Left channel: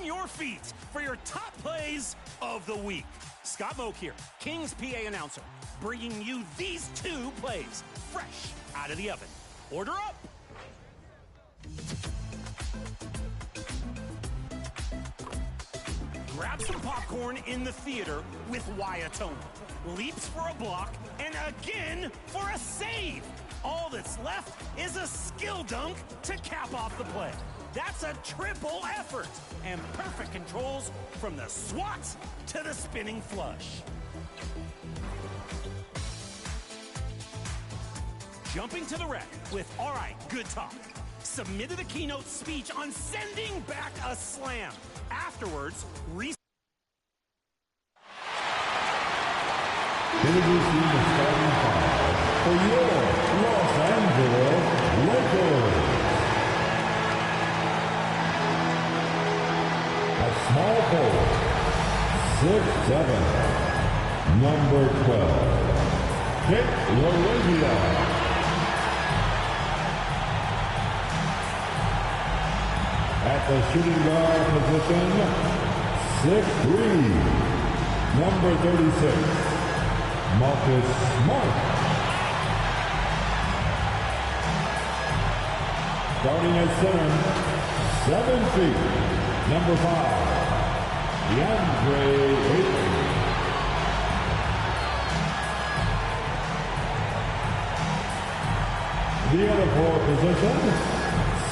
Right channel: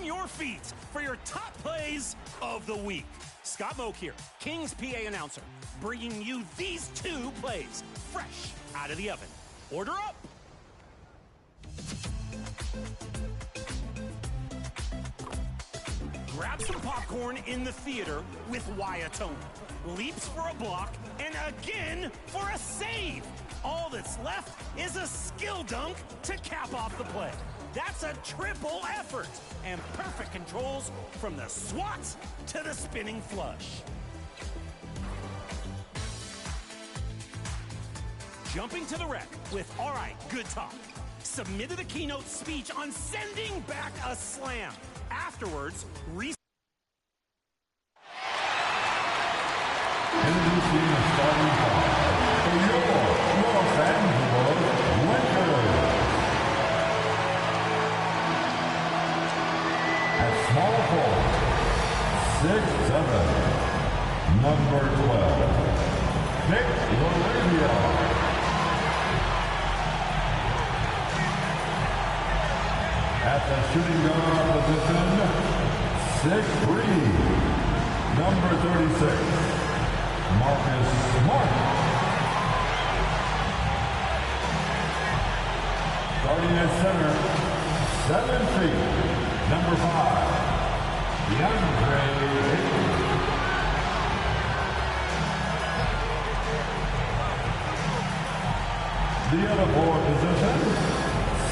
on your feet for your top plays of the week. Scott Moak here, Kings PA announcer, bringing you these 2 plays fresh out of the oven. Order up. Grab some popcorn in the theater with Wyatona. Leaps for a block and again for a save. All that's left is a skill dunk to cap off the play. That's a triple effort and perfect controls from the swat to the spinning flush. Jumping to the wreck with All Right, Good Talk. Submitted a keynote speech on sending back a slam. Afterwards, introducing the starting 5 for your Los Angeles Lakers. At small forward, 6'7", number 12, Dick LaRavia. At the shooting guard position, 6'3", number 36, Marcus Smart. Starting at center, 7 feet, number 5, DeAndre Ayton. The other forward position,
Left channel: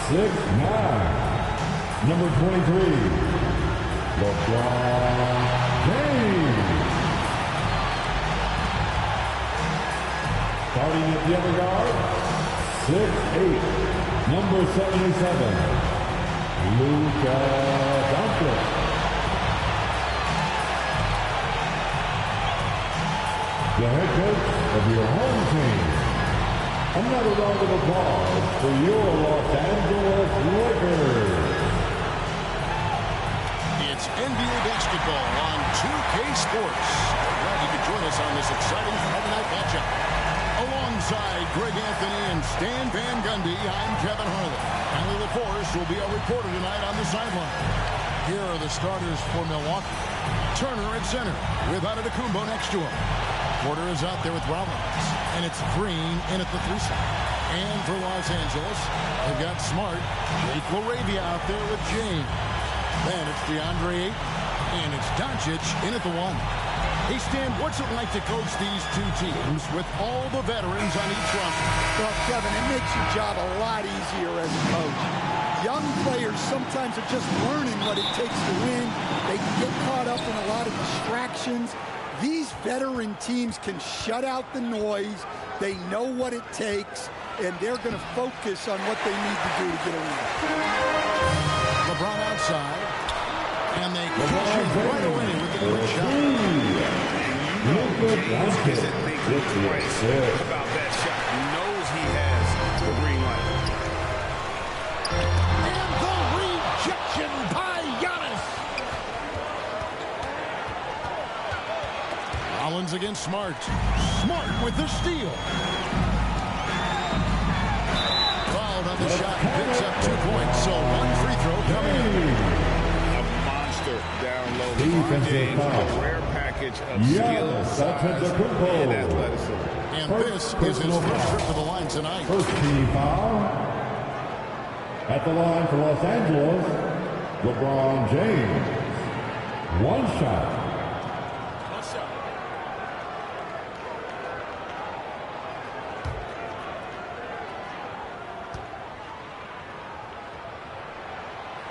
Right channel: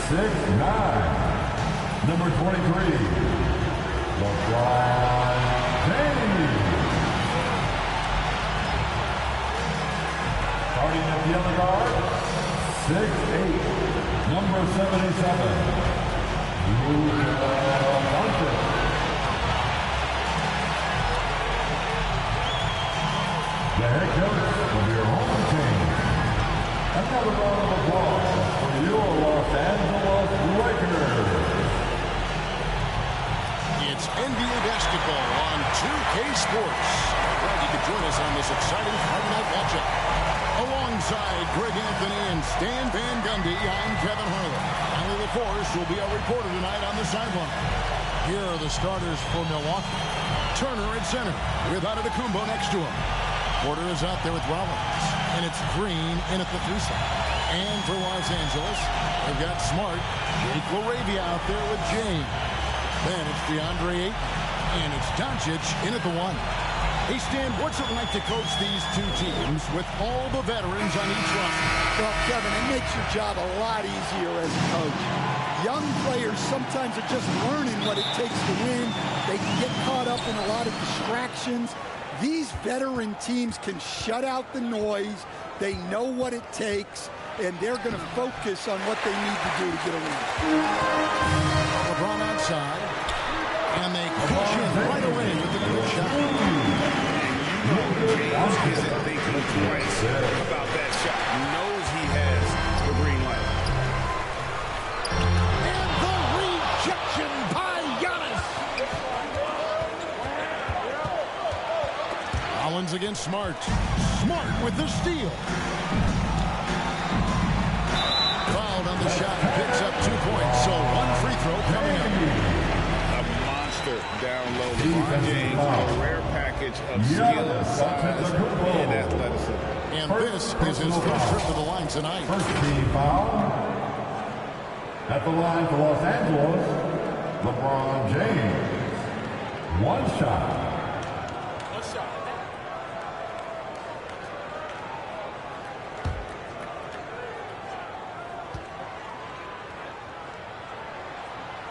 6'9", number 23, LeBron James. Starting at the other guard, 6'8", number 77, Luka Doncic. The head coach of your home team. Another round of applause for your Los Angeles Lakers. It's NBA basketball on 2K Sports. We're glad you could join us on this exciting Friday night matchup. Alongside Greg Anthony and Stan Van Gundy, I'm Kevin Harlan. Allie LaForce will be our reporter tonight on the sideline. Here are the starters for Milwaukee. Turner at center with Antetokounmpo next to him. Porter is out there with Rollins. And it's Green in at the 3 slot. And for Los Angeles, they've got Smart, Jake LaRavia out there with James. Then it's DeAndre Ayton. And it's Doncic in at the 1. Hey, Stan, what's it like to coach these 2 teams with all the veterans on each roster? Well, Kevin, it makes your job a lot easier as a coach. Young players sometimes are just learning what it takes to win. They can get caught up in a lot of distractions. These veteran teams can shut out the noise. They know what it takes, and they're going to focus on what they need to do to get a win. LeBron outside. And they cash in right away with the quick shot. And you know James isn't thinking twice about that shot. He knows he has the green light. And the rejection by Giannis. Rollins against Smart. Smart with the steal. Fouled on the shot. Picks up 2 points. So 1 free throw coming up. Down low. LeBron James with a rare package of skill, size, and athleticism. And this is his first trip to the line tonight. First team foul. At the line for Los Angeles, LeBron James. 1 shot. 1 shot.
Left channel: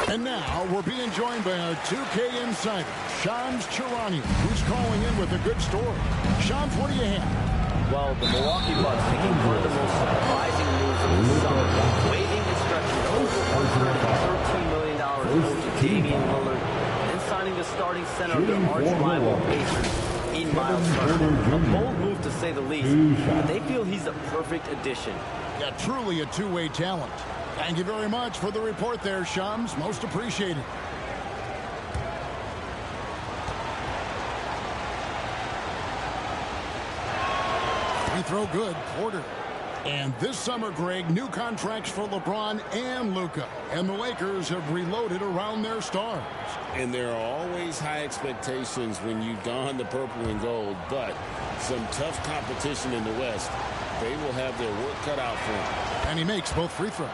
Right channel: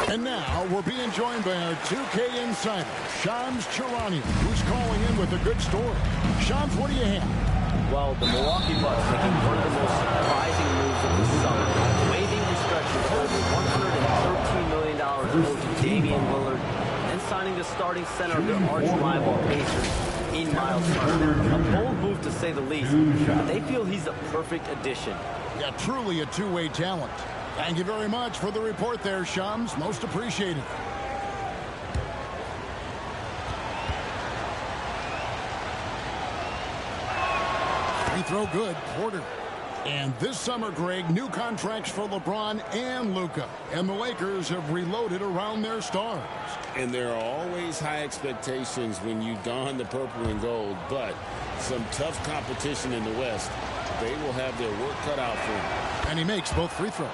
And now we're being joined by our 2K insider, Shams Charania, who's calling in with a good story. Shams, what do you have? Well, the Milwaukee Bucks making one of the most surprising moves of the summer, waiving and stretching to over $113 million owed to Damian Lillard, and then signing the starting center of their arch-rival Pacers in Miles Turner. A bold move to say the least, but they feel he's a perfect addition. Yeah, truly a two-way talent. Thank you very much for the report there, Shams. Most appreciated. Free throw good. Porter. And this summer, Greg, new contracts for LeBron and Luka. And the Lakers have reloaded around their stars. And there are always high expectations when you don the purple and gold, but some tough competition in the West. They will have their work cut out for him. And he makes both free throws.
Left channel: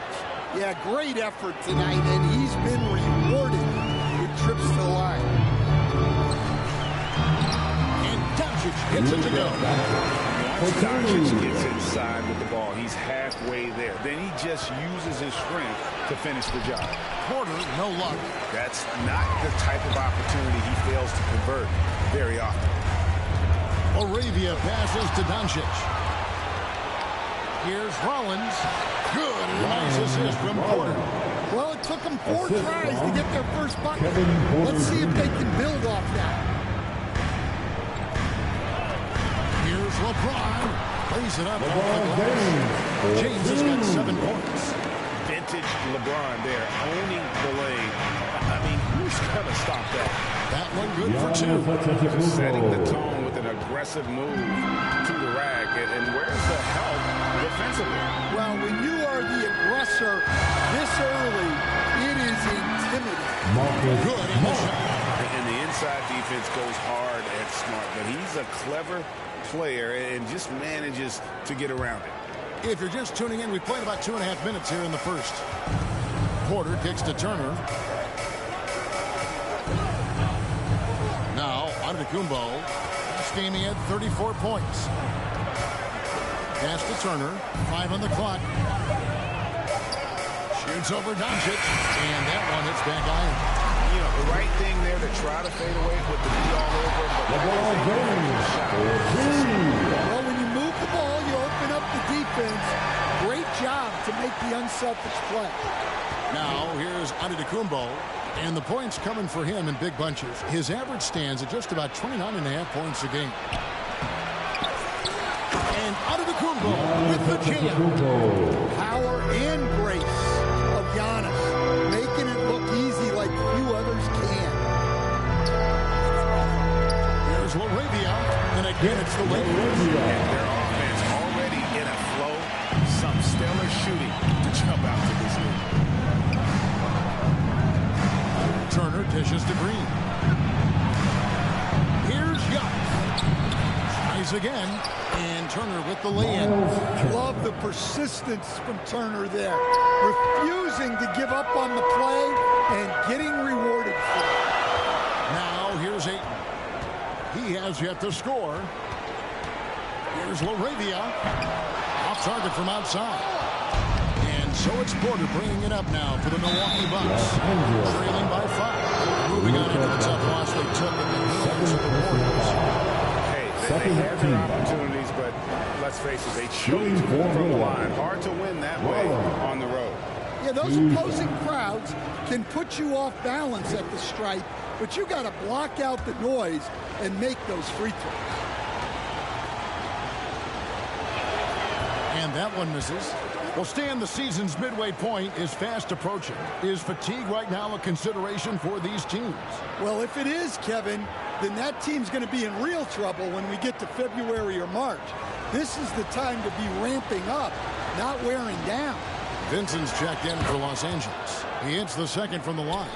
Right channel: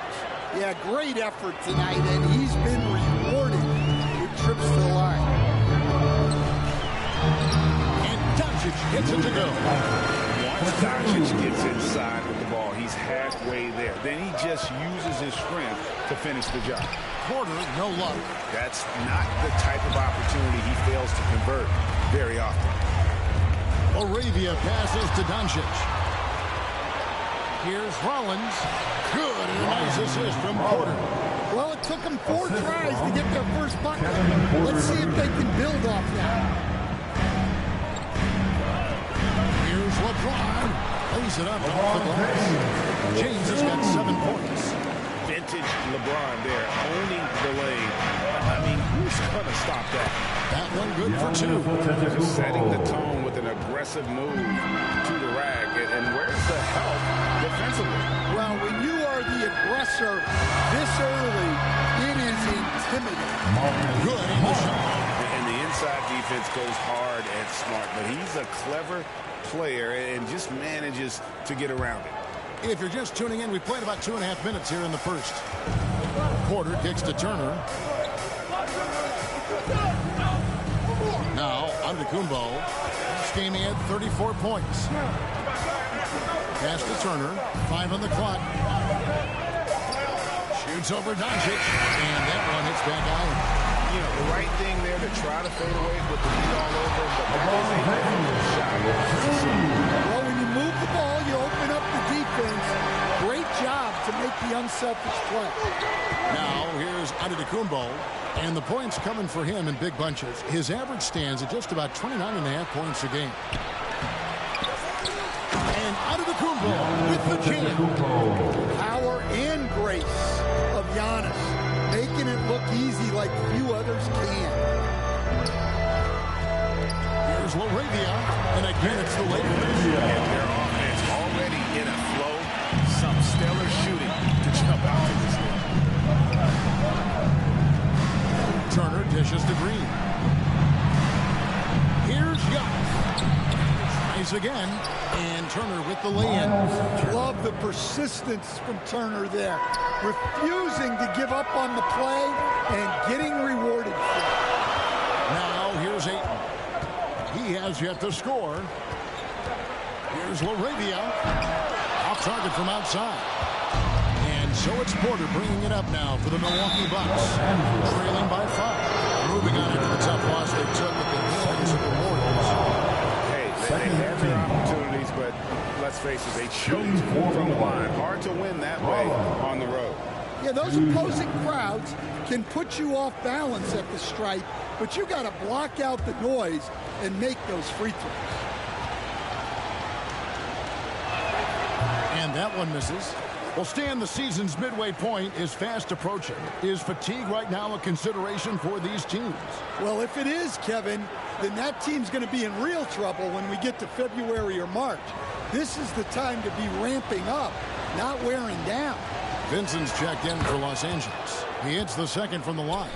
Yeah, great effort tonight, and he's been rewarded with trips to the line. And Doncic hits it to go. Once Doncic gets inside with the ball, he's halfway there. Then he just uses his strength to finish the job. Porter, no luck. That's not the type of opportunity he fails to convert very often. Laravia passes to Doncic. Here's Rollins. Good, and a nice assist from Porter. Well, it took them 4 tries to get their first bucket. Let's see if they can build off that. Here's LeBron. Plays it up off the glass. James has got 7 points. Vintage LeBron there, owning the lane. I mean, who's going to stop that? That one good for 2. Just setting the tone with an aggressive move to the rack. And where's the help defensively? Well, when you are the aggressor this early, it is intimidating. Good in the shot. And the inside defense goes hard at Smart, but he's a clever player and just manages to get around it. If you're just tuning in, we've played about 2.5 minutes here in the first. Porter kicks to Turner. Now, Antetokounmpo. Last game he had 34 points. Pass to Turner. 5 on the clock. Shoots over Doncic. And that one hits back iron. You know, the right thing there to try to fade away with the beat all over him, but that is a difficult shot. Well, when you move the ball, you open up the defense. Great job to make the unselfish play. Now, here's Antetokounmpo. And the points coming for him in big bunches. His average stands at just about 29.5 points a game. And Antetokounmpo with the jam. Power and grace of Giannis, making it look easy like few others can. Here's Laravia, and again it's the Lakers. And their offense already in a flow. Some stellar shooting to jump out to this league. Turner dishes to Green. Here's Giannis. Tries again, and Turner with the lay-in. Love the persistence from Turner there. Refusing to give up on the play and getting rewarded for it. Now here's Ayton. He has yet to score. Here's Laravia. Off target from outside. And so it's Porter bringing it up now for the Milwaukee Bucks. Trailing by 5. Moving on after the tough loss they took at the hands of the Warriors. Hey, they had their opportunities, but let's face it, they choked from the line. Hard to win that way on the road. Yeah, those opposing crowds can put you off balance at the stripe, but you got to block out the noise and make those free throws. And that one misses. Well, Stan, the season's midway point is fast approaching. Is fatigue right now a consideration for these teams? Well, if it is, Kevin, then that team's going to be in real trouble when we get to February or March. This is the time to be ramping up, not wearing down. Vincent's checked in for Los Angeles. He hits the second from the line.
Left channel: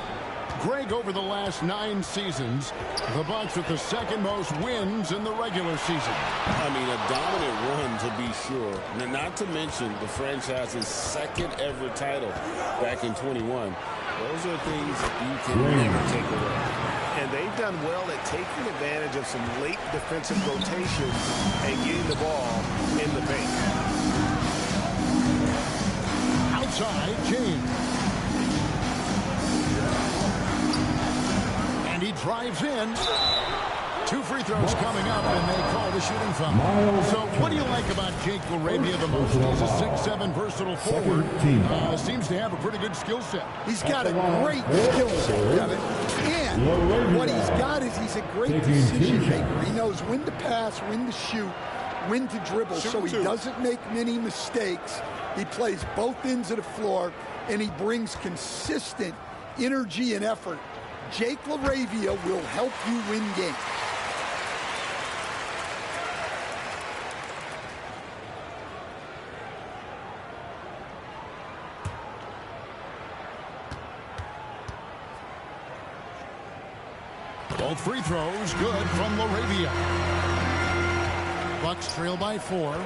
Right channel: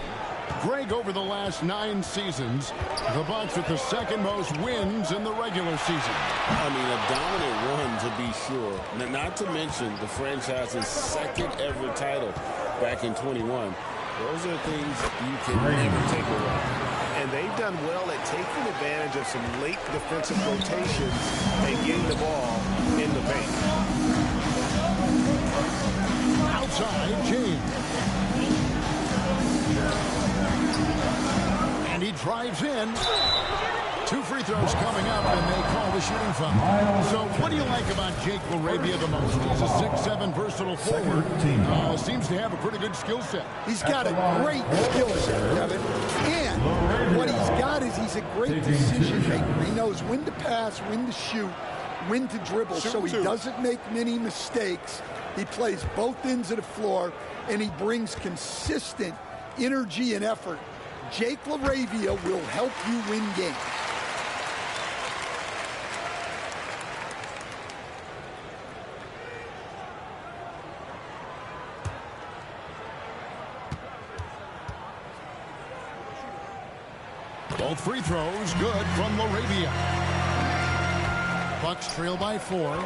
Greg, over the last 9 seasons, the Bucks with the second most wins in the regular season. I mean, a dominant run to be sure. Not to mention the franchise's second ever title back in 21. Those are things you can never take away. And they've done well at taking advantage of some late defensive rotations and getting the ball in the paint. Outside, James. And he drives in. 2 free throws coming up, and they call the shooting foul. So what do you like about Jake Laravia the most? He's a 6'7" versatile forward. Seems to have a pretty good skill set. He's got a great skill set, Kevin. And what he's got is he's a great decision maker. He knows when to pass, when to shoot, when to dribble, so he doesn't make many mistakes. He plays both ends of the floor, and he brings consistent energy and effort. Jake Laravia will help you win games. Both free throws good from Laravia. Bucks trail by 4.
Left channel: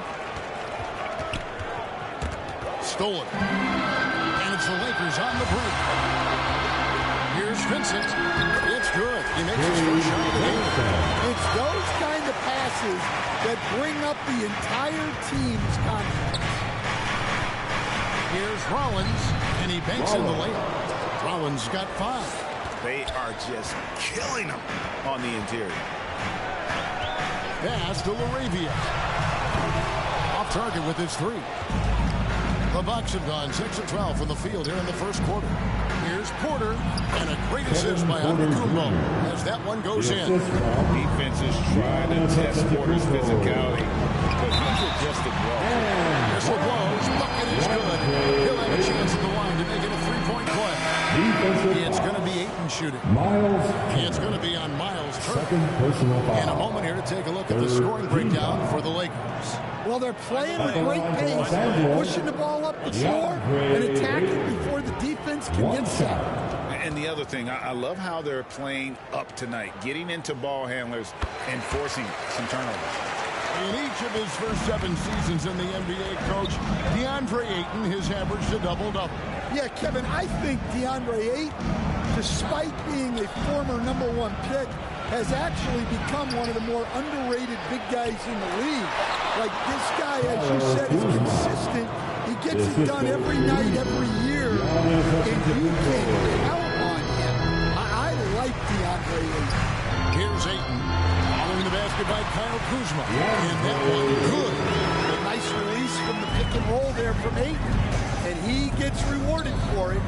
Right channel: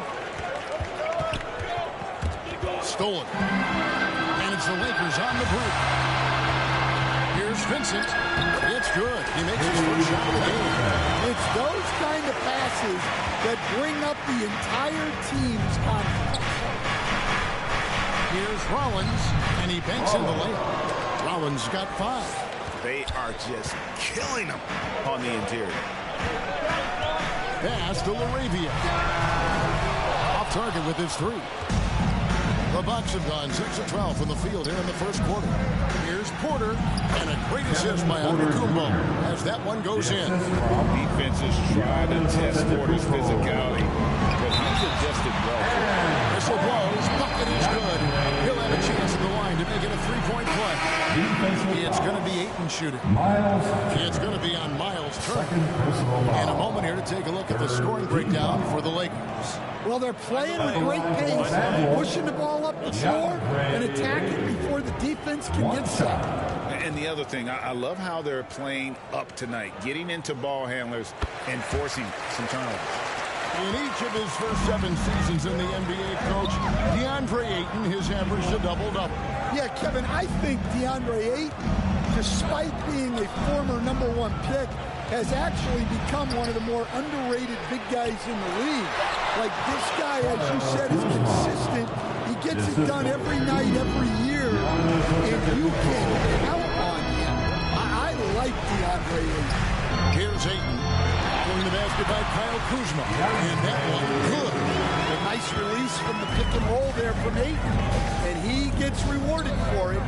Stolen. And it's the Lakers on the break. Here's Vincent. It's good. He makes his first shot of the game. It's those kind of passes that bring up the entire team's confidence. Here's Rollins, and he banks in the layup. Rollins got 5. They are just killing them on the interior. Pass to Laravia. Off target with his 3. The Bucks have gone 6 of 12 from the field here in the first quarter. Here's Porter, and a great assist by Antetokounmpo as that one goes in. Defenses try to test Porter's physicality, but he's adjusted well to it. Whistle blows. Bucket is good. He'll have a chance at the line to make it a 3-point play. It's going to be Ayton shooting. It's going to be on Miles' turn. In a moment here to take a look at the scoring breakdown for the Lakers. Well, they're playing with great pace, pushing the ball up the floor and attacking before the defense can get set. And the other thing, I love how they're playing up tonight, getting into ball handlers and forcing some turnovers. In each of his first 7 seasons in the NBA, Coach, DeAndre Ayton has averaged a double-double. Yeah, Kevin, I think DeAndre Ayton, despite being a former #1 pick, has actually become one of the more underrated big guys in the league. Like, this guy, as you said, is consistent. He gets it done every night, every year, and you can count on him. I like DeAndre Ayton. Here's Ayton, following the basket by Kyle Kuzma, and that one good. A nice release from the pick and roll there from Ayton, and he gets rewarded for it.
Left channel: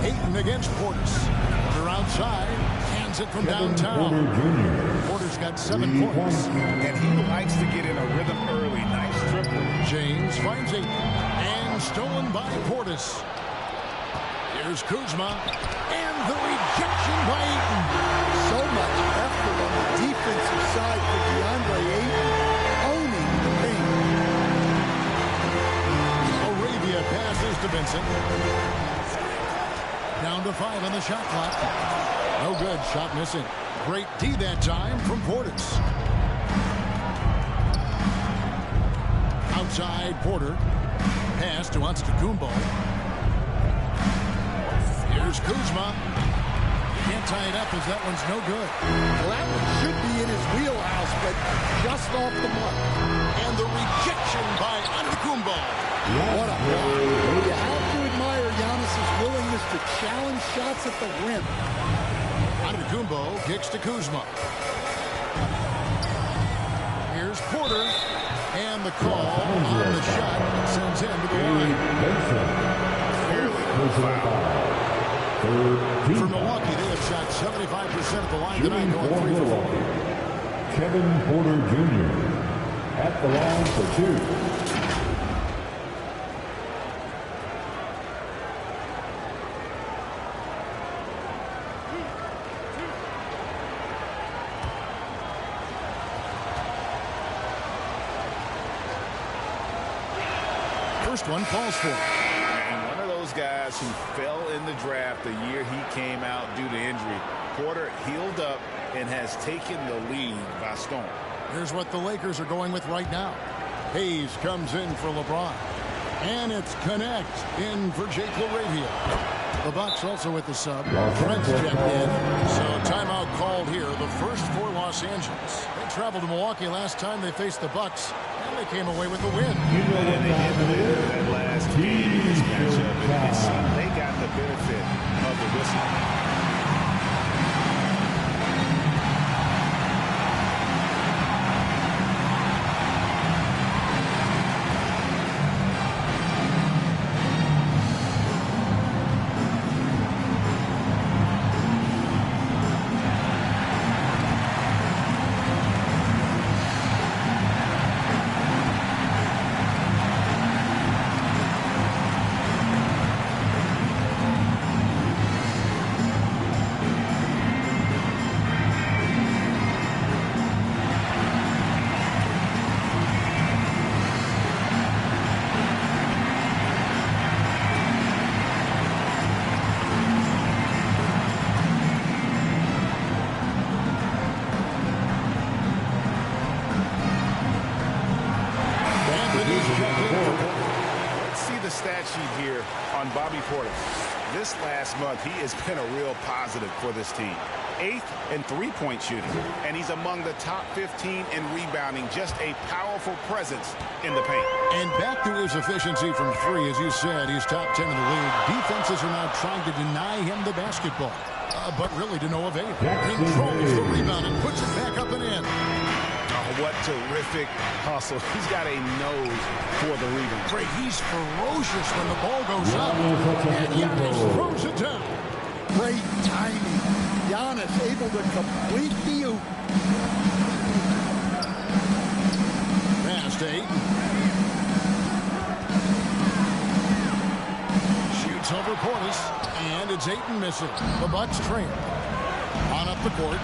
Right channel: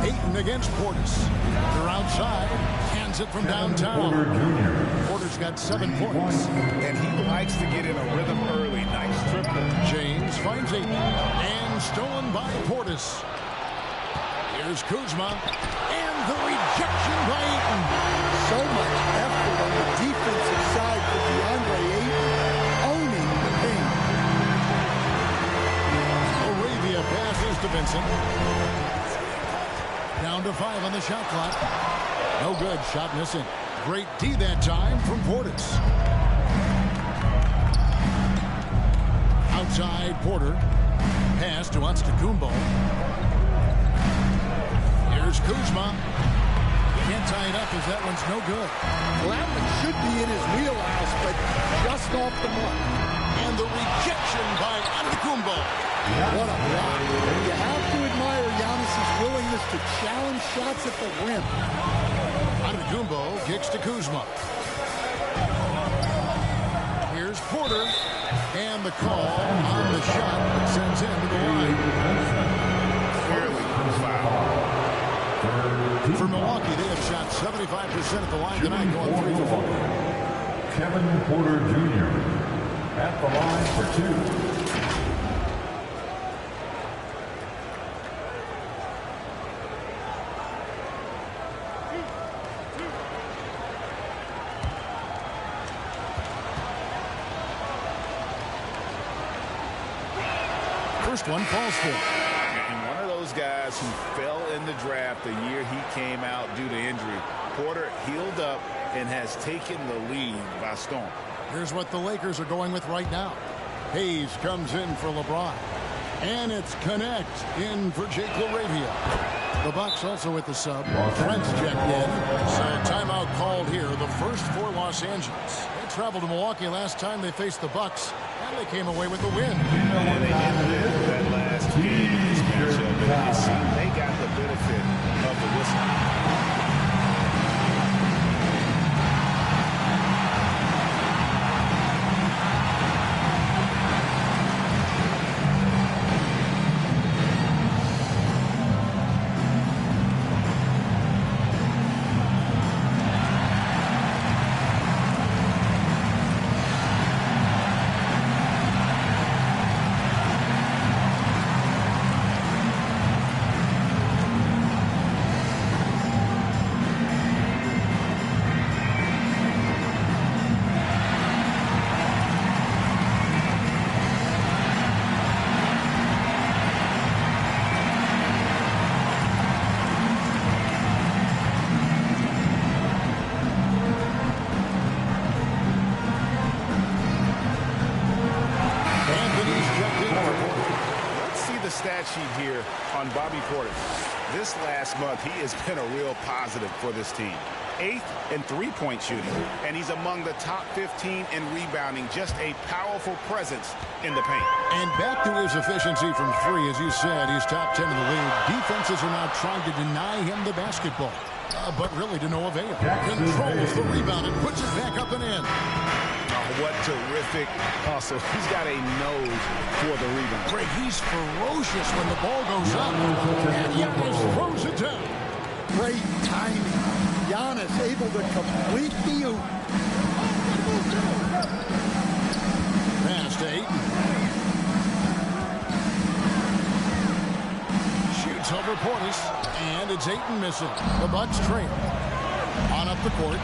Ayton against Portis. Porter outside, hands it from downtown. Porter's got 7 points. And he likes to get in a rhythm early. Nice triple. James finds Ayton, and stolen by Portis. Here's Kuzma, and the rejection by Ayton. So much effort on the defensive side for DeAndre Ayton, owning the paint. Laravia passes to Vincent. Down to 5 on the shot clock. No good. Shot missing. Great D that time from Portis. Outside Porter. Pass to Antetokounmpo. Here's Kuzma. Can't tie it up as that one's no good. Well, that one should be in his wheelhouse, but just off the mark. And the rejection by Antetokounmpo. What a block. You have to admire Giannis's willingness to challenge shots at the rim. Antetokounmpo kicks to Kuzma. Here's Porter. And the call on the shot that sends him to the line. Clearly foul. For Milwaukee, they have shot 75% at the line tonight, going 3 for 4. Kevin Porter Jr. at the line for 2. First one falls for him. And one of those guys who fell in the draft the year he came out due to injury. Porter healed up and has taken the league by storm. Here's what the Lakers are going with right now. Hayes comes in for LeBron. And it's Connect in for Jake Laravia. The Bucks also with the sub. Trent's checked in. So timeout called here. The first for Los Angeles. They traveled to Milwaukee last time they faced the Bucks, and they came away with the win. And they didn't live that last game in this matchup. And it seemed they got the benefit of the whistle. checked in for Porter. Let's see the stat sheet here on Bobby Portis. This last month, he has been a real positive for this team. 8th in three-point shooting, and he's among the top 15 in rebounding. Just a powerful presence in the paint. And back to his efficiency from three. As you said, he's top 10 in the league. Defenses are now trying to deny him the basketball, but really to no avail. Controls the rebound and puts it back up and in. Oh, what terrific hustle. He's got a nose for the rebound. Greg, he's ferocious when the ball goes up. And Giannis throws it down. Great timing. Giannis able to complete the oop. Pass to Ayton. Shoots over Portis, and it's Ayton missing. The Bucks trail. On up the court.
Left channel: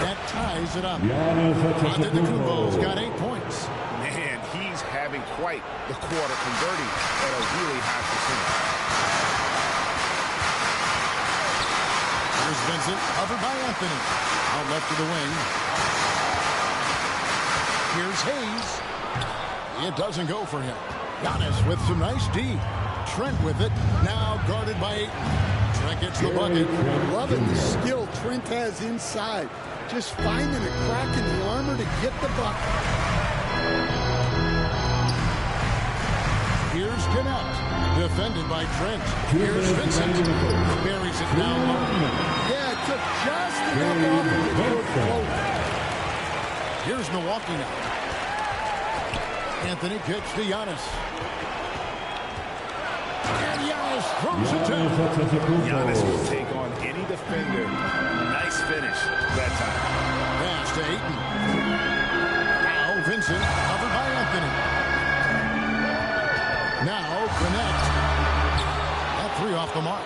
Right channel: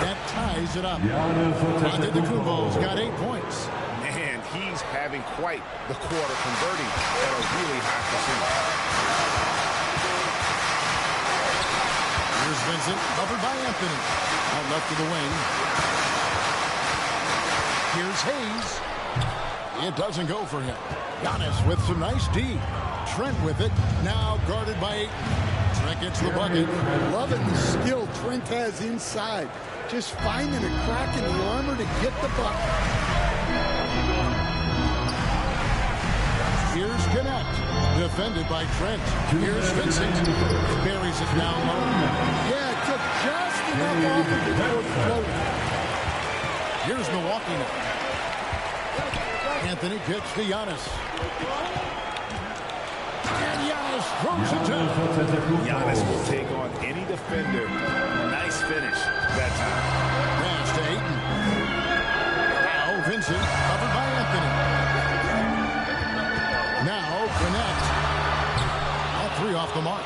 That ties it up. Antetokounmpo's got 8 points. Man, he's having quite the quarter, converting at a really high percentage. Here's Vincent, covered by Anthony. Out left to the wing. Here's Hayes. It doesn't go for him. Giannis with some nice D. Trent with it, now guarded by Ayton. Trent gets the bucket. Loving the skill Trent has inside. Just finding a crack in the armor to get the bucket. Here's Connect. Defended by Trent. Here's Vincent. Buries it down low. Yeah, it took just enough off of it for the floater. Here's Milwaukee now. Anthony kicks to Giannis. And Giannis throws it down. Giannis will take on any defender. Nice finish that time. Pass to Ayton. Now Vincent, covered by Anthony. Now Connect. That three off the mark.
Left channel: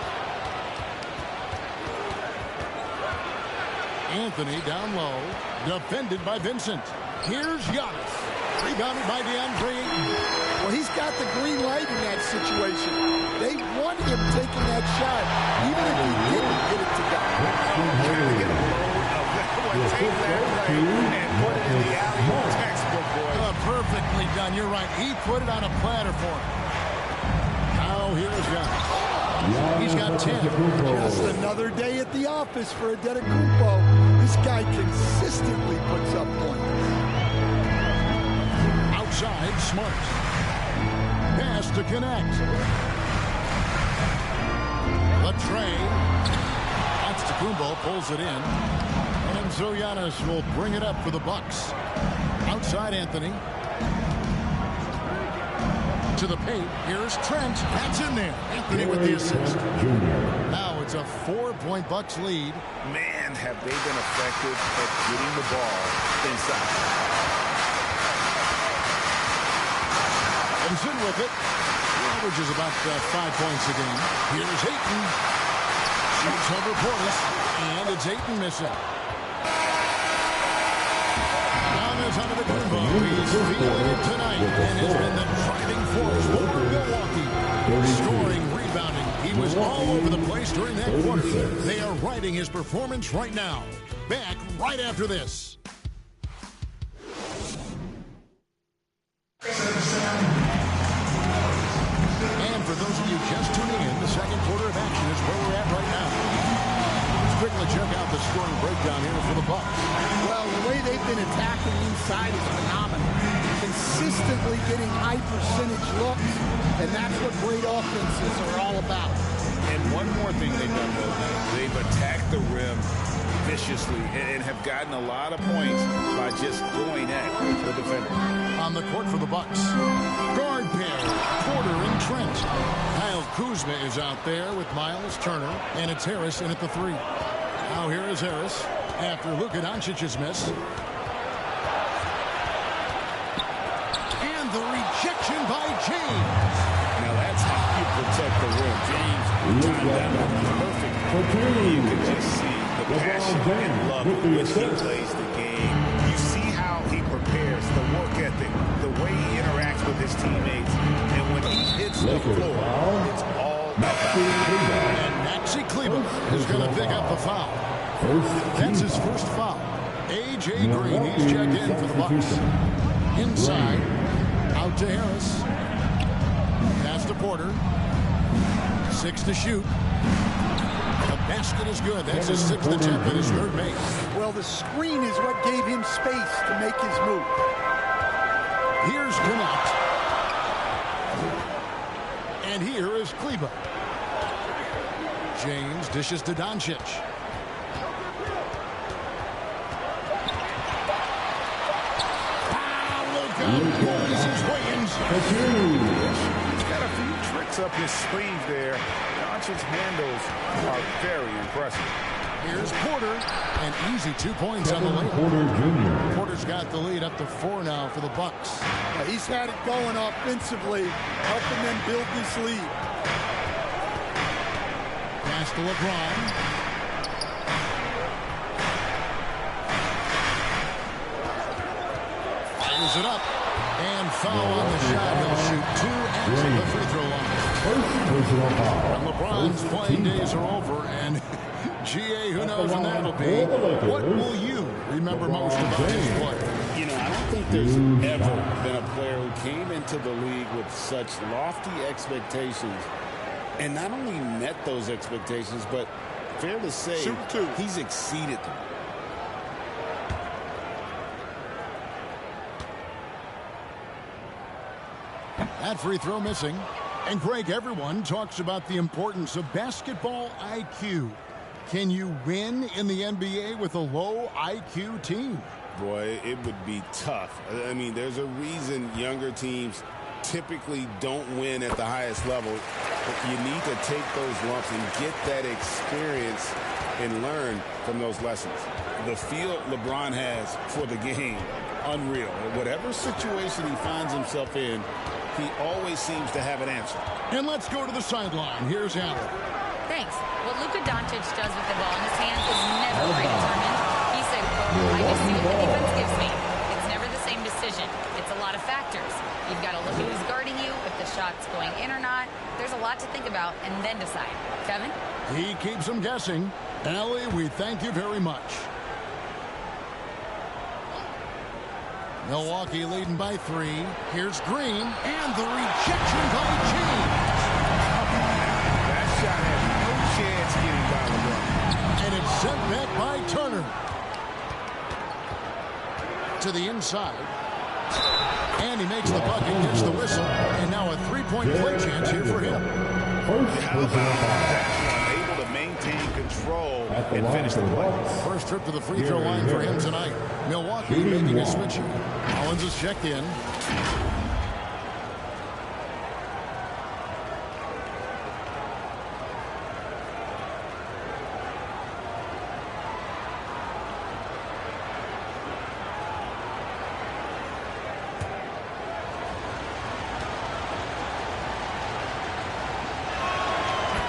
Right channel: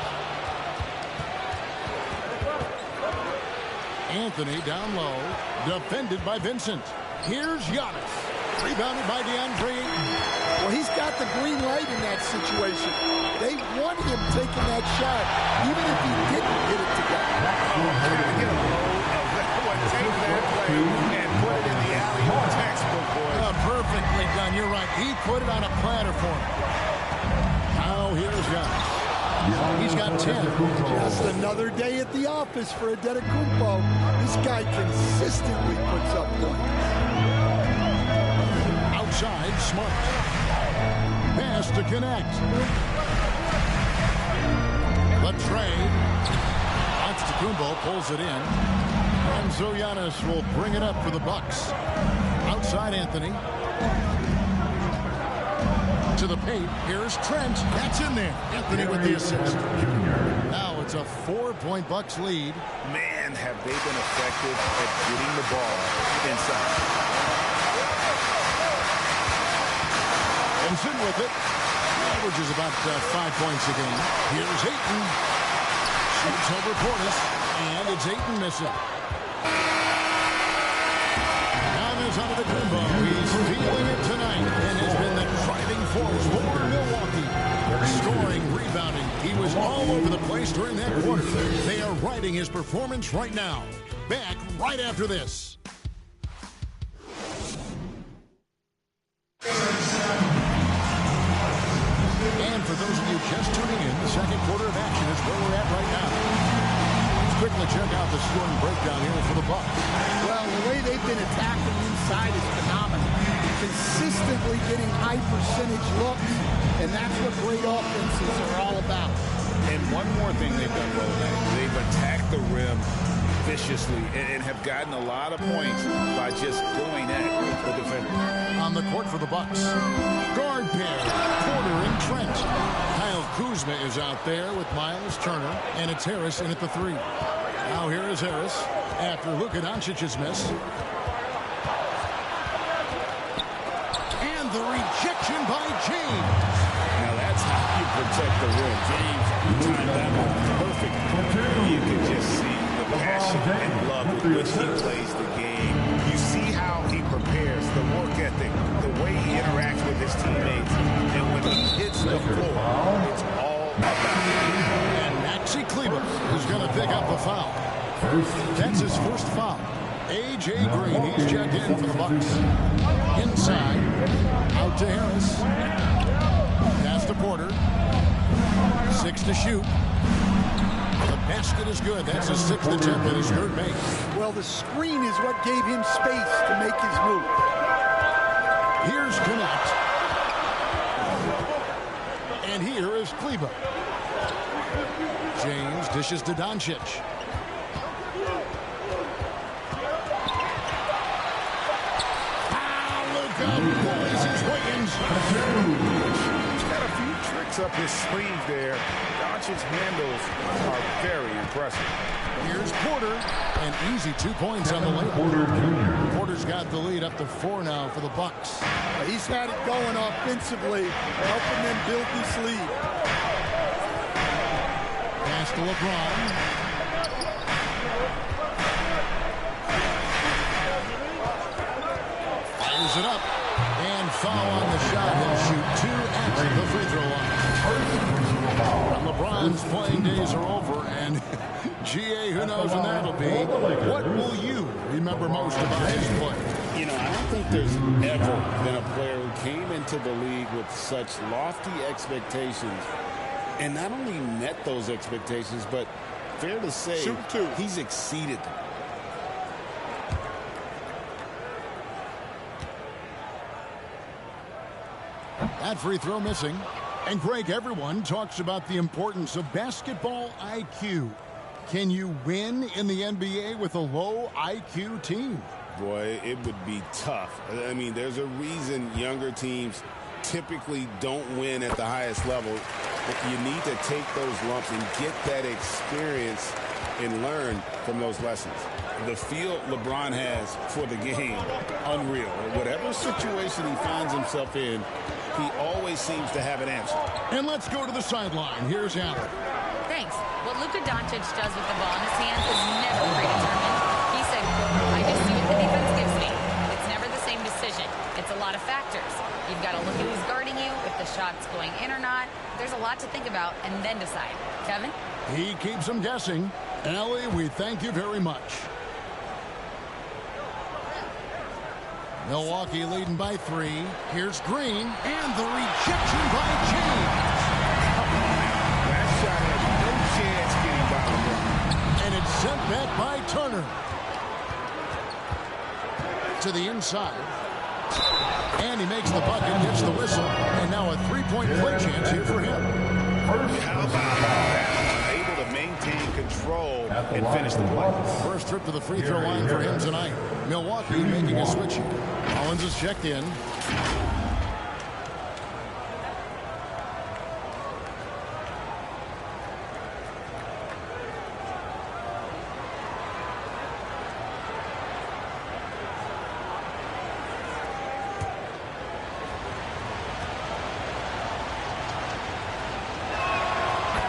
Anthony down low. Defended by Vincent. Here's Giannis. Rebounded by DeAndre Ayton. Well, he's got the green light in that situation. They want him taking that shot, even if he didn't get it to go. Trying to get a load of that one. Take that play and put it in the alley-oop textbook, boys. Perfectly done. You're right. He put it on a platter for him. Now here's Giannis. He's got 10. Just another day at the office for Antetokounmpo. This guy consistently puts up points. Outside, Smart. Pass to Connect. The tray. Antetokounmpo pulls it in. And so Giannis will bring it up for the Bucks. Outside Anthony. To the paint. Here's Trent. That's in there. Anthony with the assist. Now it's a 4-point Bucks lead. Man, have they been effective at getting the ball inside. Vincent with it. He averages about 5 points a game. Here's Ayton. Shoots over Portis. And it's Ayton missing. Giannis Antetokounmpo. He's feeling it tonight and has been the driving force for Milwaukee. Scoring, rebounding. He was all over the place during that quarter. They are riding his performance right now. Back right after this. And for those of you just tuning in, the second quarter of action is where we're at right now. Let's quickly check out the scoring breakdown here for the Bucks. Well, the way they've been attacking inside is phenomenal. Consistently getting high percentage looks, and that's what great offenses are all about. And one more thing they've done well tonight. They've attacked the rim viciously and have gotten a lot of points by just going at the defender. On the court for the Bucks. Guard pair, Porter and Trent. Kyle Kuzma is out there with Miles Turner, and it's Harris in at the three. Now here is Harris after Luka Doncic's miss. And the rejection by James. Now that's how you protect the rim. James timed that one perfect. You can just see the passion and love with which he plays the game. You see how he prepares, the work ethic, the way he interacts with his teammates. And when he hits the floor, it's all about the game. And Maxi Kleber is going to pick up the foul. That's his first foul. A.J. Green, he's checked in for the Bucks. Inside. Out to Harris. Pass to Porter. 6 to shoot. The basket is good. That's his 6th attempt and his 3rd make. Well, the screen is what gave him space to make his move. Here's Connect. And here is Kleba. James dishes to Doncic. Bullies his way inside. He's got a few tricks up his sleeve there. Doncic's handles are very impressive. Here's Porter. An easy 2 points on the layup. Porter Jr. Porter's got the lead up to 4 now for the Bucks. He's had it going offensively, helping them build this lead. Pass to LeBron. Fires it up. And foul on the shot. He'll shoot 2 at the free throw line. And LeBron's playing days are over. And GA, who knows when that'll be. What will you remember most about his play? You know, I don't think there's ever been a player who came into the league with such lofty expectations and not only met those expectations, but fair to say, he's exceeded them. That free throw missing. And Greg, everyone talks about the importance of basketball IQ. Can you win in the NBA with a low IQ team? Boy, it would be tough. I mean, there's a reason younger teams typically don't win at the highest level. But you need to take those lumps and get that experience and learn from those lessons. The feel LeBron has for the game, unreal. Whatever situation he finds himself in, he always seems to have an answer. And let's go to the sideline. Here's Allen. Thanks. What Luka Doncic does with the ball in his hands is never predetermined. He said, quote, I just see what the defense gives me. It's never the same decision. It's a lot of factors. You've got to look at who's guarding you, if the shot's going in or not. There's a lot to think about and then decide. Kevin? He keeps them guessing. Allie, we thank you very much. Milwaukee leading by 3. Here's Green. And the rejection by James. Come on now. That shot had no chance getting by LeBron. And it's sent back by Turner. To the inside. And he makes the bucket, gets the whistle. And now a 3-point play chance here for him. How about that one? Able to maintain control and finish the play. First trip to the free throw line for him tonight. Milwaukee making a switch here. Collins is checked in.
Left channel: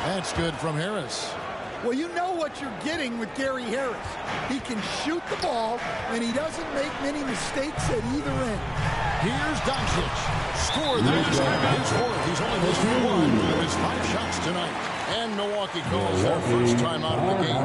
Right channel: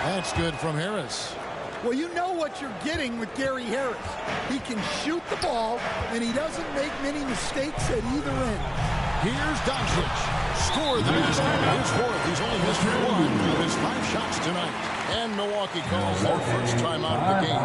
That's good from Harris. Well, you know what you're getting with Gary Harris. He can shoot the ball, and he doesn't make many mistakes at either end. Here's Doncic. Scored that. His 4th. He's only missed 1 of his 5 shots tonight. And Milwaukee calls their first timeout of the game.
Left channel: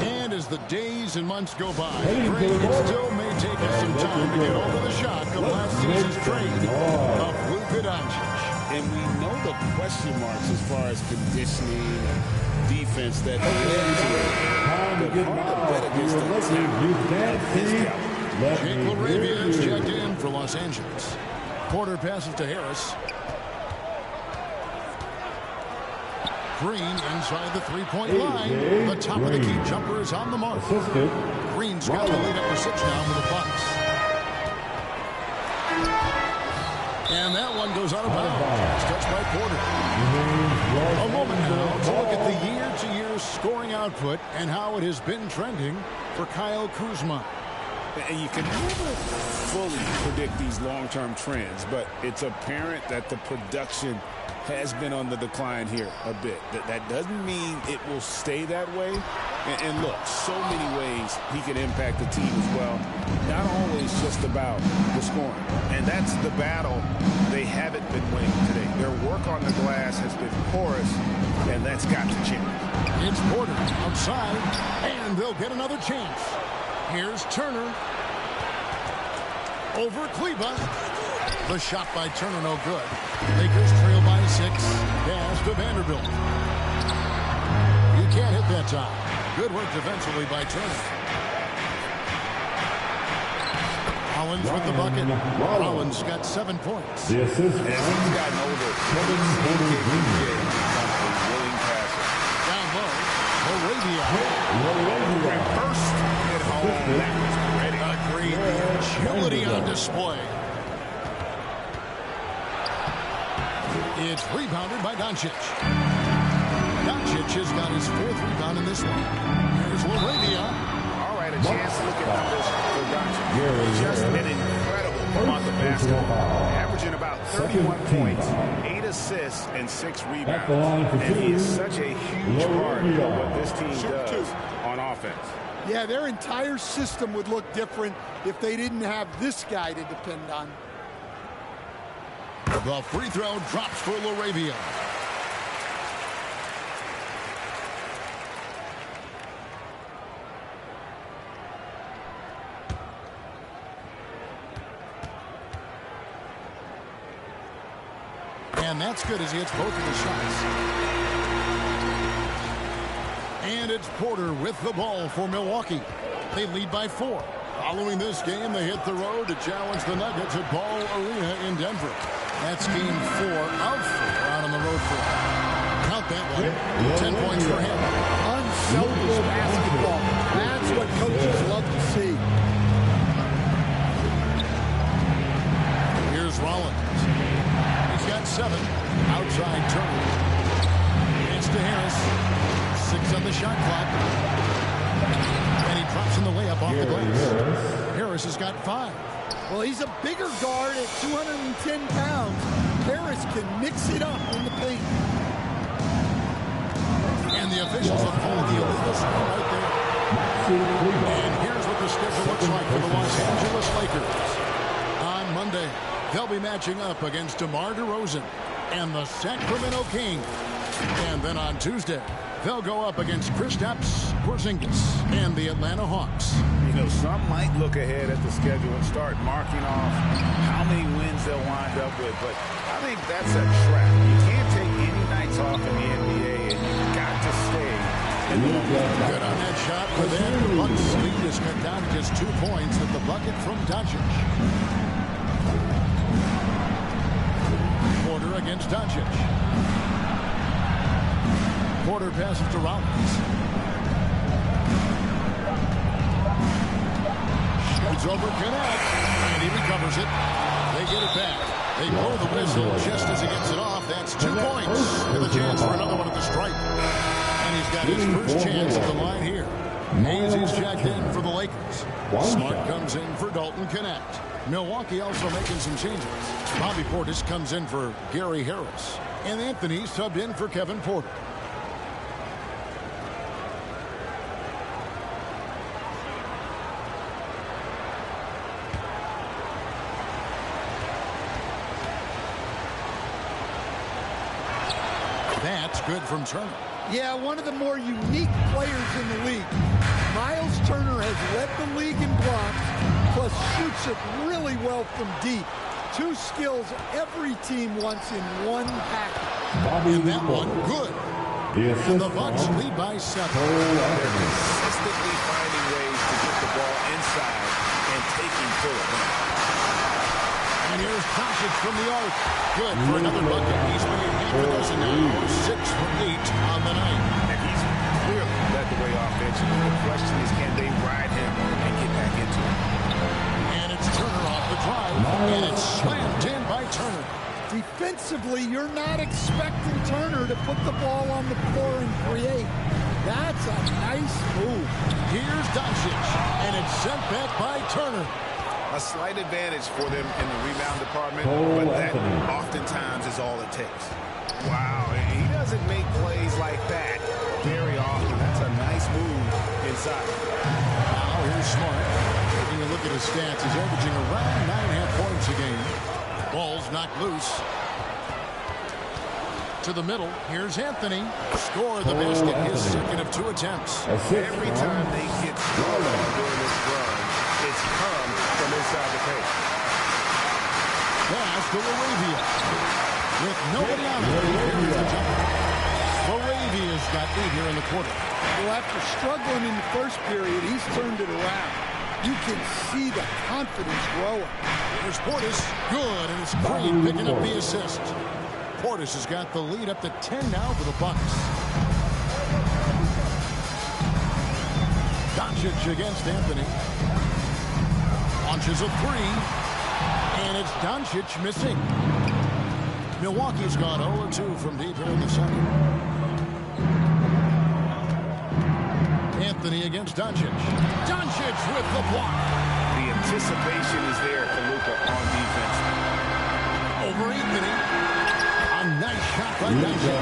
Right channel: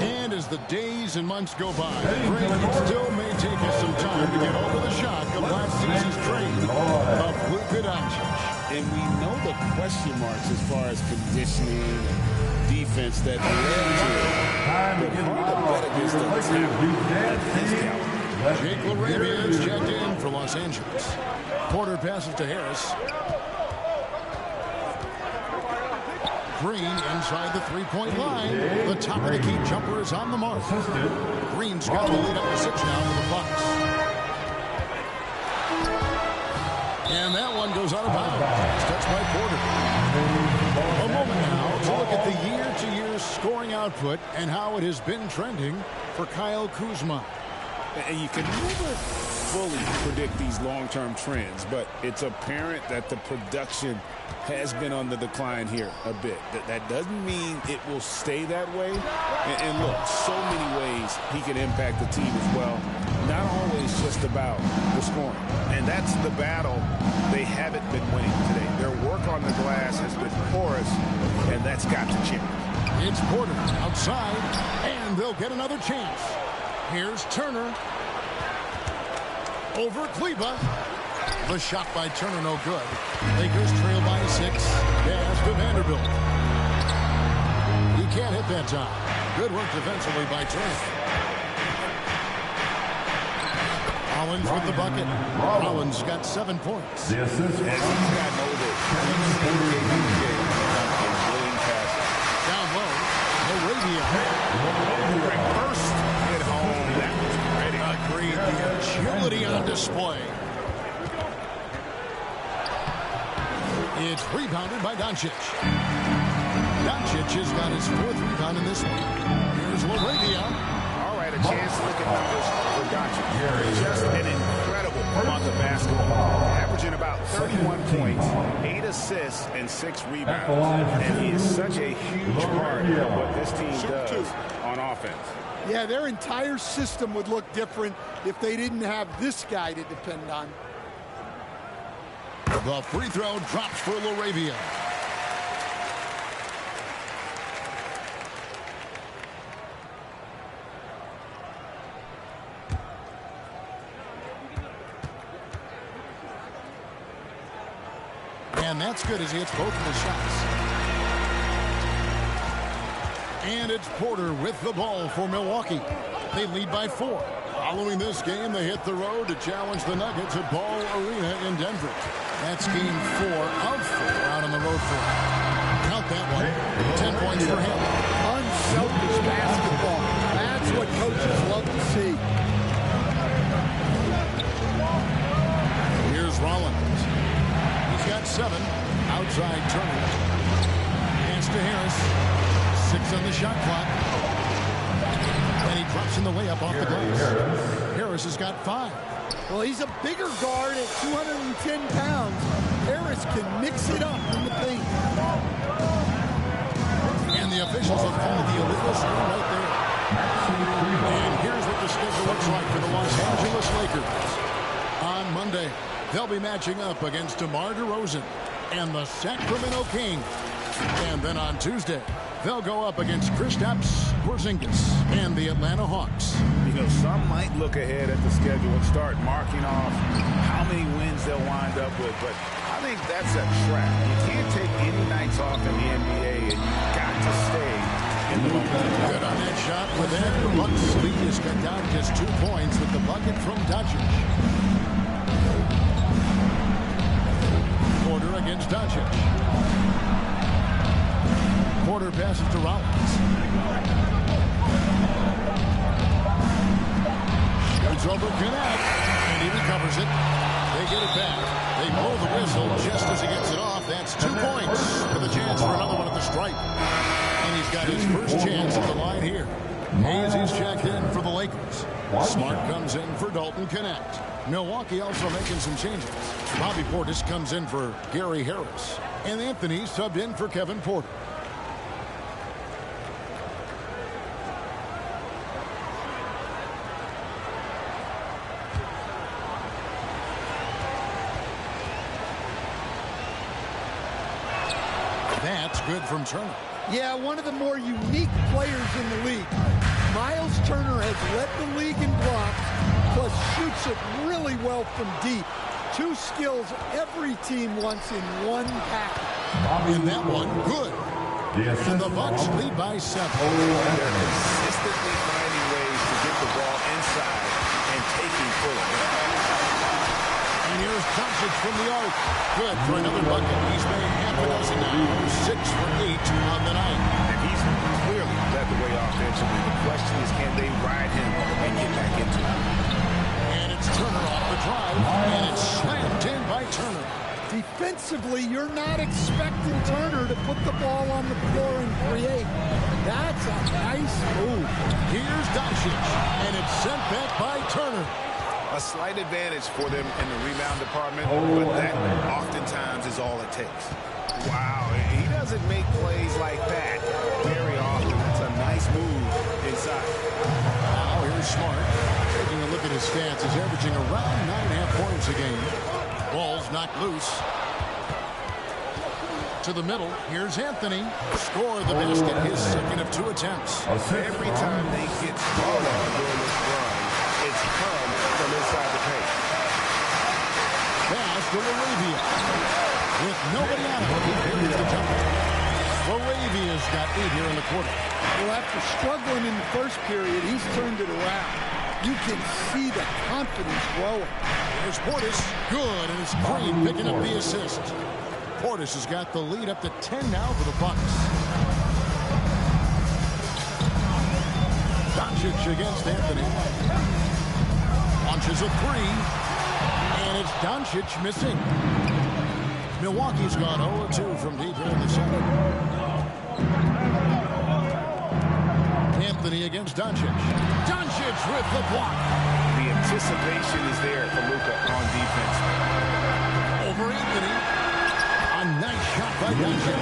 And as the days and months go by, Greg, it still may take us some time to get over the shock of last season's trade of Luka Doncic. And we know the question marks as far as conditioning and defense that led to it. But hard to bet against the talent at his caliber. Jake LaRavia is checked in for Los Angeles. Porter passes to Harris. Green inside the 3-point line. The top of the key jumper is on the mark. Green's got the lead up to 6 now for the Bucks. And that one goes out of bounds. It's touched by Porter. A moment now to look at the year-to-year scoring output and how it has been trending for Kyle Kuzma. And you can never fully predict these long-term trends, but it's apparent that the production has been on the decline here a bit. That doesn't mean it will stay that way. And look, so many ways he can impact the team as well. Not always just about the scoring. And that's the battle they haven't been winning today. Their work on the glass has been porous, and that's got to change. It's Porter outside, and they'll get another chance. Here's Turner. Over Kleba. The shot by Turner, no good. Lakers trail by 6. Pass to Vanderbilt. He can't hit that time. Good work defensively by Turner. Rollins with the bucket. Rollins got 7 points. The assist As he's gotten older, we've seen KBJ become a willing passer. Down low, Moravia. First hit home, that was pretty. Agreed, the agility on display. It's rebounded by Doncic. Doncic has got his 4th rebound in this one. Here's Laravia. All right, a chance to look at numbers for Doncic. Just an incredible month of basketball. Averaging about 31 points, 8 assists, and 6 rebounds. And he is such a huge part of what this team does on offense. Yeah, their entire system would look different if they didn't have this guy to depend on. The free throw drops for Laravia. And that's good as he hits both of his shots. And it's Porter with the ball for Milwaukee. They lead by 4. Following this game, they hit the road to challenge the Nuggets at Ball Arena in Denver. That's game 4 of 4 out on the road for him. Count that one. 10 points for him. Unselfish basketball. That's what coaches love to see. Here's Rollins. He's got 7. Outside Turner. Pass to Harris. 6 on the shot clock. And he drops in the layup off the glass. Harris has got 5. Well, he's a bigger guard at 210 pounds. Harris can mix it up in the paint. And the officials have called the illegal screen right there. And here's what the schedule looks like for the Los Angeles Lakers. On Monday, they'll be matching up against DeMar DeRozan and the Sacramento Kings. And then on Tuesday, they'll go up against Kristaps Porzingis and the Atlanta Hawks. You know, some might look ahead at the schedule and start marking off how many wins they'll wind up with, but I think that's a trap. You can't take any nights off in the NBA, and you've got to stay in the momentum. Good on that shot. With that, the Bucks' lead is cut down to just 2 points with the bucket from Doncic. Porter against Doncic. Porter passes to Rollins. Shoots over Connect, and he recovers it. They get it back. They blow the whistle just as he gets it off. That's 2 points with a chance for another one at the stripe. And he's got his first chance at the line here. Hayes is checked in for the Lakers. Smart comes in for Dalton Connect. Milwaukee also making some changes. Bobby Portis comes in for Gary Harris. And Anthony subbed in for Kevin Porter. That's good from Turner. Yeah, one of the more unique players in the league. Miles Turner has led the league in blocks, plus shoots it really well from deep. 2 skills every team wants in one package. And that one, good. And the Bucks lead by 7. They're consistently finding ways to get the ball inside and taking full advantage. And here's Doncic from the arc. Good for another bucket. He's made half a dozen now. 6 for 8 on the night. And he's clearly led the way offensively. The question is, can they ride him and get back into it? And it's Turner off the drive. And it's slammed in by Turner. Defensively, you're not expecting Turner to put the ball on the floor and create. That's a nice move. Here's Doncic. And it's sent back by Turner. A slight advantage for them in the rebound department, but that oftentimes is all it takes. Wow, he doesn't make plays like that very often. That's a nice move inside. Now here's Smart. Taking a look at his stats, he's averaging around 9.5 points a game. Ball's knocked loose. To the middle, here's Anthony. Score the basket, his second of 2 attempts. Every time they get scored on during this run, it's come from inside the paint. pass to Laravia. With nobody on him, he carries the jumper. Laravia's got 8 here in the quarter. Well, after struggling in the first period, he's turned it around. You can see the confidence growing. Here's Portis. Good, and it's Green picking up the assist. Portis has got the lead up to 10 now for the Bucks. Doncic against Anthony. Launches a 3. And it's Doncic missing. Milwaukee's gone 0-2 from deep here in the center. Anthony against Doncic. Doncic with the block. The anticipation is there for Luka on defense. Over Anthony. A nice shot by Doncic.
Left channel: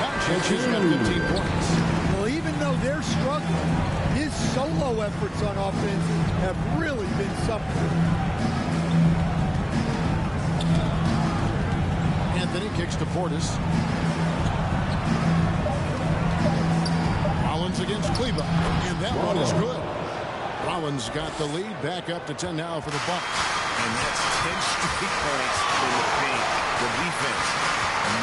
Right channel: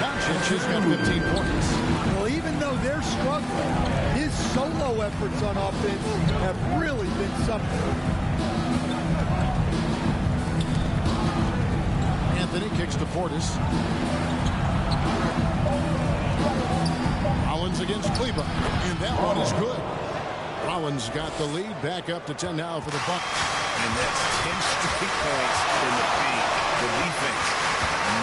Doncic has got 15 points. Well, even though they're struggling, his solo efforts on offense have really been something. Anthony kicks to Portis. Rollins against Kleber. And that one is good. Rollins got the lead back up to 10 now for the Bucks. And that's 10 straight points in the paint. The defense,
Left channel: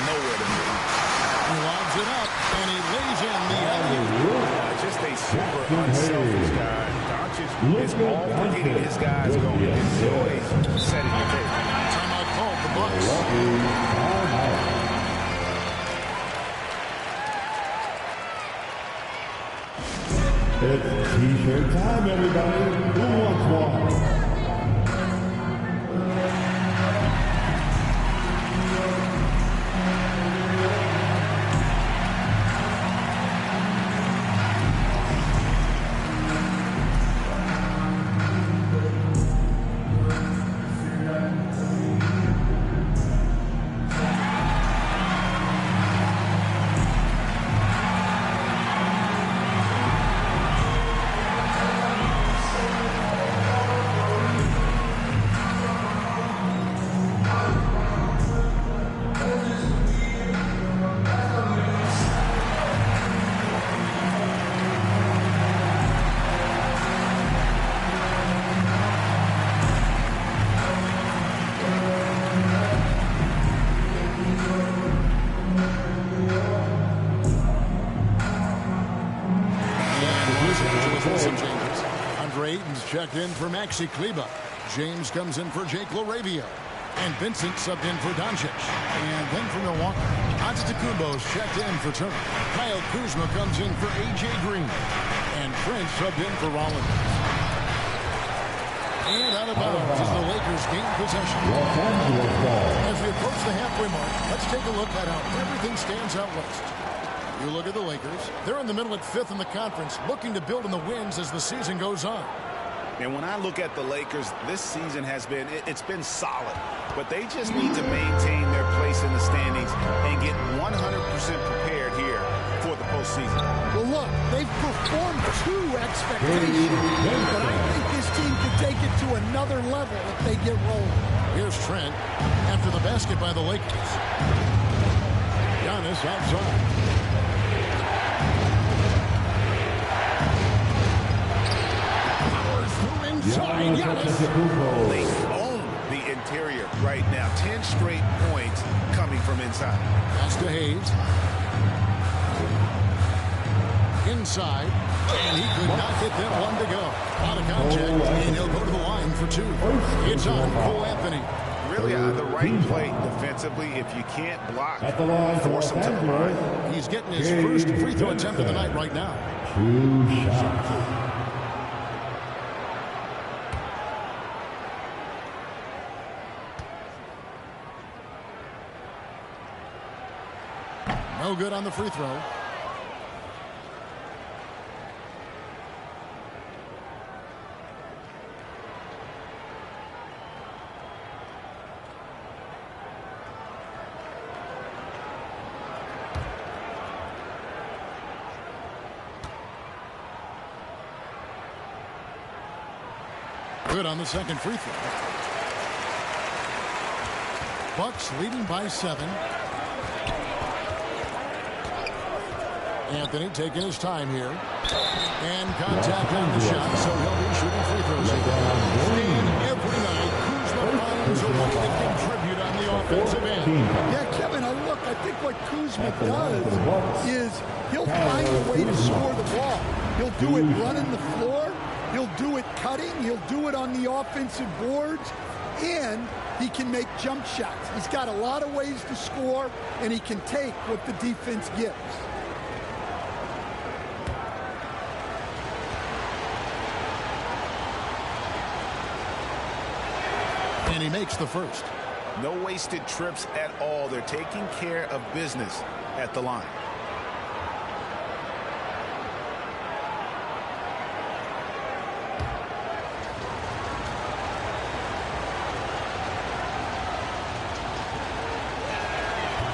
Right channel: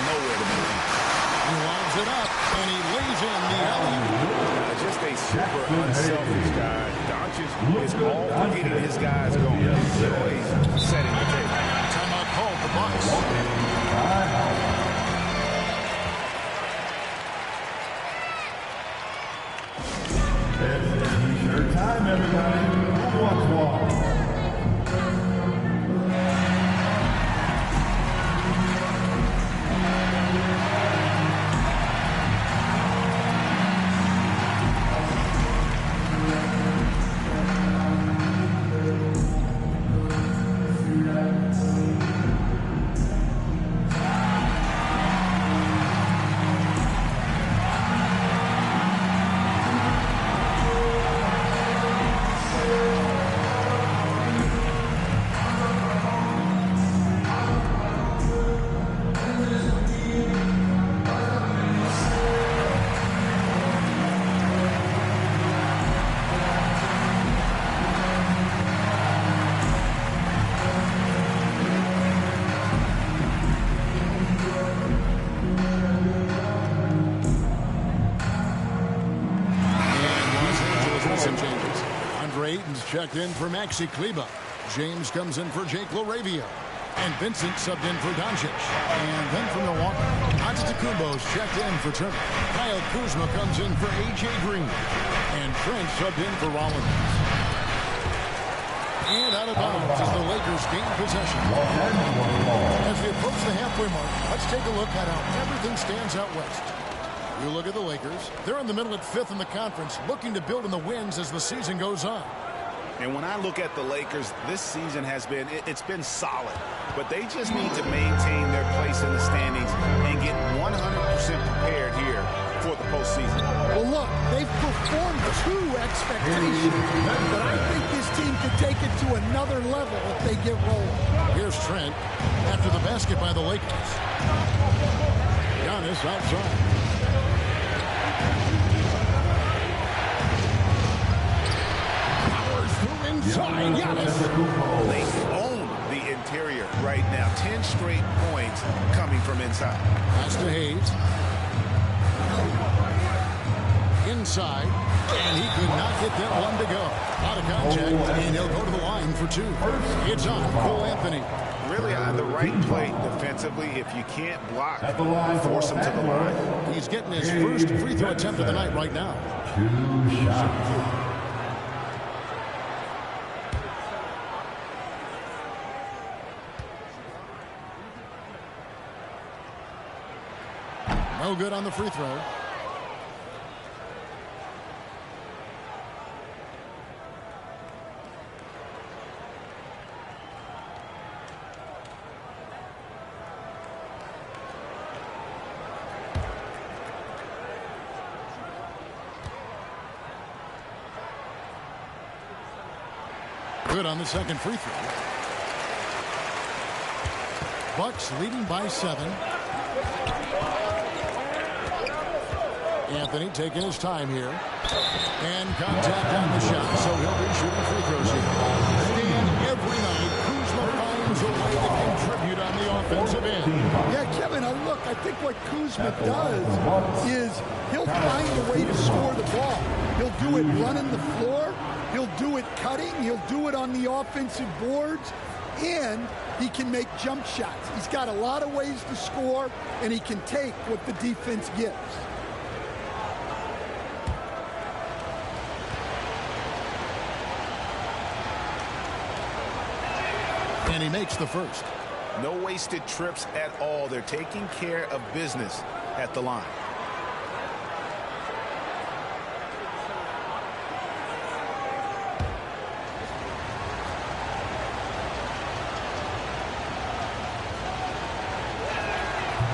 nowhere to be found. He lobs it up, and he lays in the alley-oop. Just a super unselfish guy. Doncic is all for getting his guys going. Enjoys setting the table. Timeout called the Bucks. It's T-shirt time, everybody. Who wants one? Some changes. Andre Ayton's checked in for Maxi Kleber. James comes in for Jake LaRavia. And Vincent subbed in for Doncic. And then for Milwaukee, Antetokounmpo's checked in for Turner. Kyle Kuzma comes in for A.J. Green. And Trent subbed in for Rollins. And out of bounds as the Lakers gain possession. As we approach the halfway mark, let's take a look at how everything stands out west. You look at the Lakers. They're in the middle at 5th in the conference, looking to build on the wins as the season goes on. And when I look at the Lakers, this season has been, it's been solid. But they just need to maintain their place in the standings and get 100% prepared here for the postseason. Well, look, they've performed to expectations, but I think this team can take it to another level if they get rolling. Here's Trent after the basket by the Lakers. Giannis outside. Through inside, Giannis. They own the interior right now. 10 straight points coming from inside. Pass to Hayes. Inside, and he could not get that one to go. A lot of contact, and he'll go to the line for 2. It's on Cole Anthony. Really the right play defensively. If you can't block, force him to the line. He's getting his first free throw attempt of the night right now. 2 shots. No good on the free throw. Good on the second free throw. Bucks leading by 7. Anthony taking his time here. And contact on the shot, so he'll be shooting free throws here. Stan, every night, Kuzma finds a way to offensive end. Yeah, Kevin, look, I think what Kuzma does is he'll find a way to score the ball. He'll do it running the floor. He'll do it cutting. He'll do it on the offensive boards. And he can make jump shots. He's got a lot of ways to score, and he can take what the defense gives. And he makes the first. No wasted trips at all. They're taking care of business at the line.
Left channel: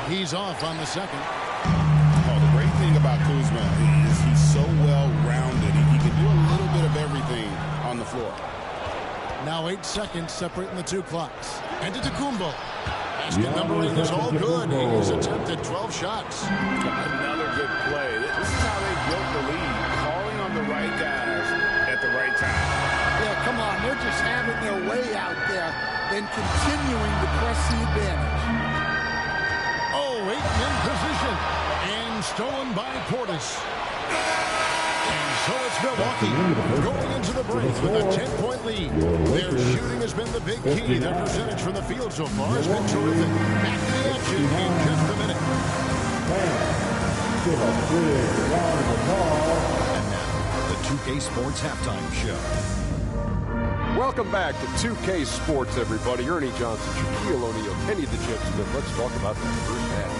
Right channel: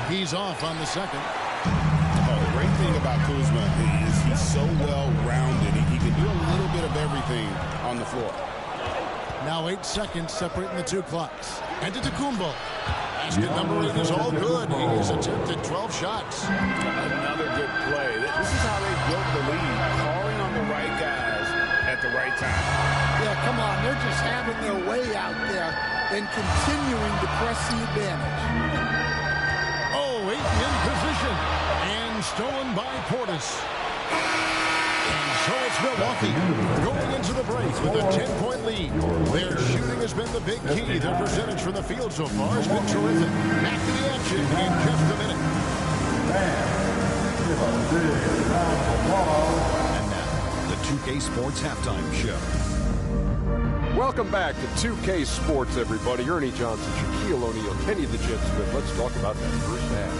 He's off on the second. Oh, the great thing about Kuzma is he's so well-rounded. He can do a little bit of everything on the floor. Now 8 seconds separating the two clocks. And to Tacumbo. Basket number 8 is all good. He's attempted 12 shots. Another good play. This is how they built the lead, calling on the right guys at the right time. Yeah, come on. They're just having their way out there and continuing to press the advantage. Oh, 8 in position. And stolen by Portis. And so it's Milwaukee going into the break with a 10-point lead. Their shooting has been the big key. Their percentage from the field so far has been terrific. Back to the action in just a minute. Give a big round of applause. And now, the 2K Sports Halftime Show. Welcome back to 2K Sports, everybody. Ernie Johnson, Shaquille O'Neal, Kenny the Jet Smith. Let's talk about that first half.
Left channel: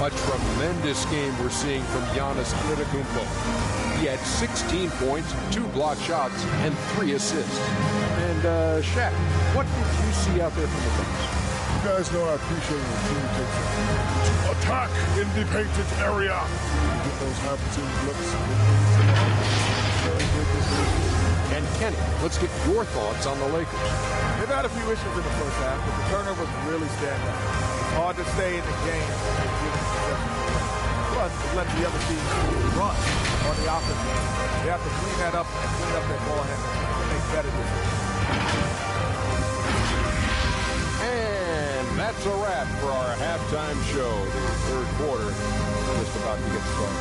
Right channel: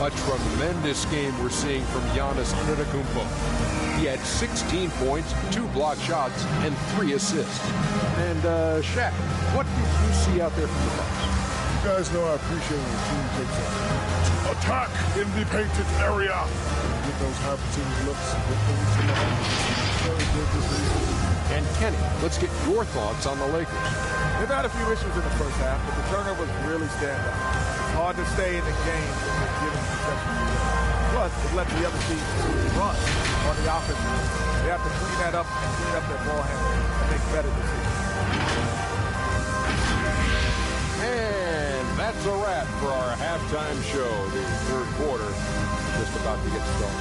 A tremendous game we're seeing from Giannis Antetokounmpo. He had 16 points, 2 blocked shots, and 3 assists. And, Shaq, what did you see out there from the Bucks? You guys know I appreciate when a team takes to attack in the painted area. And you get those high percentage looks, get things to the And Kenny, let's get your thoughts on the Lakers. They've had a few issues in the first half, but the turnovers really stand out. It's hard to stay in the game when you're giving possessions away. Plus, it lets the other team run on the offensive end. They have to clean that up and clean up their ball handling and make better decisions. And that's a wrap for our halftime show. The third quarter is just about to get started.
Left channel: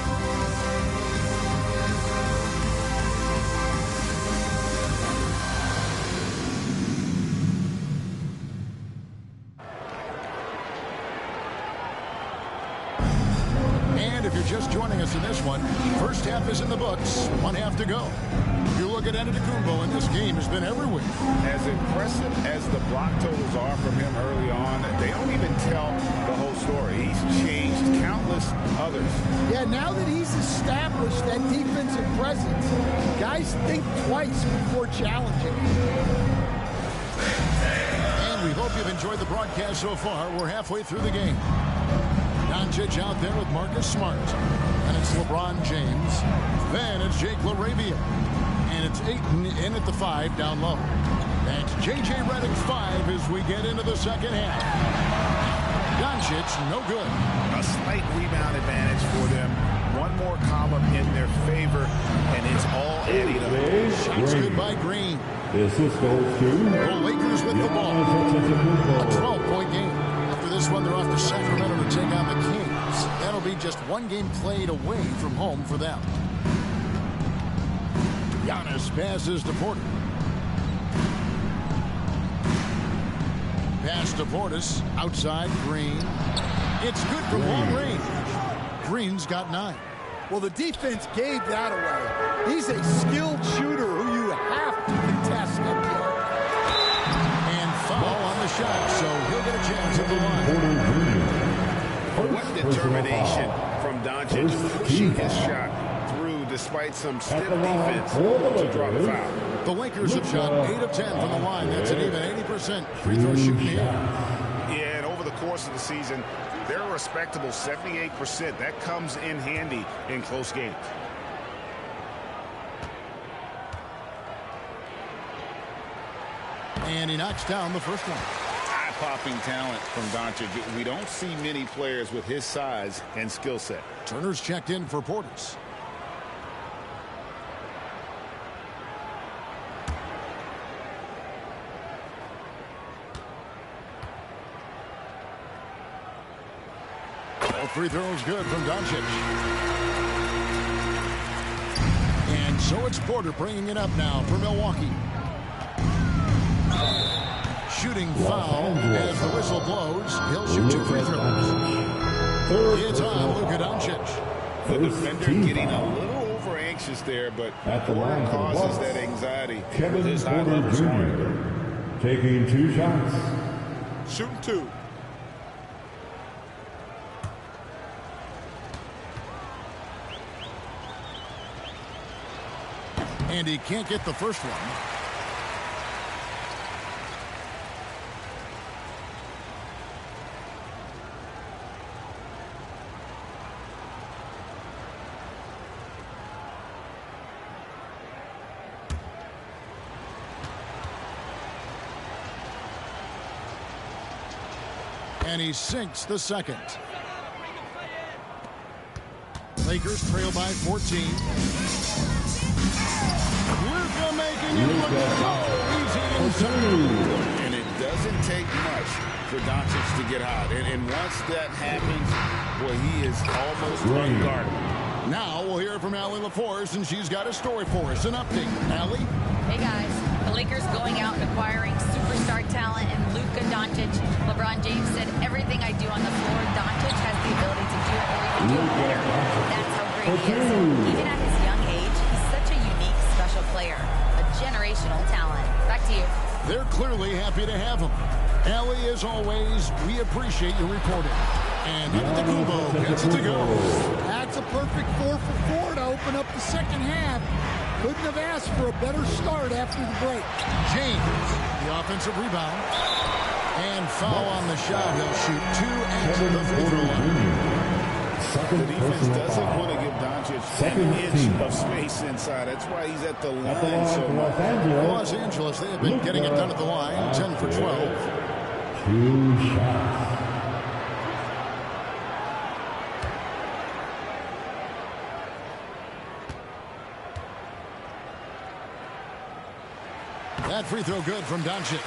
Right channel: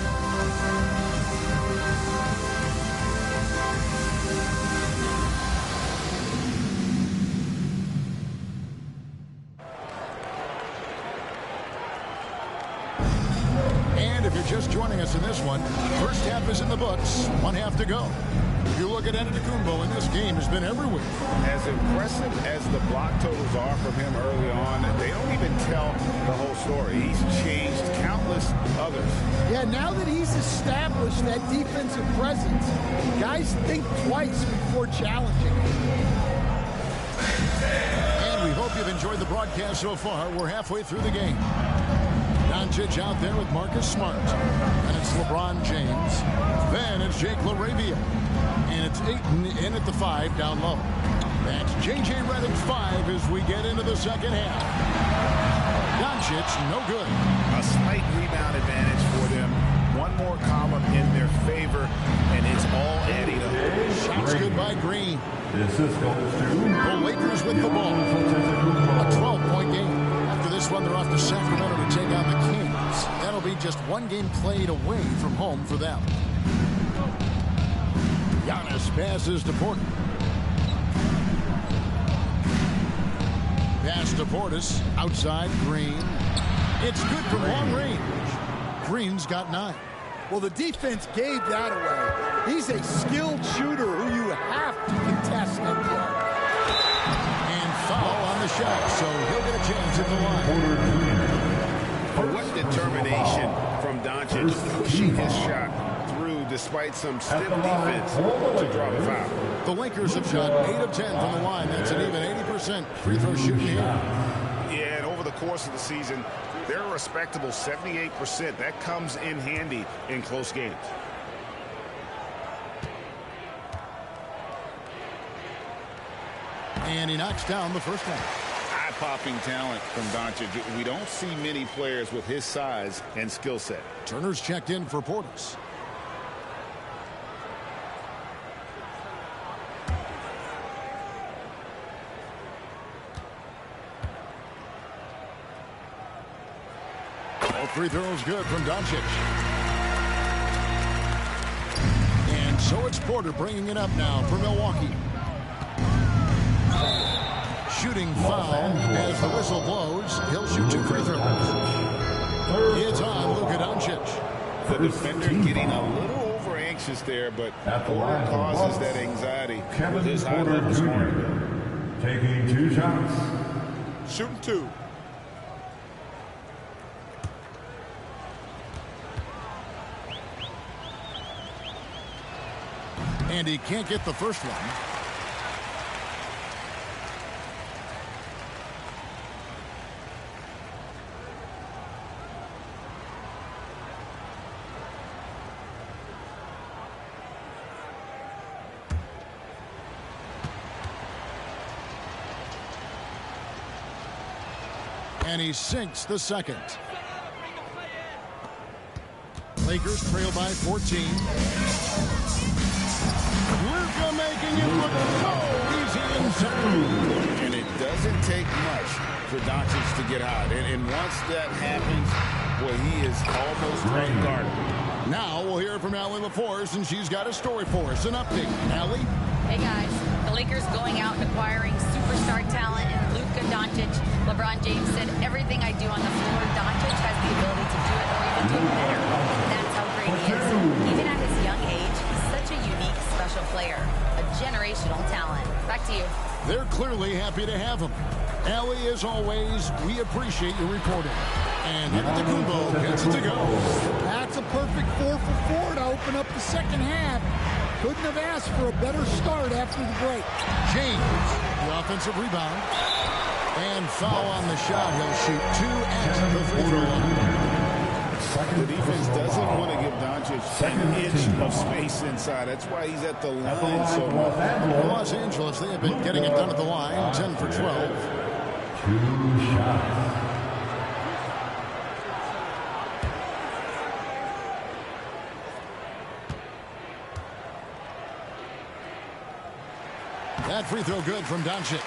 And if you're just joining us in this one, first half is in the books, 1 half to go. You look at Antetokounmpo, and this game has been everywhere. As impressive as the block totals are from him early on, they don't even tell the whole story. He's changed countless others. Yeah, now that he's established that defensive presence, guys think twice before challenging him. And we hope you've enjoyed the broadcast so far. We're halfway through the game. Doncic out there with Marcus Smart. And it's LeBron James. Then it's Jake LaRavia. And it's Ayton in at the 5 down low. That's J.J. Redick 5 as we get into the second half. Doncic, no good. A slight rebound advantage for them. One more column in their favor, and it's all adding up. Shots good by Green. This is goes to The Lakers with the ball. A 12-point game. After this one, they're off to Sacramento to take on the Kings. That'll be just one game played away from home for them. Giannis passes to Porter. Pass to Portis. Outside, Green. It's good from long range. Green's got 9. Well, the defense gave that away. He's a skilled shooter who you have to contest up there. And foul on the shot, so he'll get a chance at the line. What determination from Doncic, pushing his shot through despite some stiff defense to draw the foul. The Lakers have shot 8 of 10 from the line. That's an even 80% free throw shooting here. Yeah, and over the course of the season, they're a respectable 78%. That comes in handy in close games. And he knocks down the first one. Eye-popping talent from Doncic. We don't see many players with his size and skill set. Turner's checked in for Portis. Both free throws good from Doncic. And so it's Porter bringing it up now for Milwaukee. Shooting foul as the whistle blows. He'll shoot 2 free throws. It's on Luka Doncic. The defender getting a little over anxious there, but Porter causes that anxiety with his high-level scoring. Taking 2 shots. Shooting 2. And he can't get the first one. And he sinks the second. Lakers trail by 14. Luka making it look so easy inside. And it doesn't take much for Doncic to get hot. And once that happens, boy, he is almost unguardable. Now we'll hear from Allie LaForce, and she's got a story for us. An update. Allie? Hey, guys. The Lakers going out and acquiring superstar talent in Luka Doncic. LeBron James said, everything I do on the floor, Doncic has the ability to do it or even do it better. That's how great he is. Even at his young age, he's such a unique, special player. A generational talent. Back to you. They're clearly happy to have him. Allie, as always, we appreciate your reporting. And Antetokounmpo gets it to go. That's a perfect 4 for 4 to open up the second half. Couldn't have asked for a better start after the break. James, the offensive rebound. And foul on the shot. He'll shoot 2 at the free throw line. The defense doesn't want to give Doncic an inch of space inside. That's why he's at the line so much. Los Angeles, they have been getting it done at the line. 10 for 12. 2 shots. That free throw good from Doncic.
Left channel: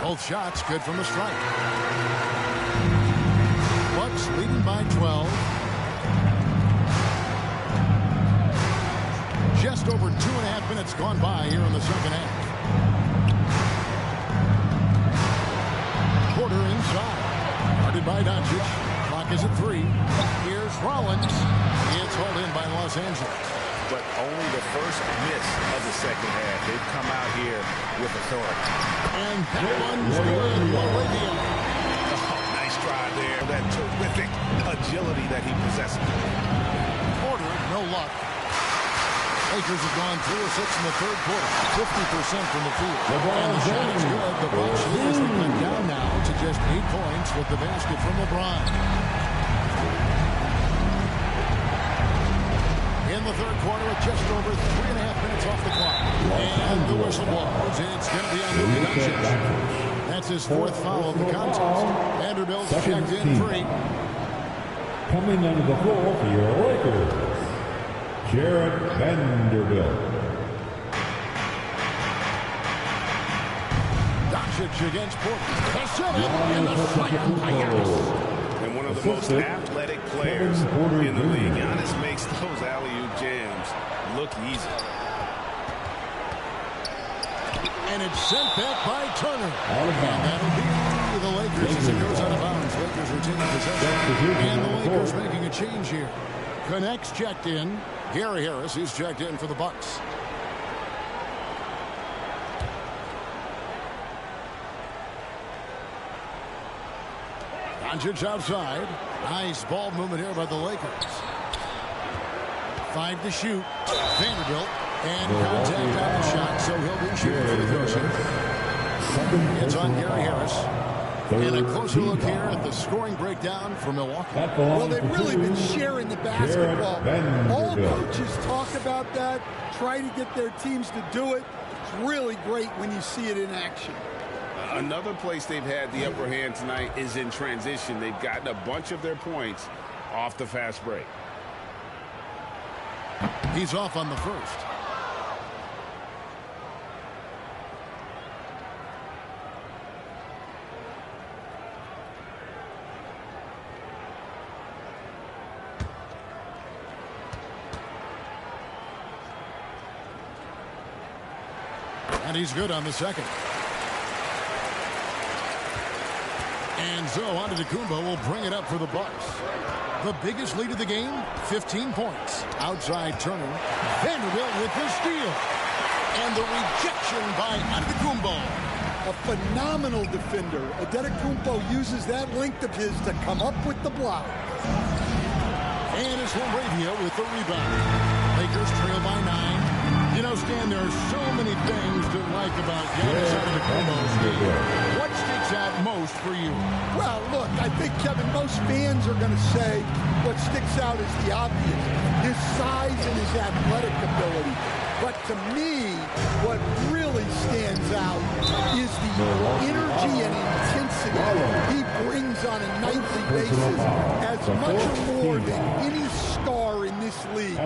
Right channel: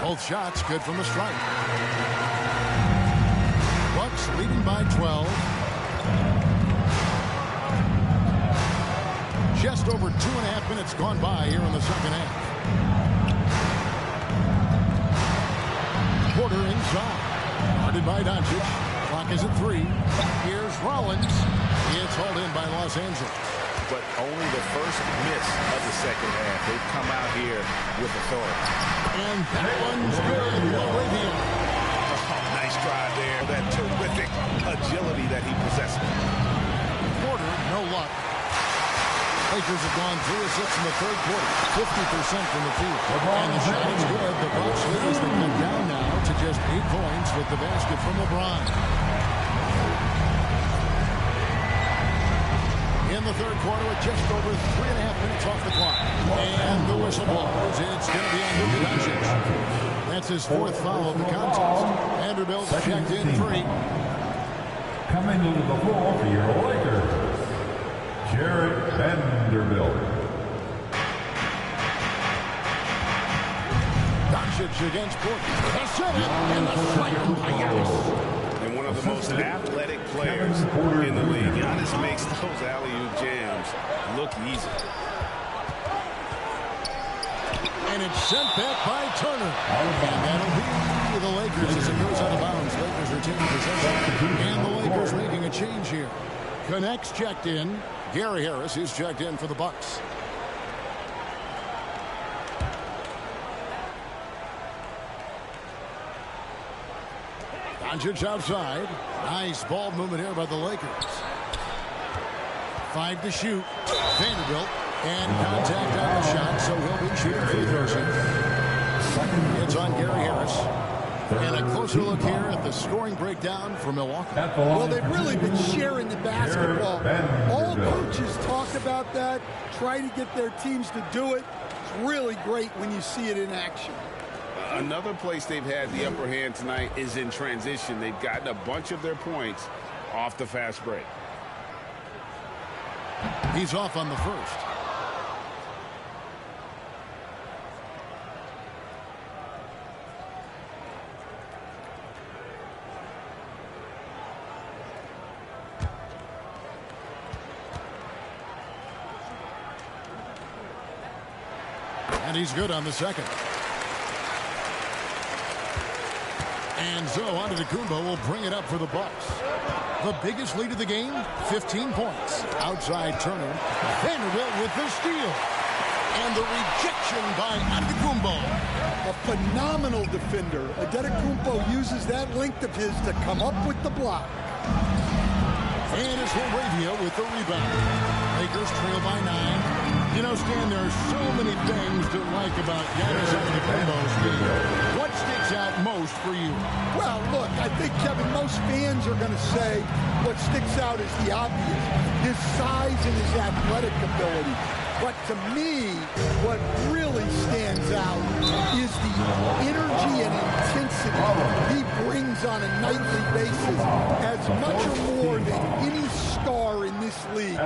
Both shots good from the stripe. Bucks leading by 12. Just over 2.5 minutes gone by here in the second half. Porter inside. Guarded by Doncic. Clock is at 3. Here's Rollins. It's hauled in by Los Angeles. But only the first miss of the second half. They've come out here with authority. And that one's good. Laravia. Oh, nice drive there. That terrific agility that he possesses. Porter, no luck. Lakers have gone 3 of 6 in the third quarter, 50% from the field. And the shot is good. The Bucks lead as they cut down now to just 8 points with the basket from LeBron. In the third quarter with just over 3.5 minutes off the clock. And the whistle blows. It's going to be on Luka Doncic. That's his 4th foul of the contest. Vanderbilt's checked in 3. Coming under the floor for your Lakers, Jarrett Vanderbilt. Doncic against Porter. The setup and the slam by Giannis. And one of the most athletic players in the league. Giannis makes those alley-oop jams look easy. And it's sent back by Turner. And that'll be the Lakers as it goes out of bounds. Lakers retaining possession. And the Lakers making a change here. Connects checked in. Gary Harris is checked in for the Bucks. Doncic outside. Nice ball movement here by the Lakers. 5 to shoot. Vanderbilt. And contact on the shot, so he'll be shooting free throws here. It's on Gary Harris. And a closer look here at the scoring breakdown for Milwaukee. Well, they've really been sharing the basketball. All coaches talk about that, try to get their teams to do it. It's really great when you see it in action. Another place they've had the upper hand tonight is in transition. They've gotten a bunch of their points off the fast break. He's off on the first. And he's good on the second. And so Antetokounmpo will bring it up for the Bucks. The biggest lead of the game, 15 points. Outside Turner. Vanderbilt with the steal. And the rejection by Antetokounmpo. A phenomenal defender. Antetokounmpo uses that length of his to come up with the block. And it's Laravia with the rebound. Lakers trail by 9. You know, Stan, there are so many things to like about Giannis Antetokounmpo's game. What sticks out most for you? Well, look, I think, Kevin, most fans are going to say what sticks out is the obvious. His size and his athletic ability. But to me, what really stands out is the energy and intensity he brings on a nightly basis. As much or more than any star in this league,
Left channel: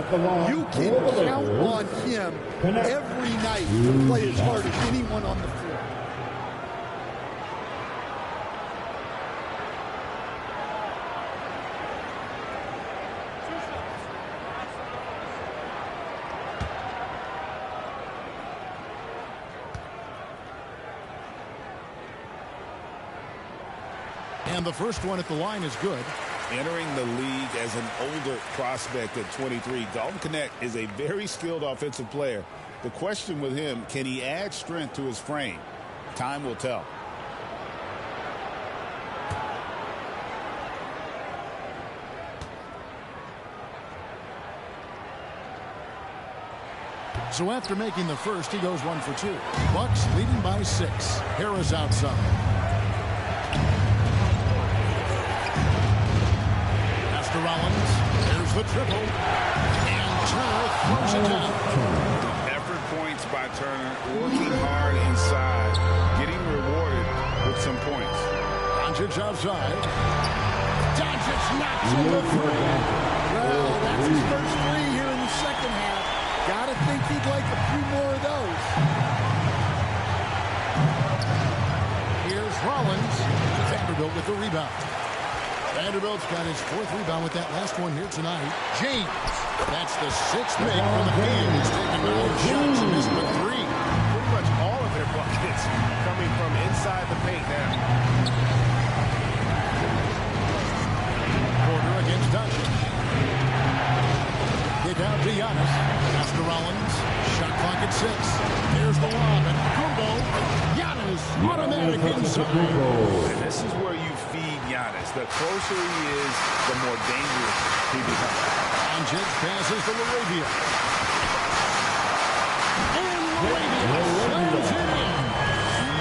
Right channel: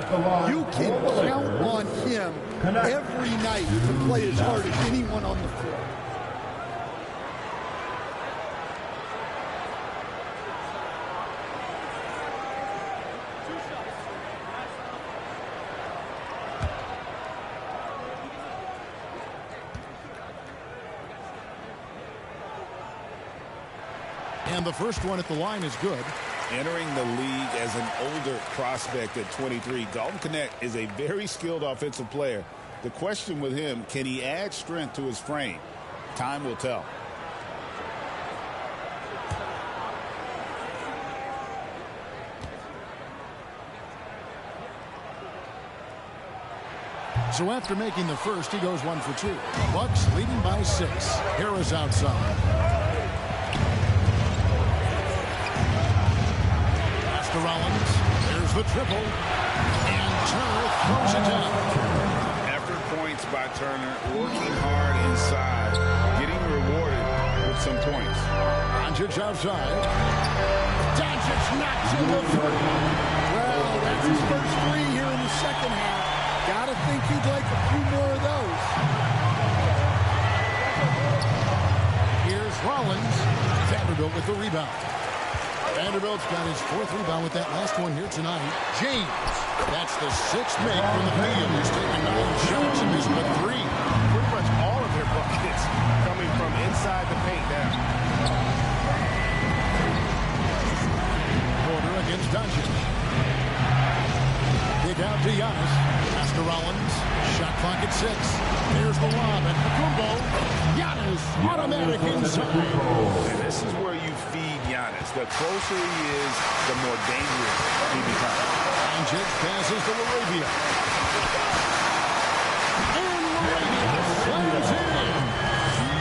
you can count on him every night to play as hard as anyone on the floor. And the first one at the line is good. Entering the league as an older prospect at 23, Dalton Knecht is a very skilled offensive player. The question with him, can he add strength to his frame? Time will tell. So after making the first, he goes 1 for 2. Bucks leading by 6. Harris outside. To Rollins. There's the triple. And Turner throws it down. Effort points by Turner, working hard inside, getting rewarded with some points. Doncic outside. Doncic knocks in the three. Well, that's his first three here in the second half. Gotta think he'd like a few more of those. Here's Rollins. Vanderbilt with the rebound. Vanderbilt's got his 4th rebound with that last one here tonight. James. That's the 6th make from the field. He's taken 9 shots and missed but 3. Pretty much all of their buckets coming from inside the paint now. Porter against Doncic. Kick out to Giannis. Pass to Rollins. Shot clock at 6. There's the lob at Kumbo. Giannis automatic inside. And this is where you feed Giannis. The closer he is, the more dangerous he becomes. Doncic passes to Laravia. And Laravia slams it in.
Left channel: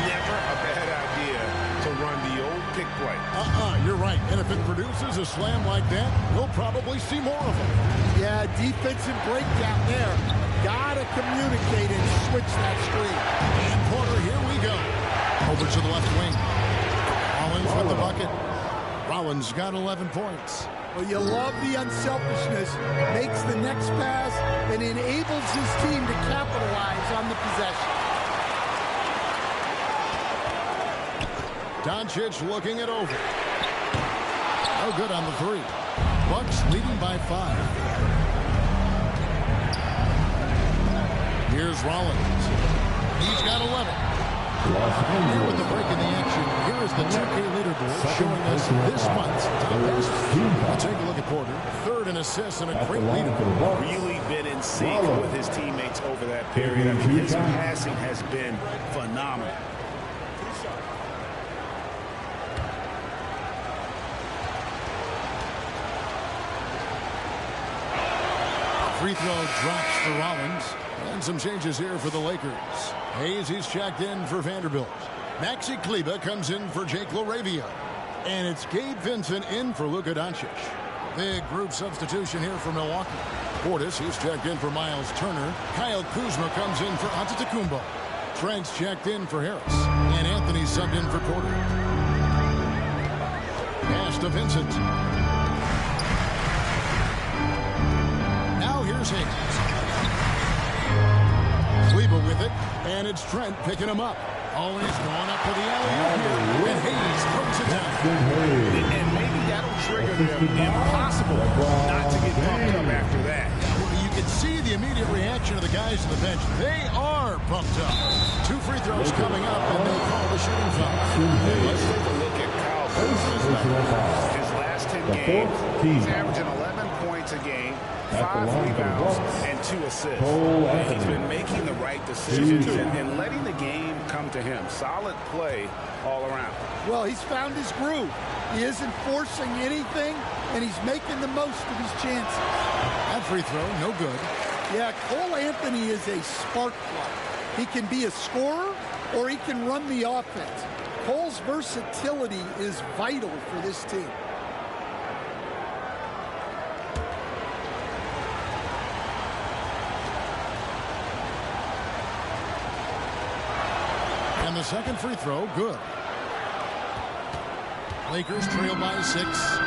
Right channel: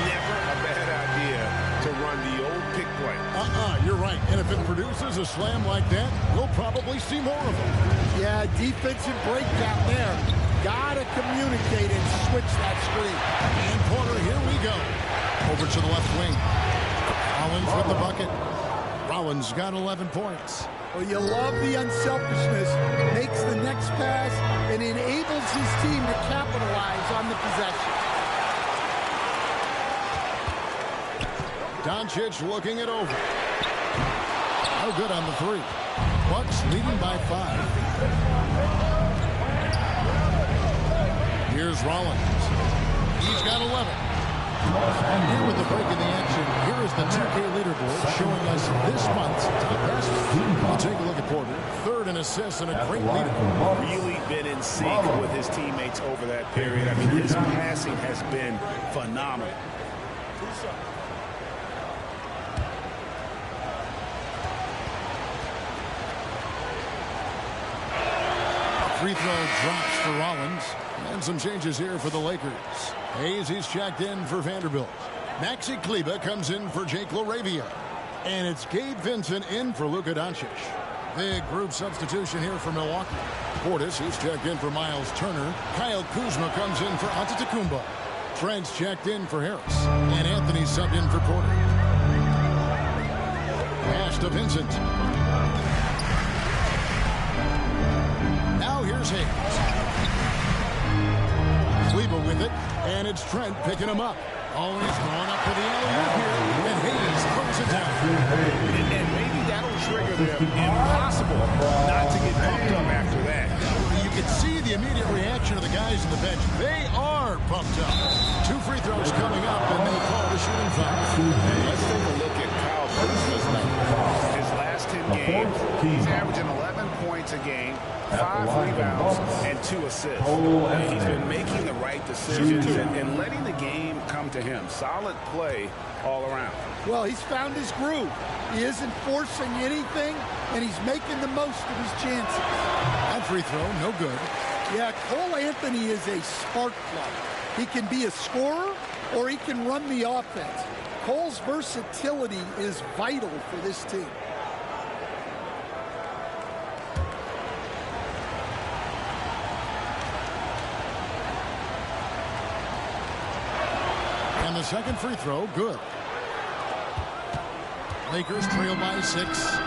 Never a bad idea to run the old pick play. You're right. And if it produces a slam like that, we'll probably see more of them. Yeah, defensive breakdown there. Gotta communicate and switch that screen. And Porter, here we go. Over to the left wing. Rollins with the bucket. Rollins got 11 points. Well, you love the unselfishness. Makes the next pass and enables his team to capitalize on the possession. Doncic looking it over. No good on the 3. Bucks leading by 5. Here's Rollins. He's got 11. And with the break in the action, here is the 2K leaderboard showing us this month's top passes. We'll take a look at Porter. 3rd in assists and a great leader. Really been in sync with his teammates over that period. I mean, his passing has been phenomenal. Free throw drops for Rollins. And some changes here for the Lakers. Hayes, he's checked in for Vanderbilt. Maxi Kleber comes in for Jake Laravia. And it's Gabe Vincent in for Luka Doncic. Big group substitution here for Milwaukee. Portis, he's checked in for Miles Turner. Kyle Kuzma comes in for Antetokounmpo. Trent's checked in for Harris. And Anthony's subbed in for Porter. Pass to Vincent. Now here's Hayes. Kleber with it. And it's Trent picking him up. Always going up for the alley-oop here, and Hayes throws it down. And maybe that'll trigger them. Impossible not to get pumped up after that. Yeah, well, you can see the immediate reaction of the guys on the bench. They are pumped up. 2 free throws coming up, and they call the shooting foul. And let's take a look at Kyle Kuzma's numbers. His last 10 games, he's averaging 11 points a game, 5 rebounds, and 2 assists. And he's been making the right decisions and letting the game come to him. Solid play all around. Well, he's found his groove. He isn't forcing anything, and he's making the most of his chances. That free throw, no good. Yeah, Cole Anthony is a spark plug. He can be a scorer, or he can run the offense. Cole's versatility is vital for this team. And the second free throw, good. Lakers trail by 6.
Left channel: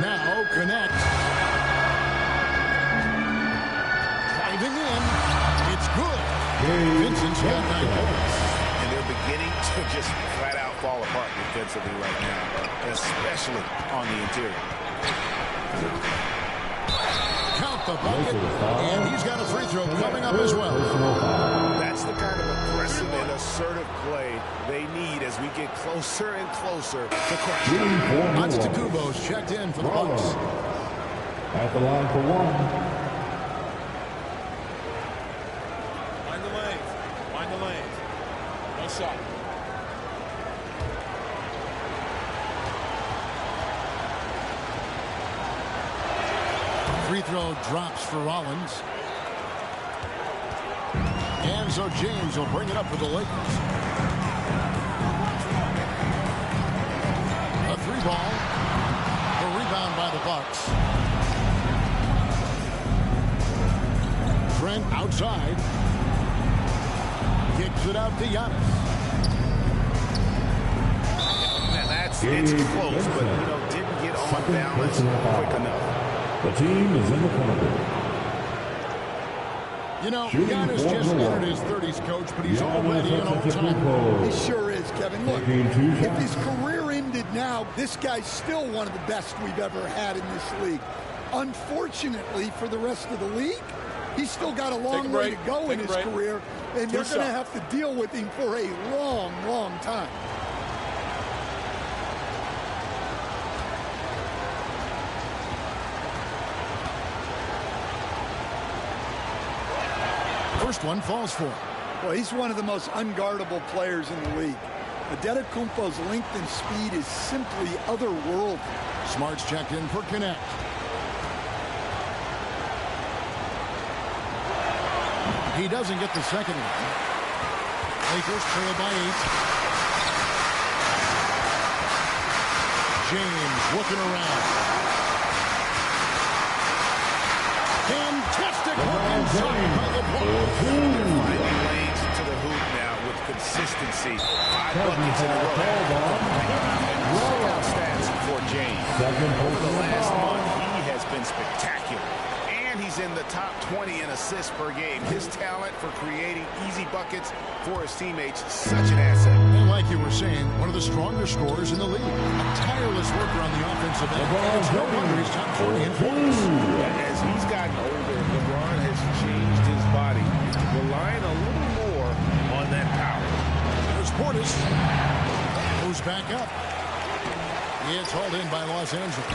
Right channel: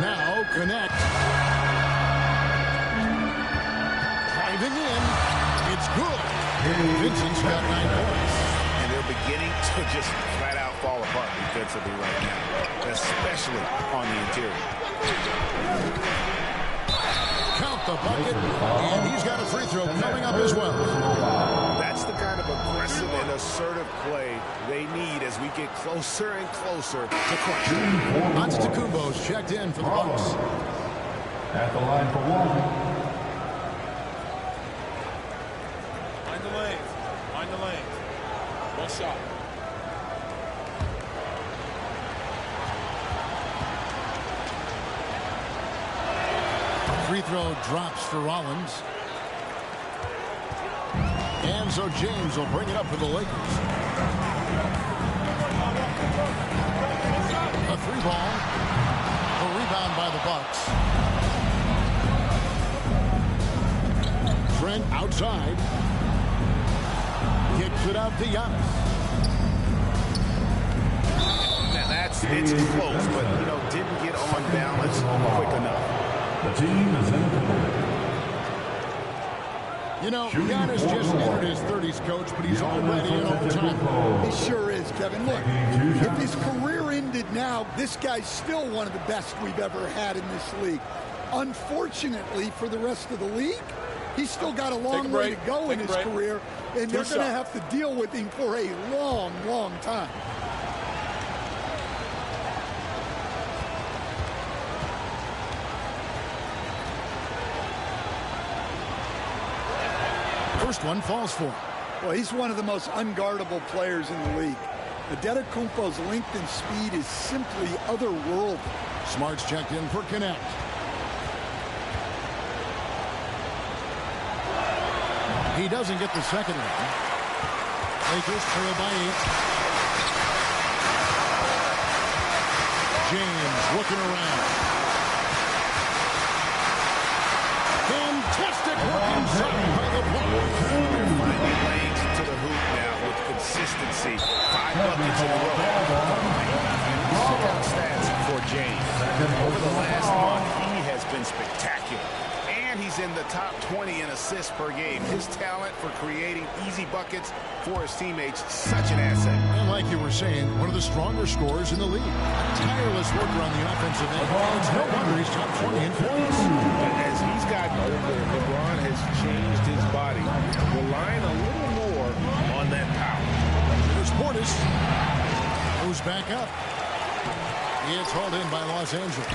Now connect. Driving in. It's good. Vincent's got 9 points. And they're beginning to just flat out fall apart defensively right now, especially on the interior. Count the bucket, and he's got a free throw coming up as well. That's the kind of aggressive and assertive play they need as we get closer and closer to crunch time. Antetokounmpo's checked in for the Bucks. At the line for 1. Mind the lanes. Mind the lanes. One shot. Free throw drops for Rollins. And so James will bring it up for the Lakers. A 3-ball. A rebound by the Bucks. Trent outside. Kicks it out to Giannis. It's close, but, didn't get on balance quick enough. The team is in the penalty. Giannis just entered his 30s, Coach, but he's already an all-time. He sure is, Kevin. Look, if his career ended now, this guy's still one of the best we've ever had in this league. Unfortunately for the rest of the league, he's still got a long way to go in his career, and they're going to have to deal with him for a long, long time. First one falls for him. Well, he's one of the most unguardable players in the league. Antetokounmpo's length and speed is simply otherworldly. Smart's checked in for connect. He doesn't get the second one. Lakers trail by 8. James looking around. Fantastic work inside by the Bucks. They're finding lanes to the hoop now with consistency. 5 buckets in a row. And check out stats for James. Over the last month, he has been spectacular. And he's in the top 20 in assists per game. His talent for creating easy buckets for his teammates, such an asset. And like you were saying, one of the stronger scorers in the league. A tireless worker on the offensive end. And it's no wonder he's top 20 in points. As he's gotten older, LeBron has changed his body, relying a little more on that power. There's Portis. Goes back up. It's hauled in by Los Angeles.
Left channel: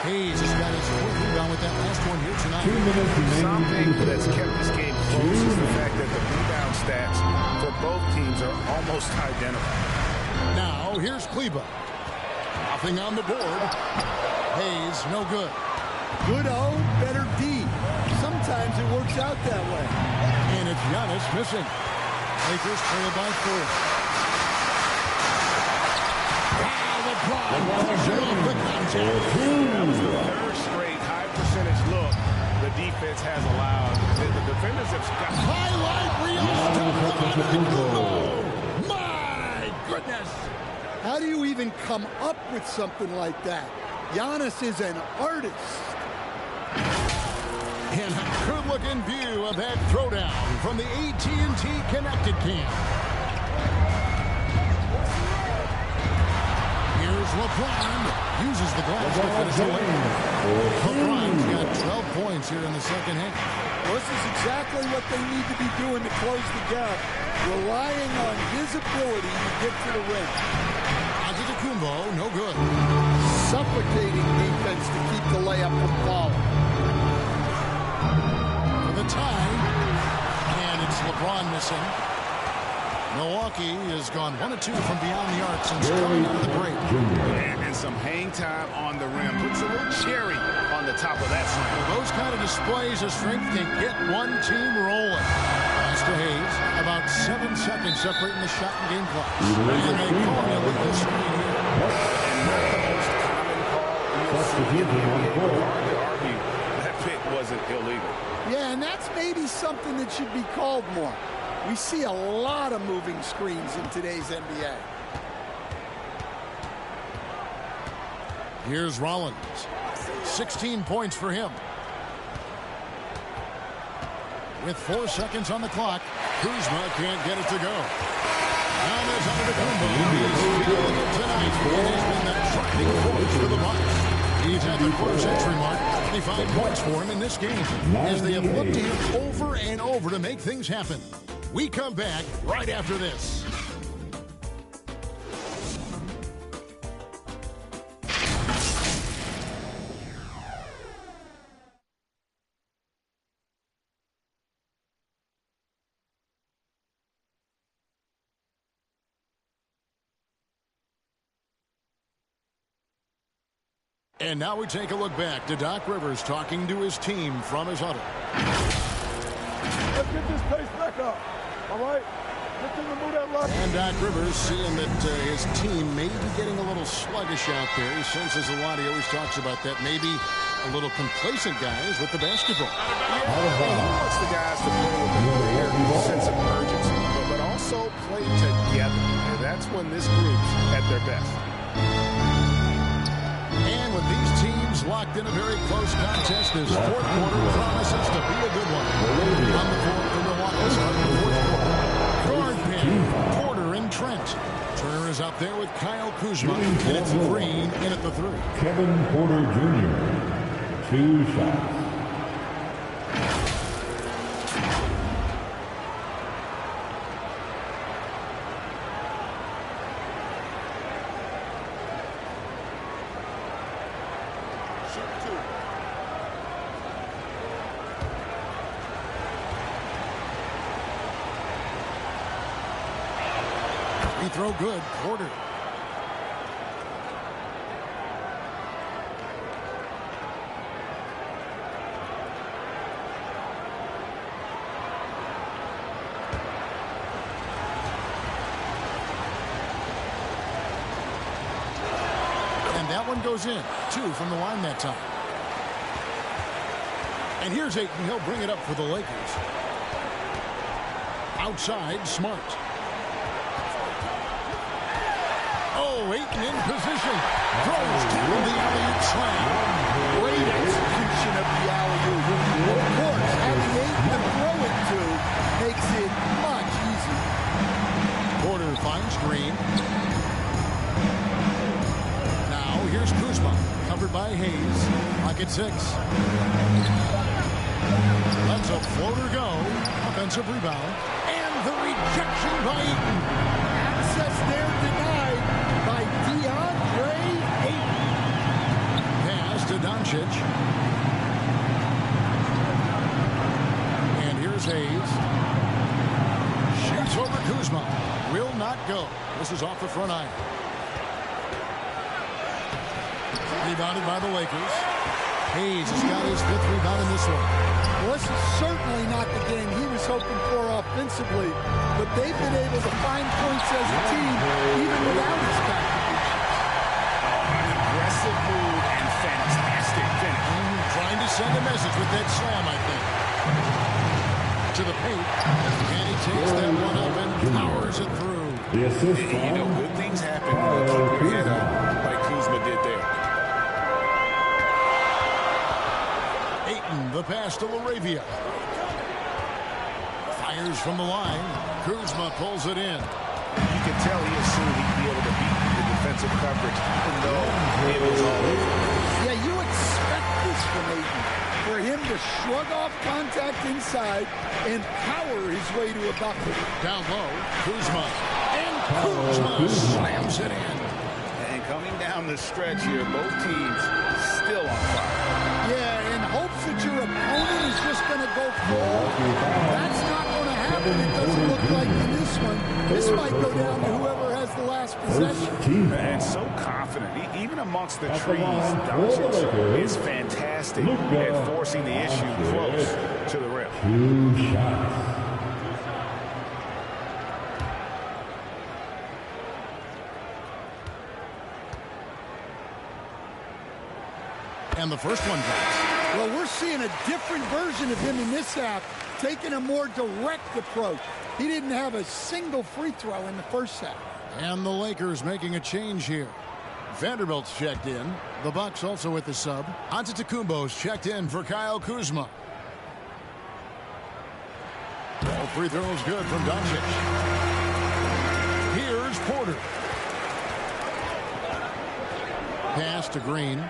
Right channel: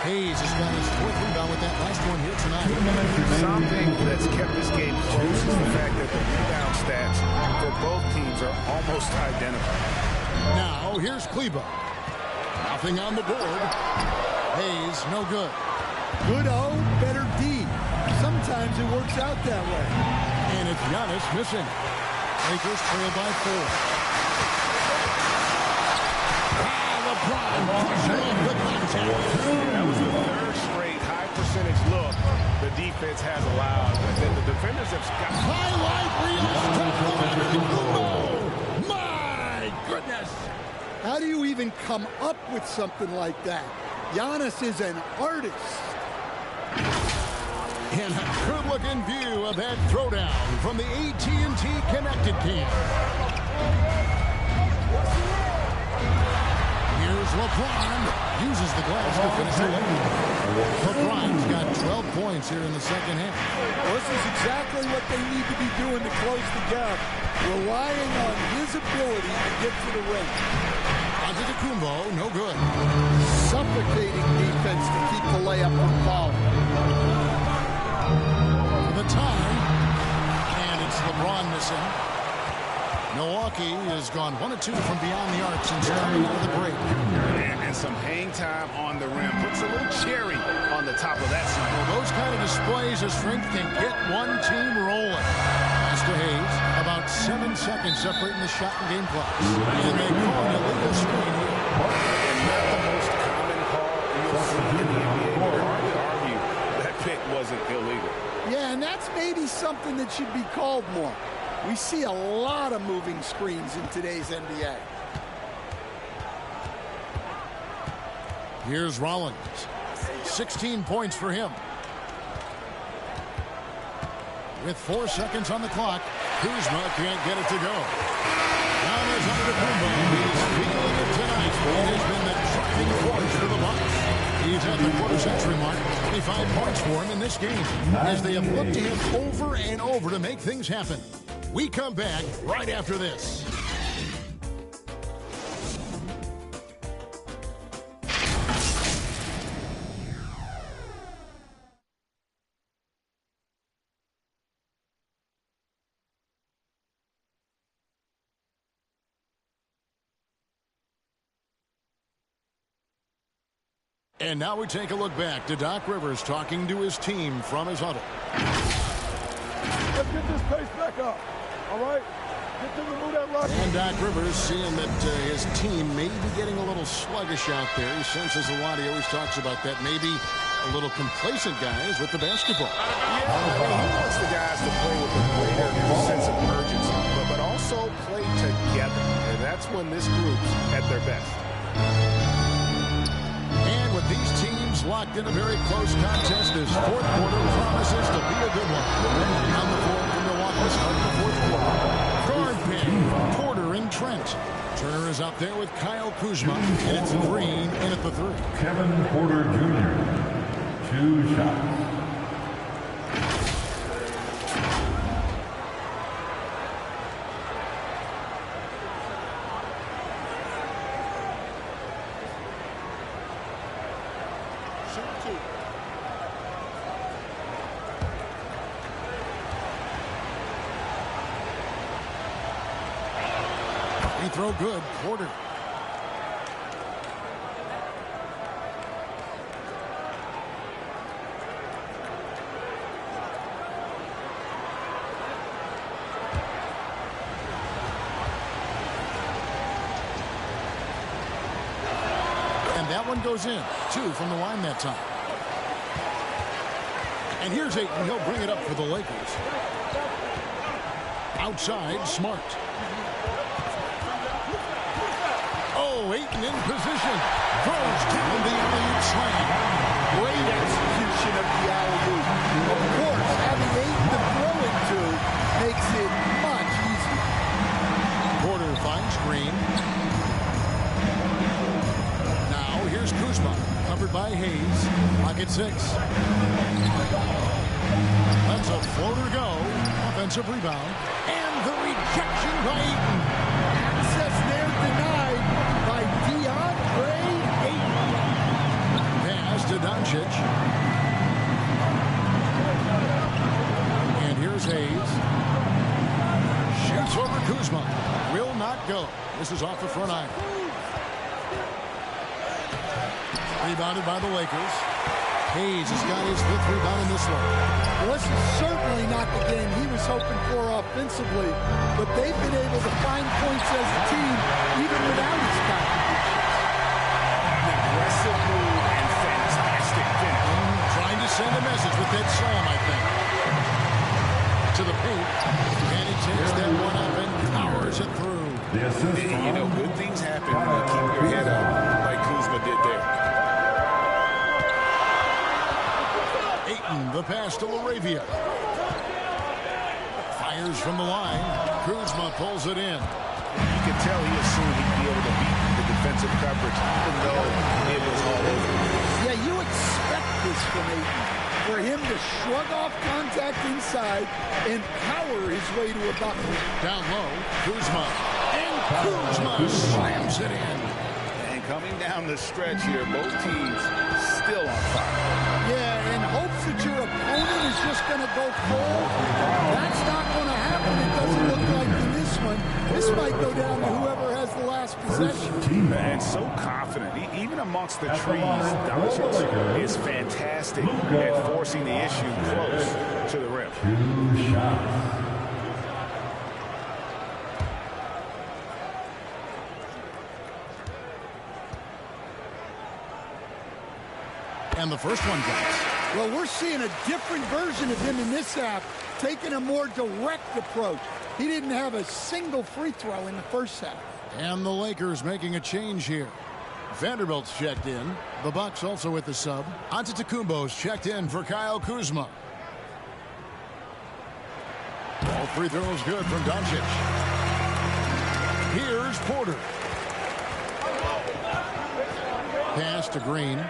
Hayes has got his 4th rebound with that last one here tonight. Something that's kept this game close is the fact that the rebound stats for both teams are almost identical. Now, here's Kleber. Nothing on the board. Hayes, no good. Good O, better D. Sometimes it works out that way. And it's Giannis missing. Lakers trail by 4. LeBron pushing off the contact. Yeah, that was the third straight high percentage look the defense has allowed. The defenders have got highlight reel step from Antetokounmpo. My goodness. How do you even come up with something like that? Giannis is an artist. And a good-looking view of that throwdown from the AT&T Connected Cam. Here's LeBron. Uses the glass to finish the lane. LeBron's got 12 points here in the second half. Well, this is exactly what they need to be doing to close the gap. Relying on his ability to get to the rim. Antetokounmpo, no good. Suffocating defense to keep the layup from falling. For the tie, and it's LeBron missing. Milwaukee has gone 1 of 2 from beyond the arc since coming out of the break. And some hang time on the rim. Puts a little cherry on the top of that slam. Well, those kind of displays of strength can get one team rolling. Pass to Hayes. About 7 seconds separating the shot and game clock. And they call an illegal screen here. And not the most common call you'll see in the NBA, but hard to argue that pick wasn't illegal. Yeah, and that's maybe something that should be called more. We see a lot of moving screens in today's NBA. Here's Rollins. 16 points for him. With 4 seconds on the clock, Kuzma can't get it to go. Now there's Antetokounmpo. He's feeling it tonight. It has been the driving force for the Bucks. He's at the quarter-century mark. 25 points for him in this game, as they have looked to him over and over to make things happen. We come back right after this. And now we take a look back to Doc Rivers talking to his team from his huddle. Let's get this pace back up. All right? Get to the move that rock. And Doc Rivers seeing that his team may be getting a little sluggish out there. He senses a lot. He always talks about that. Maybe a little complacent guys with the basketball. Yeah, he wants the guys to play with a greater sense of urgency, but also play together. And that's when this group's at their best. And with these teams locked in a very close contest, this fourth quarter promises to be a good one. On the floor for Milwaukee starting the fourth quarter. Guard pair, Porter and Trent. Turner is up there with Kyle Kuzma, and it's Green in at the 3. Kevin Porter Jr., 2 shots. Free throw good, Porter. And that one goes in. 2 from the line that time. And here's Ayton. He'll bring it up for the Lakers. Outside, Smart. Oh, Ayton in position. Throws down the alley-oop slam. Great execution of the alley-oop. Of course, having Ayton to throw it to makes it much easier. Porter finds Green. Now here's Kuzma, covered by Hayes. Pocket 6. Lets a floater go. Offensive rebound. And the rejection by Ayton. Access there denied by DeAndre Ayton. Pass to Doncic. And here's Hayes. Shoots over Kuzma. Will not go. This is off the front iron. Rebounded by the Lakers. Hayes has got his 5th rebound in this one. Well, this is certainly not the game he was hoping for offensively, but they've been able to find points as a team even without his contributions. aggressive move and fantastic finish. Trying to send a message with that slam, I think. To the paint, and he takes that one up and powers it through. You know, good things happen when you keep your head up like Kuzma did there. Ayton, the pass to Laravia. Fires from the line. Kuzma pulls it in. You could tell he assumed he'd be able to beat the defensive coverage, even though it was all over. Yeah, you expect this from Ayton. For him to shrug off contact inside and power his way to a bucket. Down low, Kuzma. And Kuzma slams it in. And coming down the stretch here, both teams still on fire. Yeah, in hopes that your opponent is just going to go full. That's not going to happen. It doesn't look like in this one. This might go down to whoever has the last possession. And so confident. Even amongst the trees, Doncic is fantastic at forcing the issue close to the rim. 2 shots. And the first one drops. Well, we're seeing a different version of him in this half, taking a more direct approach. He didn't have a single free throw in the first half. And the Lakers making a change here. Vanderbilt's checked in. The Bucks also with the sub. Antetokounmpo's checked in for Kyle Kuzma. All free throws good from Doncic. Here's Porter. Pass to Green.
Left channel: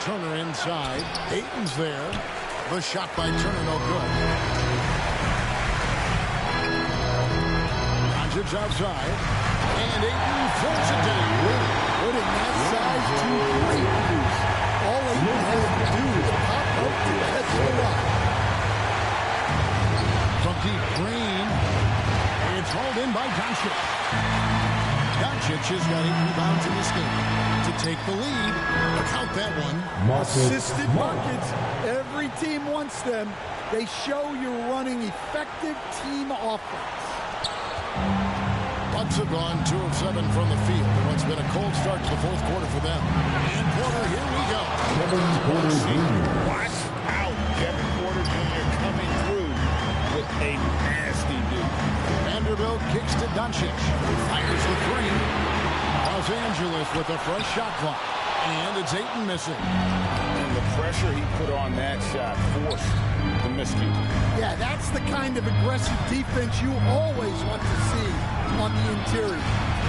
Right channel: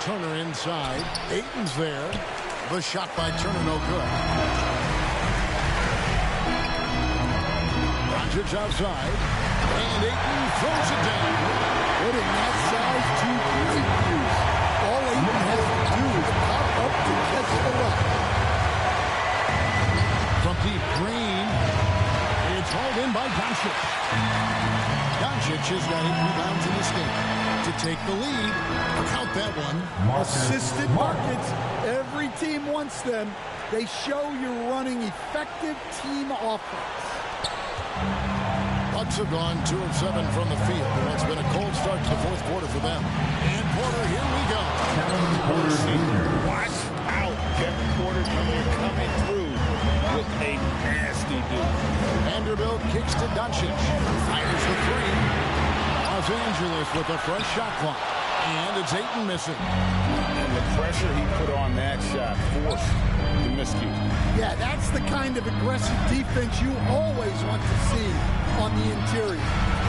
Turner inside. Ayton's there. The shot by Turner no good. Doncic outside. And Ayton throws it down. Putting that size to great use. All Ayton has to do is pop up to catch the rock. From deep, Green. It's hauled in by Doncic. Doncic has got 8 rebounds in this game to take the lead. Count that one. Assisted buckets. Every team wants them. They show you're running effective team offense. Bucks have gone 2 of 7 from the field in what's been a cold start to the fourth quarter for them. And Porter, here we go. Kevin Porter Jr. Watch out. Kevin Porter Jr. coming through with a nasty dude. Vanderbilt kicks to Doncic. Fires the 3. Los Angeles with a fresh shot clock. And it's Ayton missing. And the pressure he put on that shot forced the miscue. Yeah, that's the kind of aggressive defense you always want to see on the interior.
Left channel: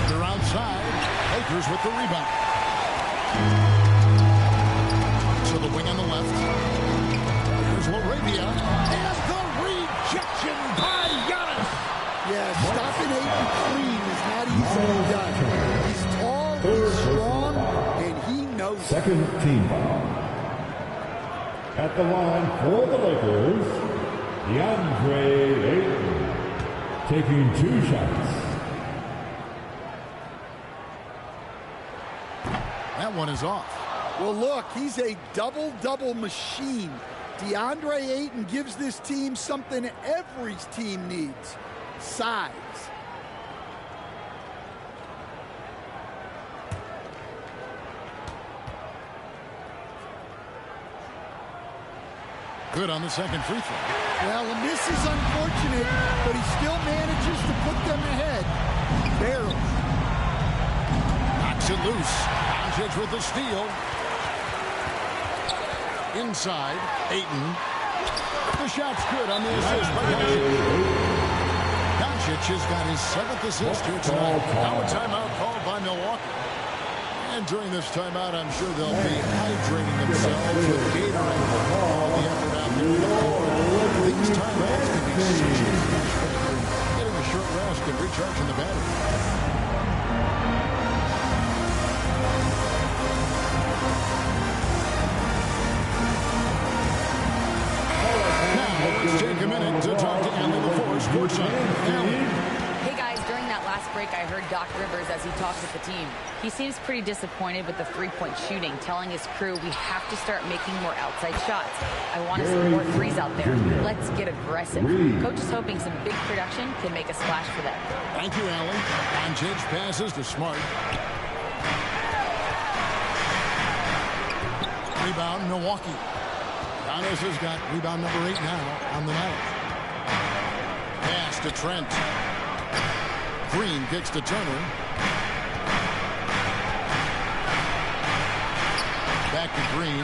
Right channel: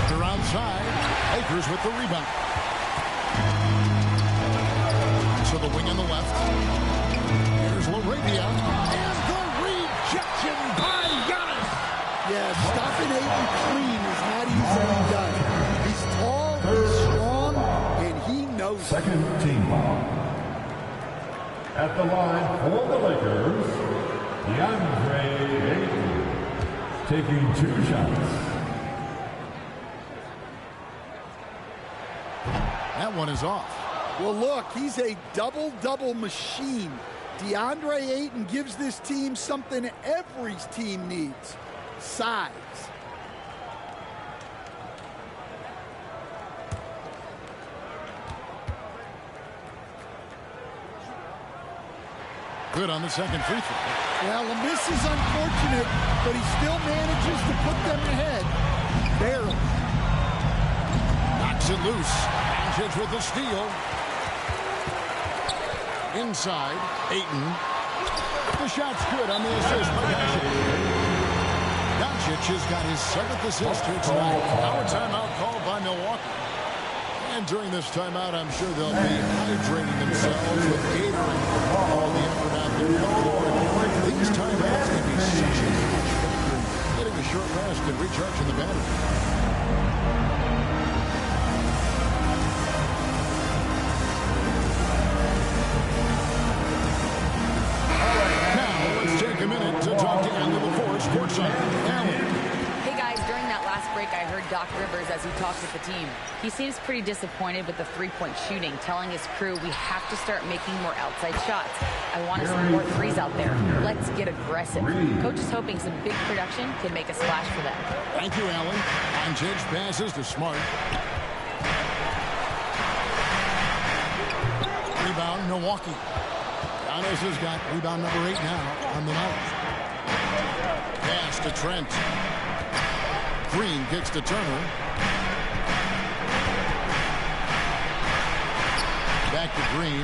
They're outside. Lakers with the rebound. To the wing on the left. Here's Laravia. And the rejection by Giannis. Yeah, stopping Ayton clean is not easily done. He's tall, he's strong, and he knows it. Second team foul. At the line for the Lakers, DeAndre Ayton taking 2 shots. That one is off. Well, look, he's a double-double machine. DeAndre Ayton gives this team something every team needs. Size. Good on the second free throw. Well, a miss is unfortunate, but he still manages to put them ahead. Barely. Knocks it loose. Doncic with the steal. Inside, Ayton. The shot's good on the assist by Doncic. Doncic has got his 7th assist here tonight. Now a timeout called by Milwaukee. And during this timeout, I'm sure they'll be hydrating themselves with Gatorade. All the effort out there in the court. These timeouts can be such a huge factor in getting a short rest and recharging the battery. Now, let's take a minute to talk to Allie LaForce, courtside. Allie. Hey, guys, during that that last break, I heard Doc Rivers as he talked with the team. He seems pretty disappointed with the three-point shooting, telling his crew, we have to start making more outside shots. I want to see more threes out there. Let's get aggressive. Coach is hoping some big production can make a splash for them. Thank you, Allie. Doncic passes to Smart. Rebound, Milwaukee. Giannis has got rebound number 8 now on the night. Pass to Trent. Green kicks to Turner. Back to Green.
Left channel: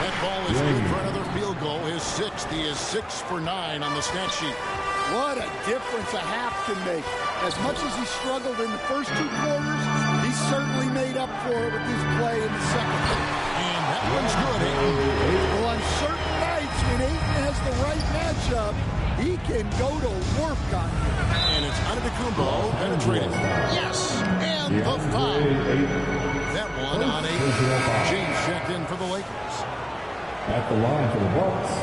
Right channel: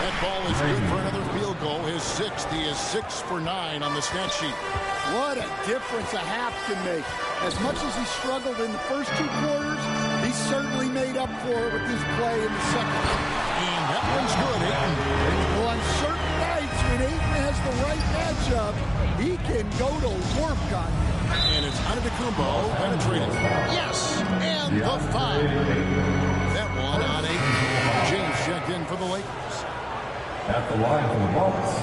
That ball is good for another field goal. His 6th. He is 6 for 9 on the stat sheet. What a difference a half can make. As much as he struggled in the first 2 quarters, he certainly made up for it with his play in the second. And that one's good, Ayton. Well, on certain nights when Ayton has the right matchup, he can go to work on you. And it's Antetokounmpo penetrating. Yes, and the foul. That one on 8. James checked in for the Lakers. At the line for the Bucks,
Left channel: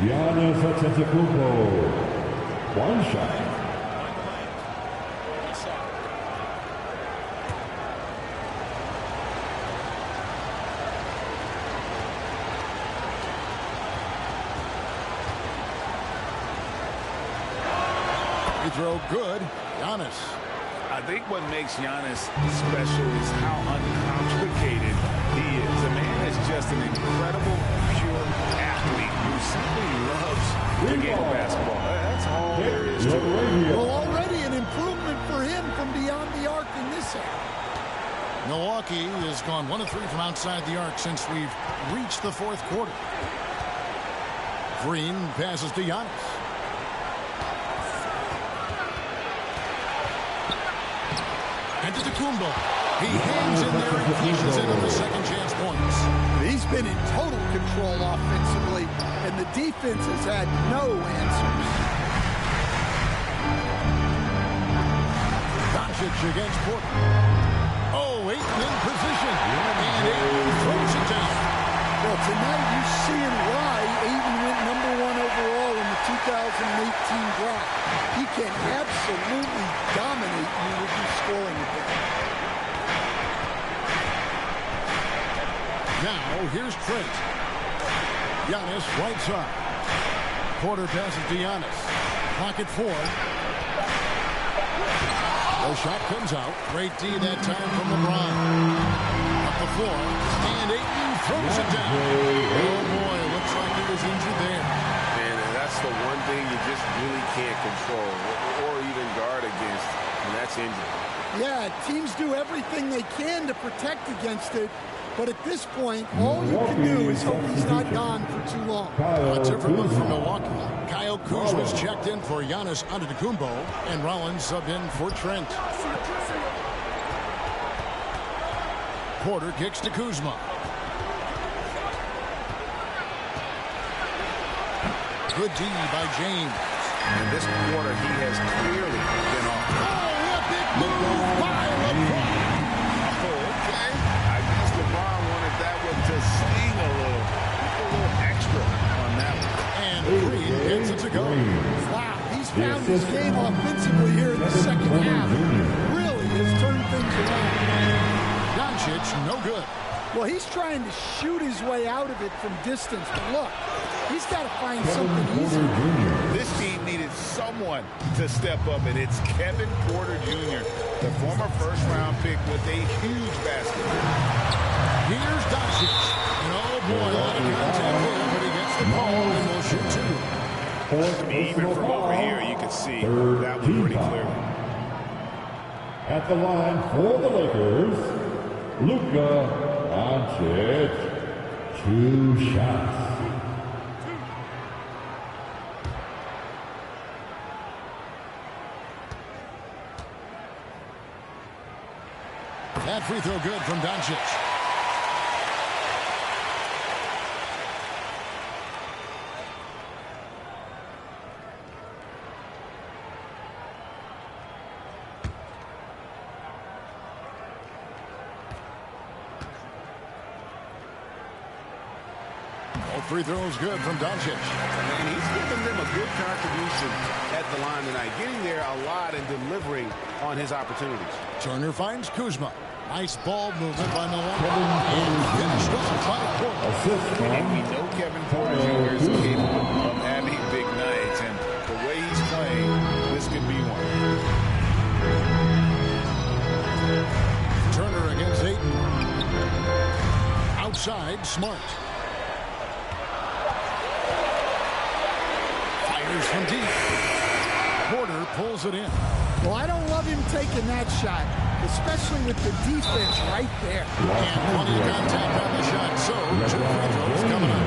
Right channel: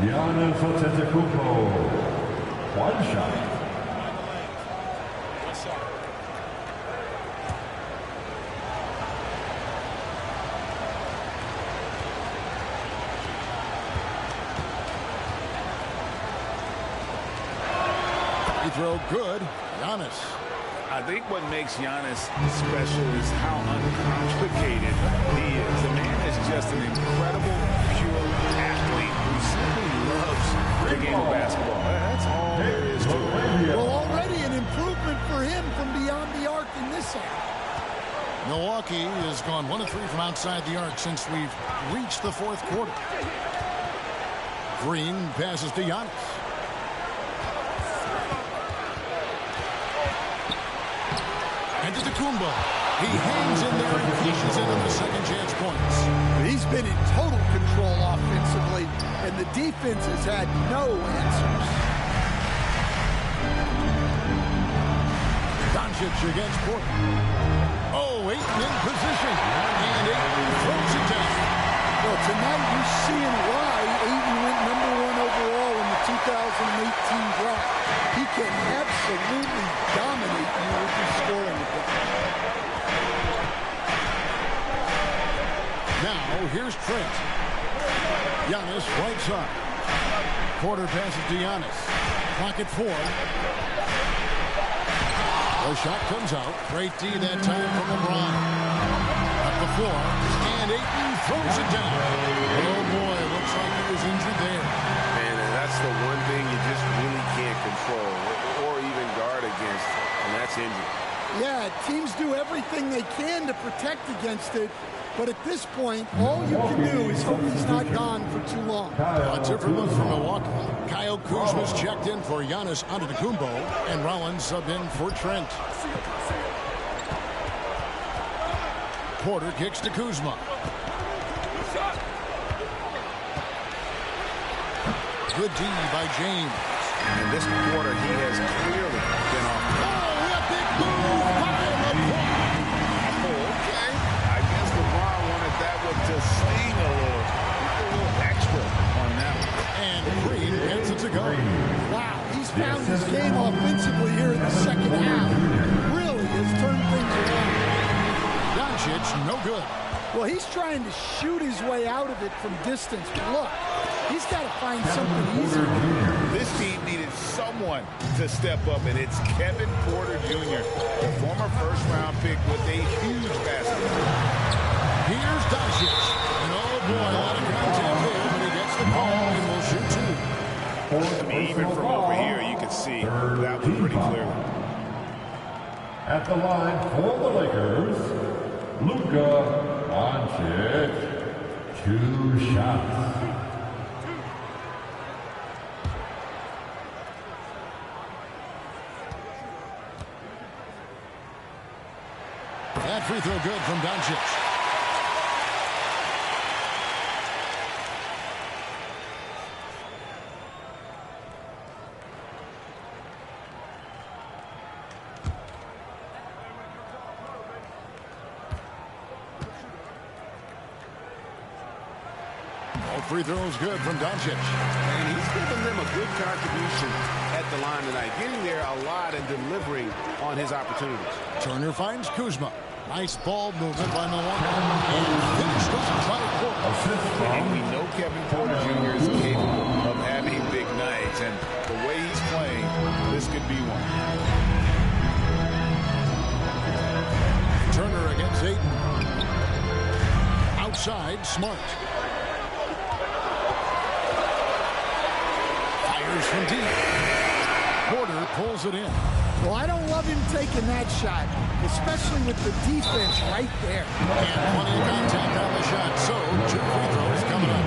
Giannis Antetokounmpo. One shot. Mind the lanes. One shot. Free throw good. Giannis. I think what makes Giannis special is how uncomplicated he is. The man is just an incredible, pure athlete who simply loves the game of basketball. That's all there is to it. Well, already an improvement for him from beyond the arc in this half. Milwaukee has gone 1 of 3 from outside the arc since we've reached the 4th quarter. Green passes to Giannis. Antetokounmpo. He hangs in there and cashes in on the second chance points. He's been in total control offensively, and the defense has had no answers. Doncic against Porter. Oh, Ayton in position. And Ayton throws it down. Well, tonight you're seeing why Ayton went #1 overall in the 2018 draft. He can absolutely dominate you with his scoring ability. Now, here's Trent. Giannis, right side. Porter passes to Giannis. Clock at 4. The shot comes out. Great D that time from LeBron. Up the floor. And Ayton throws it down. Oh, boy. Looks like he was injured there. And that's the one thing you just really can't control or even guard against, and that's injury. Yeah, teams do everything they can to protect against it. But at this point, all you can do is hope he's not gone for too long. A different look from Milwaukee. Kyle Kuzma's checked in for Giannis Antetokounmpo, and Rollins subbed in for Trent. Porter kicks to Kuzma. Good D by James. In this quarter, he has clearly been off. Oh, a big move by LeBron. Oh, okay. I guess LeBron wanted that one to sting a little. A little extra on that one. And Green gets it to go. Wow, he's found his game offensively here in the second half. Really has turned things around. Doncic, no good. Well, he's trying to shoot his way out of it from distance. But look, he's got to find something easier. This team needed someone to step up, and it's Kevin Porter Jr., the former first-round pick with a huge basket. Here's Doncic. And oh boy, a lot of contact there, but he gets the call and will shoot 2. I mean, even from over here, you could see that one pretty clearly. At the line for the Lakers, Luka Doncic. 2 shots. That free throw good from Doncic. All free throws good from Doncic. And he's given them him a good contribution at the line tonight, getting there a lot and delivering on his opportunities. Turner finds Kuzma. Nice ball movement by Milwaukee. And finished off by Porter. And we know Kevin Porter Jr. is capable of having big nights, and the way he's playing, this could be one. Turner against Ayton. Outside, Smart. Fires from deep. Porter pulls it in. Well, I don't love him taking that shot, especially with the defense right there. And plenty of contact on the shot, so 2 free throws coming up.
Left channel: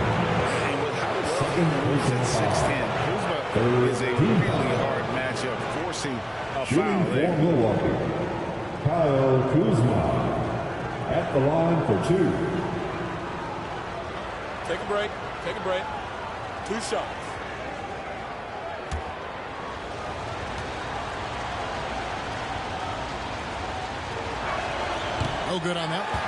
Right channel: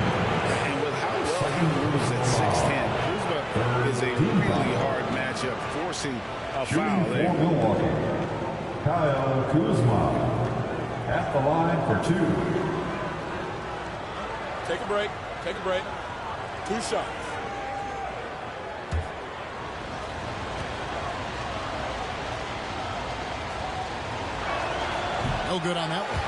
And with how well he moves at 6'10", Kuzma is a really hard matchup, forcing a foul there. Milwaukee, Kyle Kuzma at the line for 2. Take a break. Take a break. 2 shots. No good on that one.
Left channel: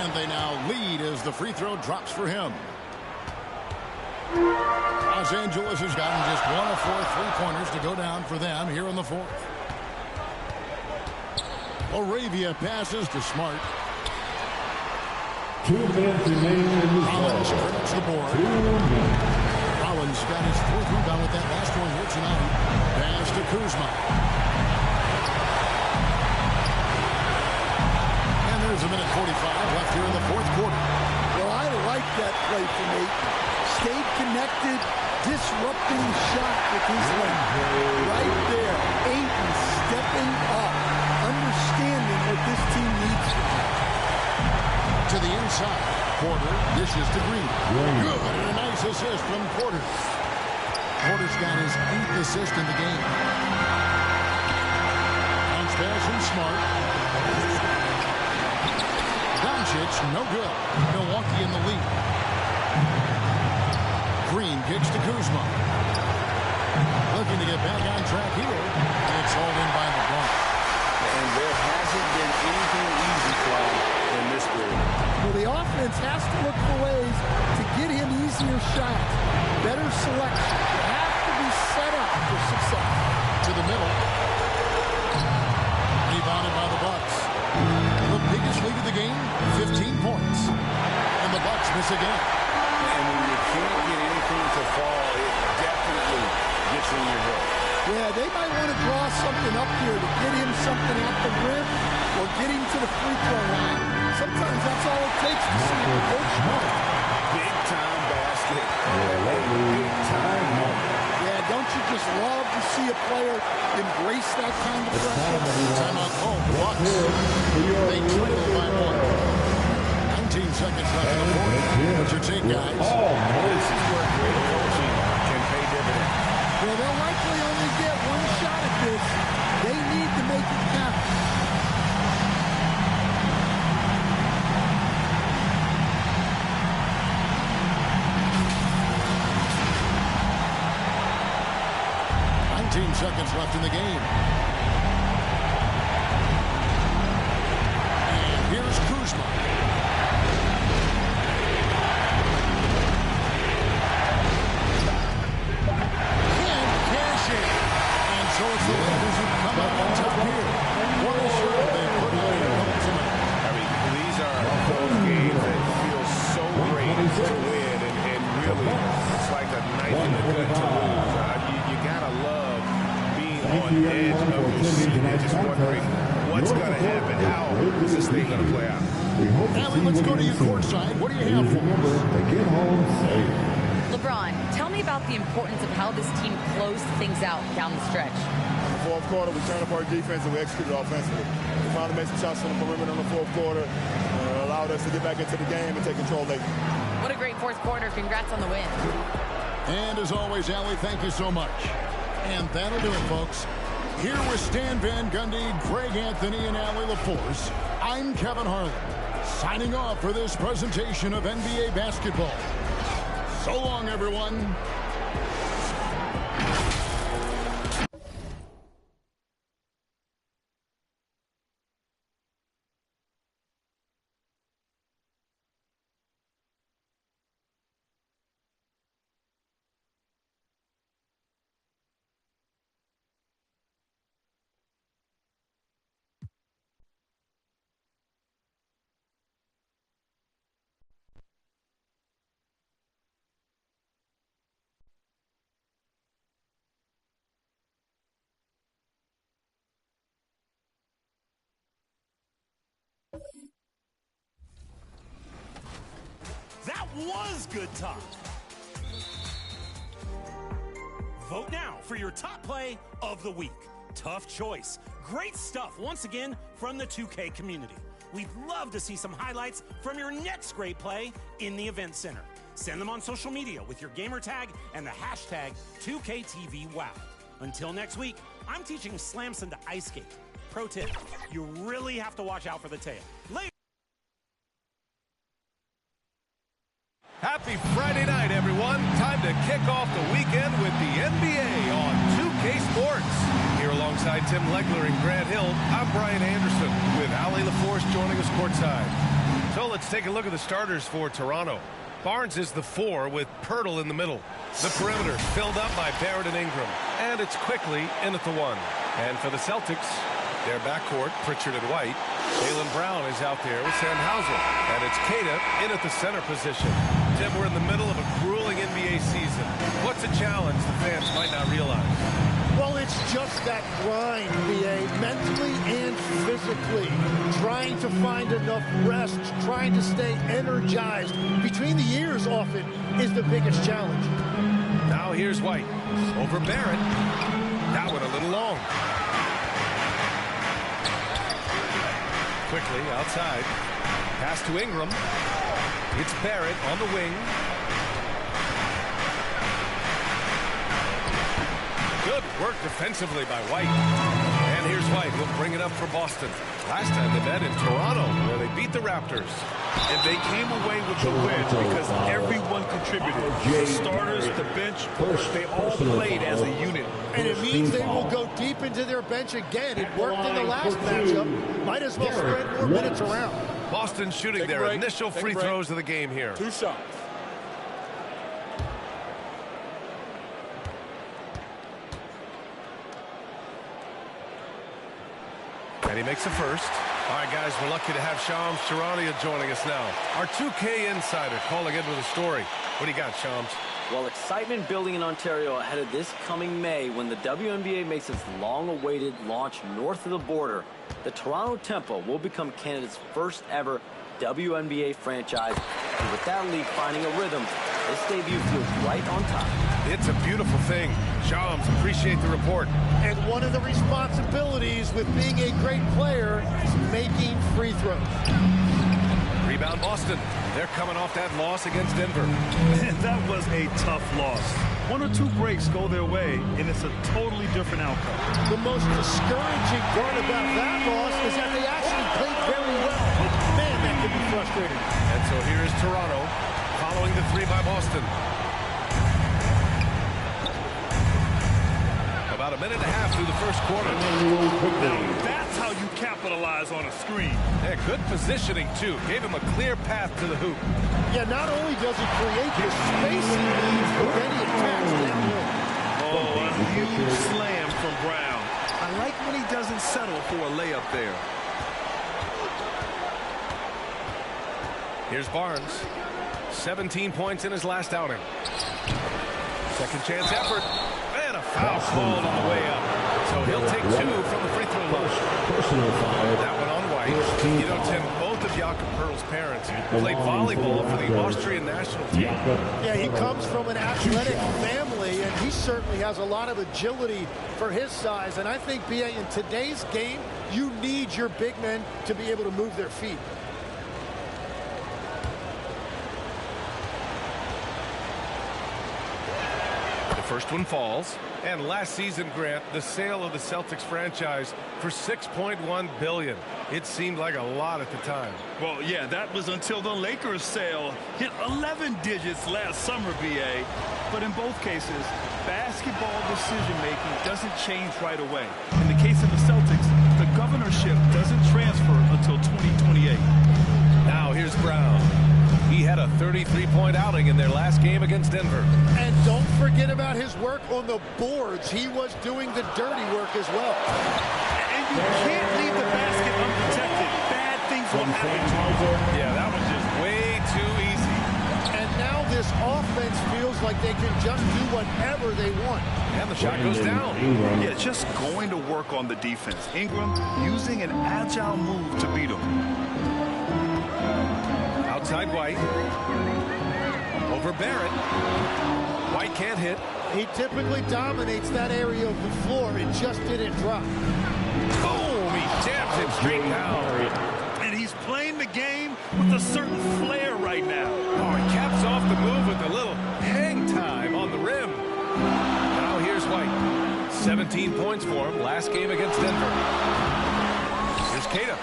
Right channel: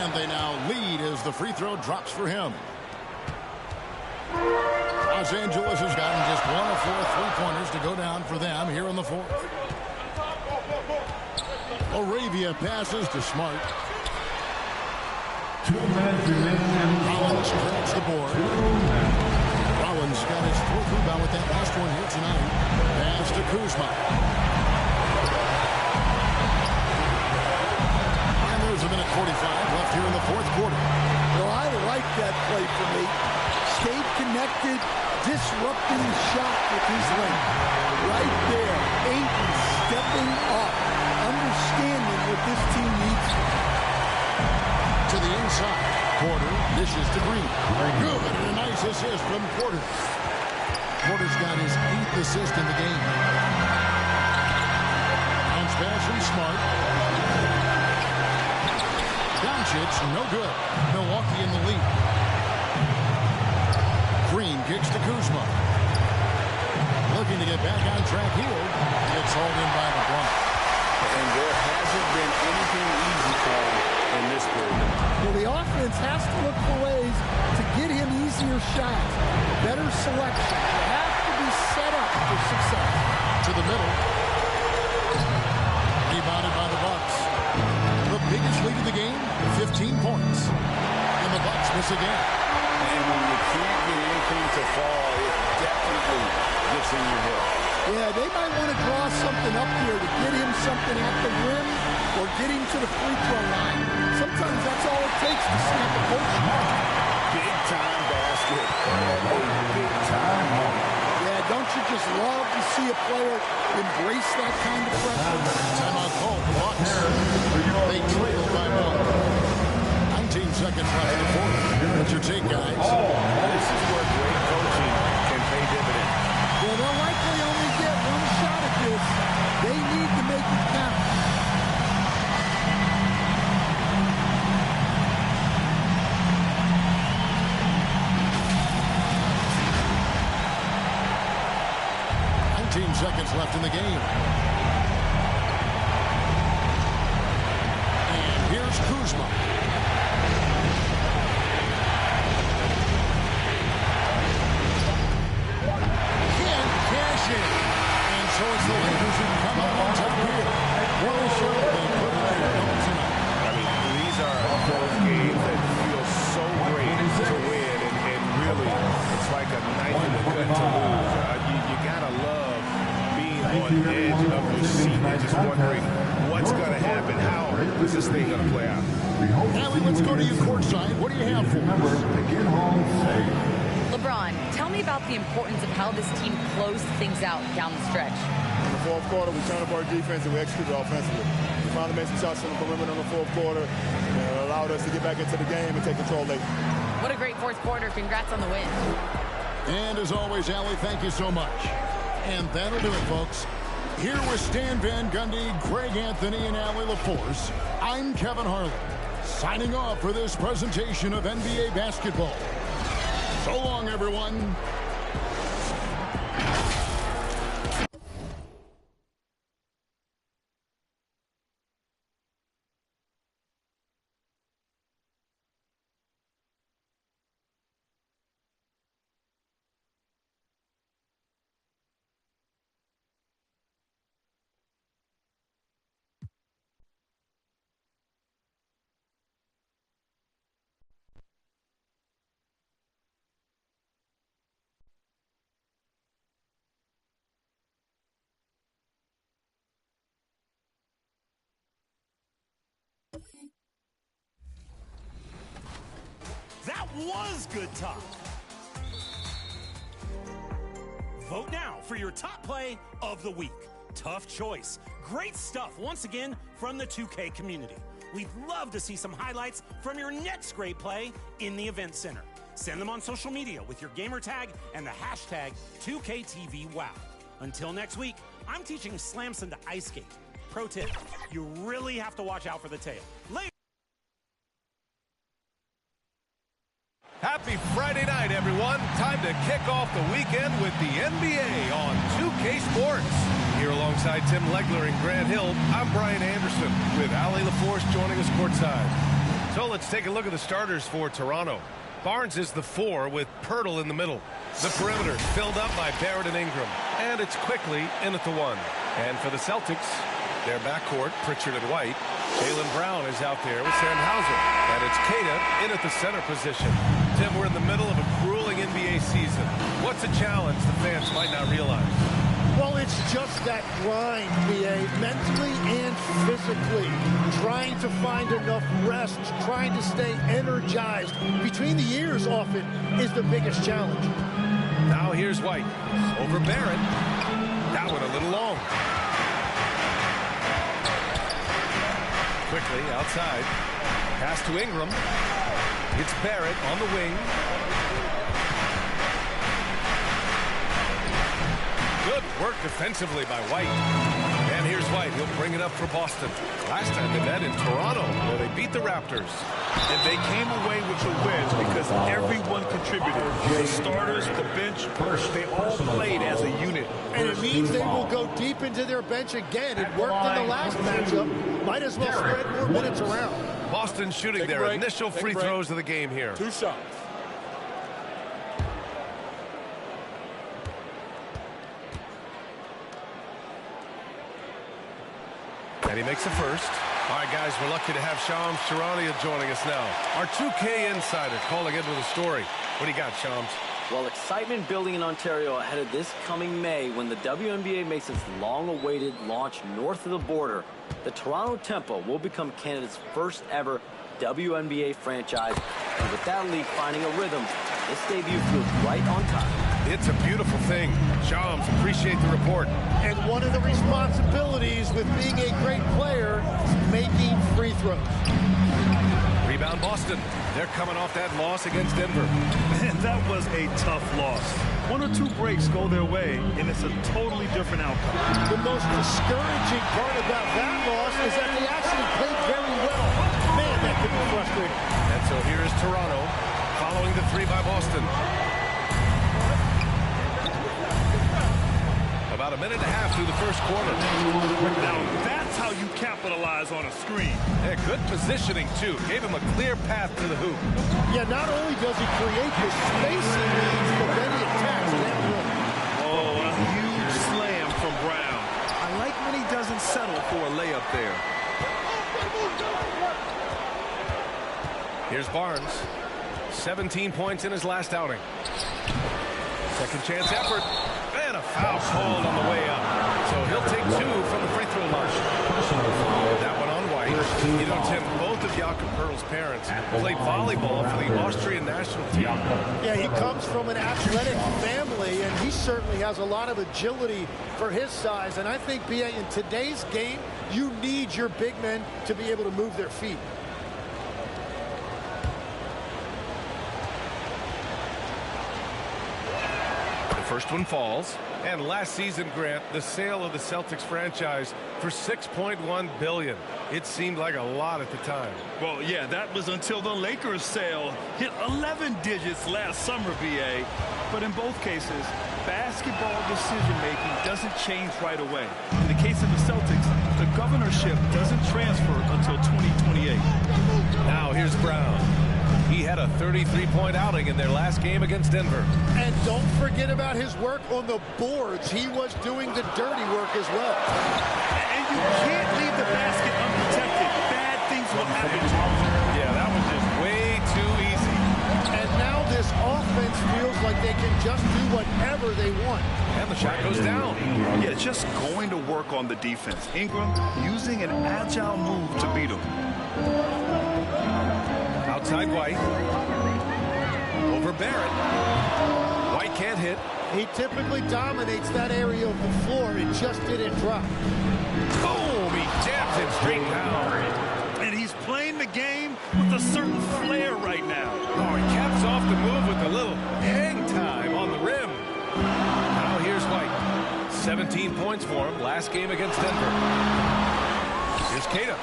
And they now lead as the free throw drops for him. Los Angeles has gotten just 1 of 4 3-pointers to go down for them here in the 4th. Moravia passes to Smart. 2 minutes remaining in the Rollins credits the board. 2 minutes. Rollins got his 4th rebound with that last one here tonight. Pass to Kuzma. And there's a minute 45 left here in the 4th quarter. Well, I like that play from Ayton. Stayed connected, disrupting the shot with his length. Right there, Ayton stepping up, understanding what this team needs from him. To the inside, Porter dishes to Green. Good, and a nice assist from Porter. Porter's got his 8th assist in the game. Bounce pass from Smart. Doncic, no good. Milwaukee in the lead. Green kicks to Kuzma. Looking to get back on track here. It's hauled in by LeBron. And there hasn't been anything easy for him in this period. Well, the offense has to look for ways to get him easier shots, better selection. You have to be set up for success. To the middle. Rebounded by the Bucks. The biggest lead of the game, 15 points. And the Bucks miss again. And when you can't get anything to fall, it definitely gets in your head. Yeah, they might want to draw something up here to get him something at the rim or get him to the free throw line. Sometimes that's all it takes to snap a coach. Big-time basket at a big-time moment. Yeah, don't you just love to see a player embrace that kind of pressure? Timeout called. The Bucks. They trail by 1. 19 seconds left in the 4th. What's your take, guys? This is where great coaching can pay dividends. Well, they'll likely only get 1 shot at this. They need to make it count. Seconds left in the game. And here's Kuzma. Can't cash in. And so it's the Lakers who come out on top here. What a show they put on tonight. I mean, these are those games that feel so great to win, and really, it's like a knife in the gut to lose. You gotta love being on the edge of your seat and just wondering what's going to happen. How is this thing going to play out? Allie, let's go to you courtside. What do you have for us? Get home safe. LeBron, tell me about the importance of how this team closed things out down the stretch. In the 4th quarter, we turned up our defense and we executed offensively. We finally made some shots from the perimeter in the 4th quarter, and it allowed us to get back into the game and take control late. What a great 4th quarter. Congrats on the win. And as always, Allie, thank you so much. And that'll do it, folks. Here with Stan Van Gundy, Greg Anthony, and Allie LaForce, I'm Kevin Harlan, signing off for this presentation of NBA basketball. So long, everyone. That was good talk. Vote now for your top play of the week. Tough choice. Great stuff once again from the 2K community. We'd love to see some highlights from your next great play in the event center. Send them on social media with your gamer tag and the hashtag 2KTVWow. Until next week, I'm teaching Slamson to ice skate. Pro tip, you really have to watch out for the tail. Later. Happy Friday night, everyone. Time to kick off the weekend with the NBA on 2K Sports. Here alongside Tim Legler and Grant Hill, I'm Brian Anderson with Ali LaForce joining us courtside. So let's take a look at the starters for Toronto. Barnes is the 4 with Pirtle in the middle. The perimeter filled up by Barrett and Ingram. And it's quickly in at the 1. And for the Celtics, their backcourt, Pritchard and White. Jaylen Brown is out there with Sam Hauser. And it's Queta in at the center position. Tim, we're in the middle of a grueling NBA season. What's a challenge the fans might not realize? Well, it's just that grind, BA, mentally and physically. Trying to find enough rest, trying to stay energized. Between the years often is the biggest challenge. Now here's White over Barrett. That one a little long. Quickly outside. Pass to Ingram. It's Barrett on the wing. Good work defensively by White. And here's White. He'll bring it up for Boston. Last time they met in Toronto, where they beat the Raptors. And they came away with the wins because everyone contributed. The starters, the bench, they all played as a unit. And it means they will go deep into their bench again. It worked in the last matchup. Might as well spread more minutes around. Boston shooting their initial free throws of the game here. 2 shots. And he makes the first. All right, guys, we're lucky to have Shams Charania joining us now. Our 2K insider calling in with a story. What do you got, Shams? Well, excitement building in Ontario ahead of this coming May when the WNBA makes its long-awaited launch north of the border. The Toronto Tempo will become Canada's first ever WNBA franchise. And with that league finding a rhythm, this debut feels right on time. It's a beautiful thing. Shams, appreciate the report. And one of the responsibilities with being a great player is making free throws. Rebound Boston. They're coming off that loss against Denver. Man, that was a tough loss. 1 or 2 breaks go their way, and it's a totally different outcome. The most discouraging part about that loss is that they actually played very well. Man, that could be frustrating. And so here is Toronto following the 3 by Boston. About a minute and a half through the first quarter. Now that's how you capitalize on a screen. Yeah, good positioning, too. Gave him a clear path to the hoop. Yeah, not only does he create the space he needs, but then he attacks downhill. Oh, a huge slam from Brown. I like when he doesn't settle for a layup there. Here's Barnes. 17 points in his last outing. Second chance effort. And a foul called on the way up. So he'll take 2 from the free throw line. Personal foul. That one on White. You know, Tim, both of Jakob Pertl's parents played volleyball for the Austrian national team. Yeah, he comes from an athletic family, and he certainly has a lot of agility for his size. And I think, BA, in today's game, you need your big men to be able to move their feet. The first one falls. And last season, Grant, the sale of the Celtics franchise for $6.1 billion. It seemed like a lot at the time. Well, yeah, that was until the Lakers sale hit 11 digits last summer, BA. But in both cases, basketball decision-making doesn't change right away. In the case of the Celtics, the governorship doesn't transfer until 2028. Now here's Brown. He had a 33-point outing in their last game against Denver. And don't forget about his work on the boards. He was doing the dirty work as well. And you can't leave the basket unprotected. Bad things will happen to you. Yeah, that was just way too easy. And now this offense feels like they can just do whatever they want. And the shot goes down. Yeah, just going to work on the defense. Ingram using an agile move to beat him. Outside White. Over Barrett. White can't hit. He typically dominates that area of the floor. It just didn't drop. Boom! He jams it straight down. And he's playing the game with a certain flair right now. Oh, he caps off the move with a little hang time on the rim. Now here's White. 17 points for him last game against Denver. Here's Cada.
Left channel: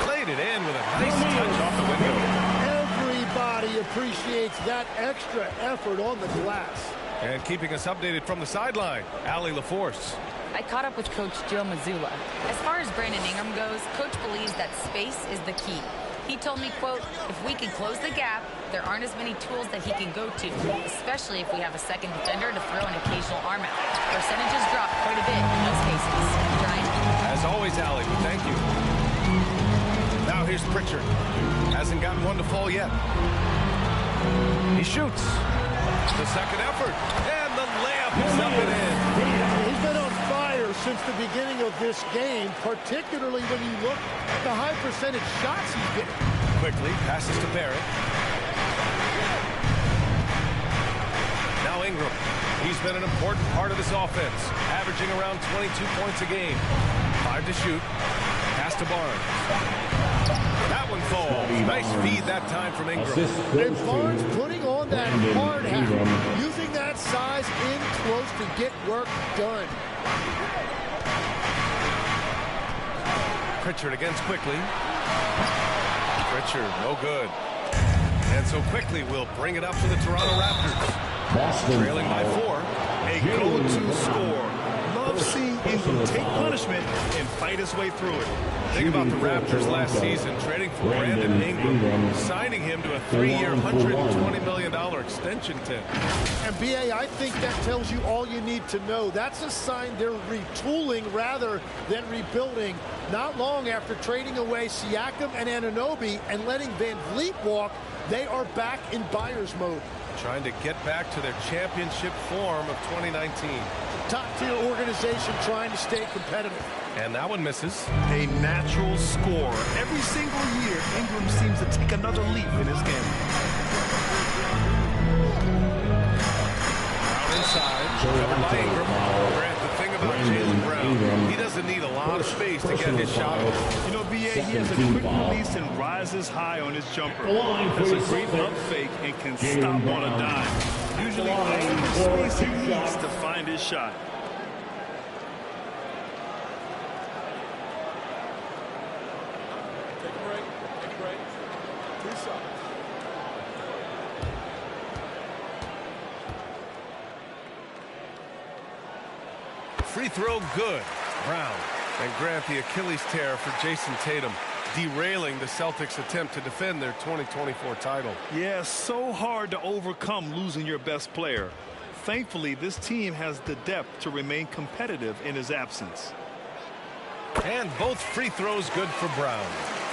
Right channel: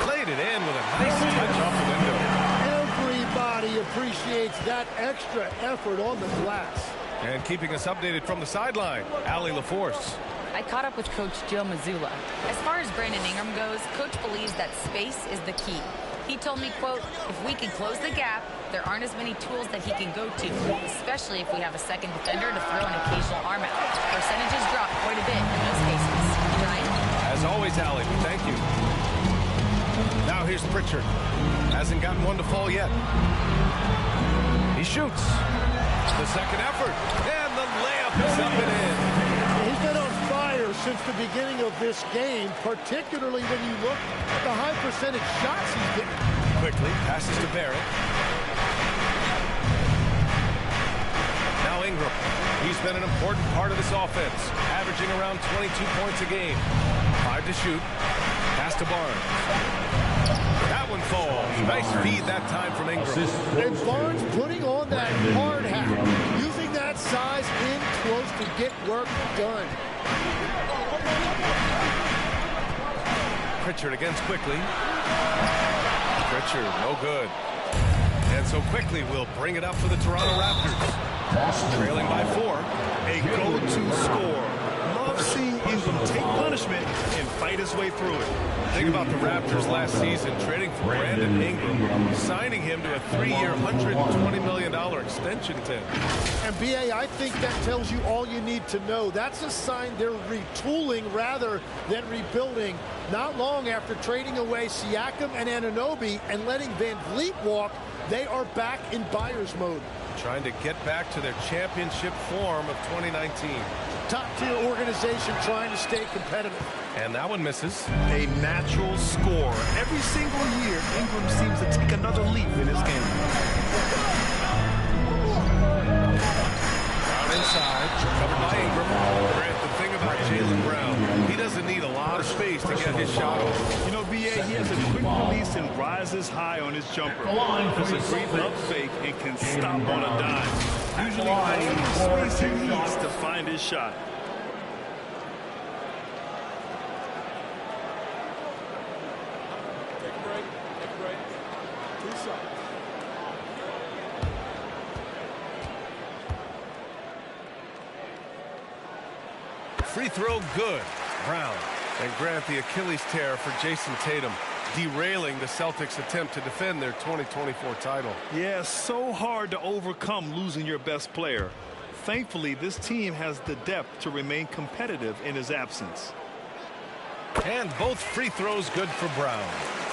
Played it in with a nice touch off the window. Everybody appreciates that extra effort on the glass. And keeping us updated from the sideline, Allie LaForce. I caught up with Coach Joe Mazzulla. As far as Brandon Ingram goes, Coach believes that space is the key. He told me, quote, if we can close the gap, there aren't as many tools that he can go to, especially if we have a second defender to throw an occasional arm out. Percentages drop quite a bit in those cases. Brian? As always, Allie, we thank you. Now here's Pritchard. Hasn't gotten one to fall yet. He shoots. The second effort. And the layup is up and in. He's been on fire since the beginning of this game, particularly when you look at the high percentage shots he's getting. Quickly passes to Barrett. Now Ingram. He's been an important part of this offense, averaging around 22 points a game. 5 to shoot. Pass to Barnes. That one falls. Nice feed that time from Ingram. And Barnes putting on that hard hat, using that size in close to get work done. Pritchard against Quickly. Pritchard, no good. And so Quickly will bring it up to the Toronto Raptors. Trailing by 4. A go-to score. Love seeing Ingram take punishment and fight his way through it. Think about the Raptors last season trading for Brandon Ingram, signing him to a 3-year, $120 million extension, Tim. And BA, I think that tells you all you need to know. That's a sign they're retooling rather than rebuilding. Not long after trading away Siakam and Anunoby and letting Van Vliet walk, they are back in buyer's mode. Trying to get back to their championship form of 2019. Top-tier organization trying to stay competitive. And that one misses. A natural scorer. Every single year, Ingram seems to take another leap in his game. Brown inside, covered by Ingram. Grant, the thing about Jaylen Brown, he doesn't need a lot of space to get his shot off. You know, BA, he has a quick release and rises high on his jumper. Has a great up fake and can stop on a dime. Usually all the space he needs to find his shot. Take a break. Take a break. 2 shots. Free throw good. Brown. And Grant, the Achilles tear for Jason Tatum, derailing the Celtics' attempt to defend their 2024 title. Yeah, so hard to overcome losing your best player. Thankfully, this team has the depth to remain competitive in his absence. And both free throws good for Brown.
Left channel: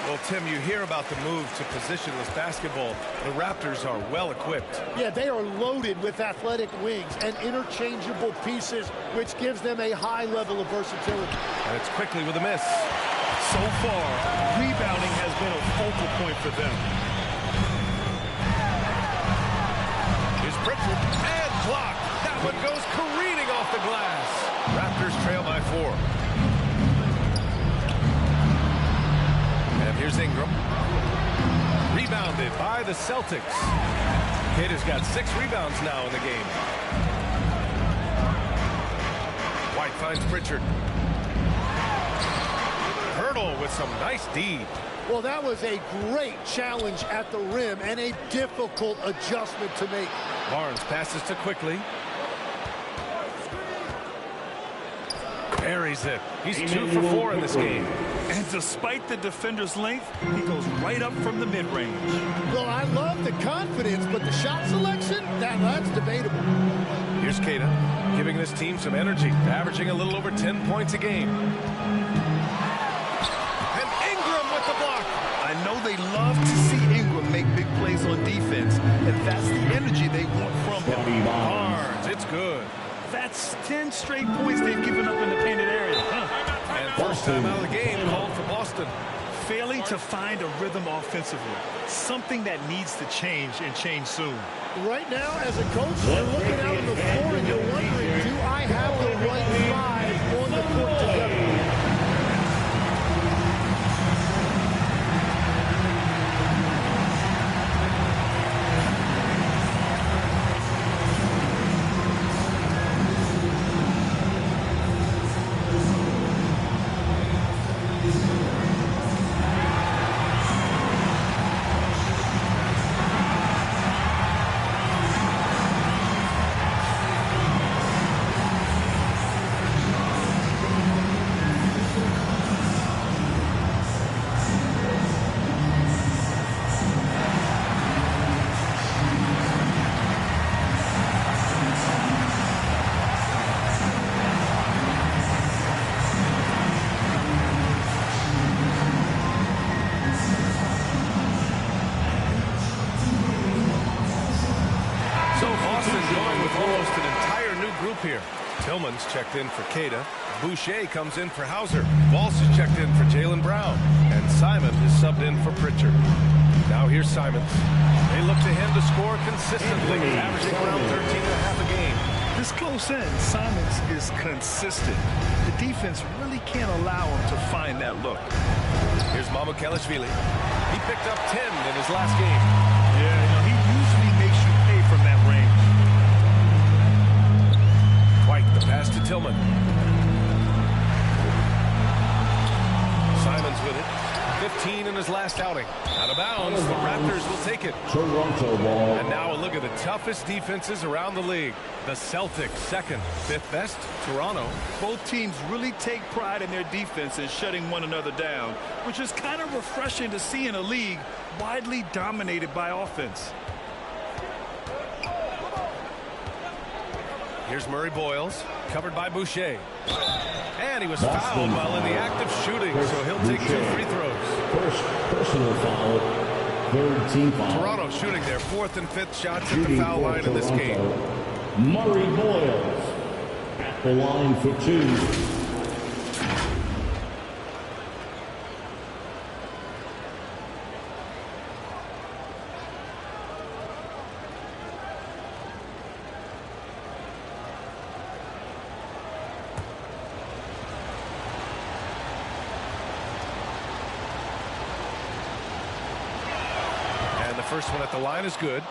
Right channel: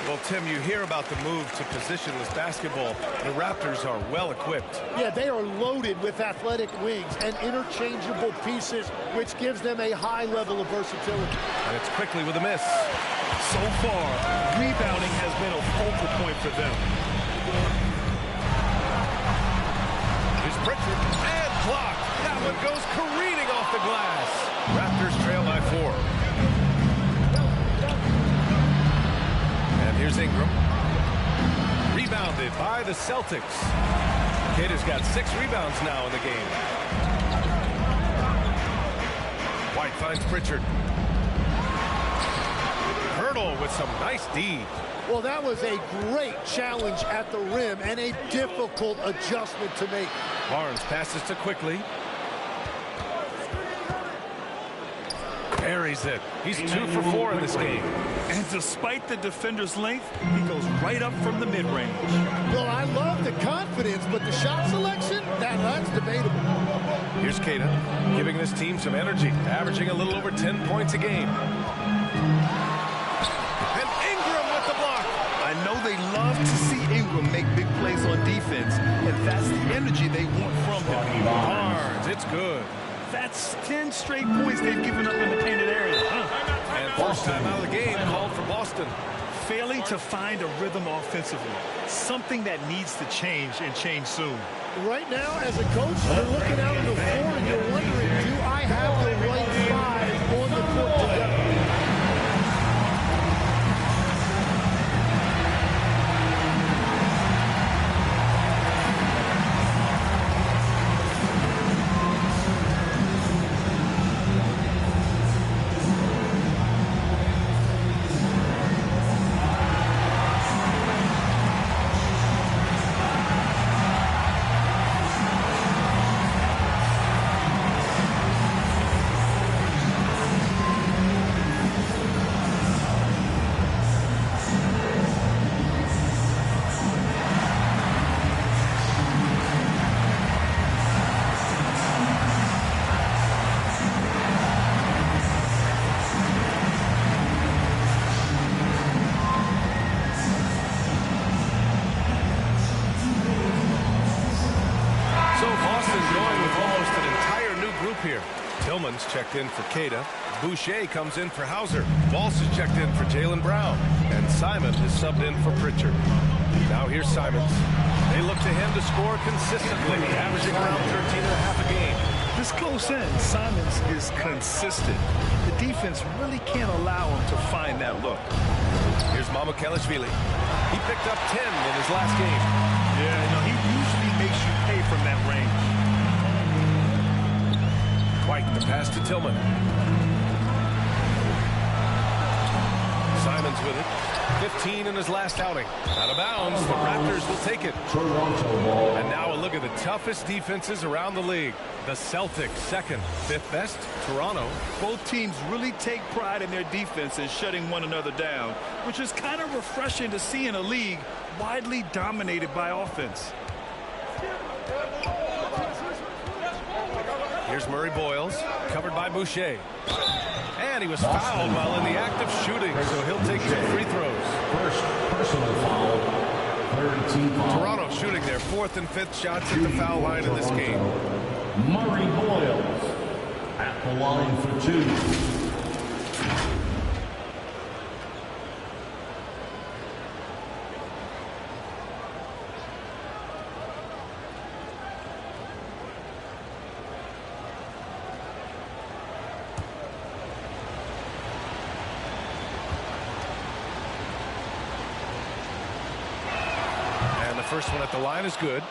Well, Tim, you hear about the move to positionless basketball. The Raptors are well equipped. Yeah, they are loaded with athletic wings and interchangeable pieces, which gives them a high level of versatility. And it's Quickly with a miss. So far, rebounding has been a focal point for them. Here's Pritchard, and blocked. That one goes careening off the glass. Raptors trail by 4. And here's Ingram. Rebounded by the Celtics. Kid has got 6 rebounds now in the game. White finds Pritchard. Hurdle with some nice D. Well, that was a great challenge at the rim and a difficult adjustment to make. Barnes passes to Quickly. Buries it. He's 2 for 4 in this game. And despite the defender's length, he goes right up from the mid-range. Well, I love the confidence, but the shot selection, that's debatable. Here's Keita, giving this team some energy, averaging a little over 10 points a game. And Ingram with the block. I know they love to see Ingram make big plays on defense, and that's the energy they want from him. Barnes, it's good. That's 10 straight points they've given up in the painted area. And first time out of the game called for Boston. Failing to find a rhythm offensively. Something that needs to change and change soon. Right now, as a coach, you're looking out on the floor and you're wondering, do I have the right 5 on the court together? Here. Tillman's checked in for Keita. Boucher comes in for Hauser. Walsh is checked in for Jaylen Brown. And Simon is subbed in for Pritchard. Now here's Simons. They look to him to score consistently, averaging around 13.5 a game. This close in, Simons is consistent. The defense really can't allow him to find that look. Here's Mamukelashvili. He picked up 10 in his last game. Yeah, he usually makes you pay from that range. White, the pass to Tillman. Simons with it. 15 in his last outing. Out of bounds. The Raptors will take it. Toronto ball. And now a look at the toughest defenses around the league. The Celtics, second. 5th best, Toronto. Both teams really take pride in their defense and shutting one another down, which is kind of refreshing to see in a league widely dominated by offense. Here's Murray Boyles, covered by Boucher. And he was fouled while in the act of shooting, so he'll take 2 free throws. First personal foul, 3rd team foul. Toronto shooting their 4th and 5th shots at the foul line in this game. Murray Boyles at the line for 2. The first one at the line is good.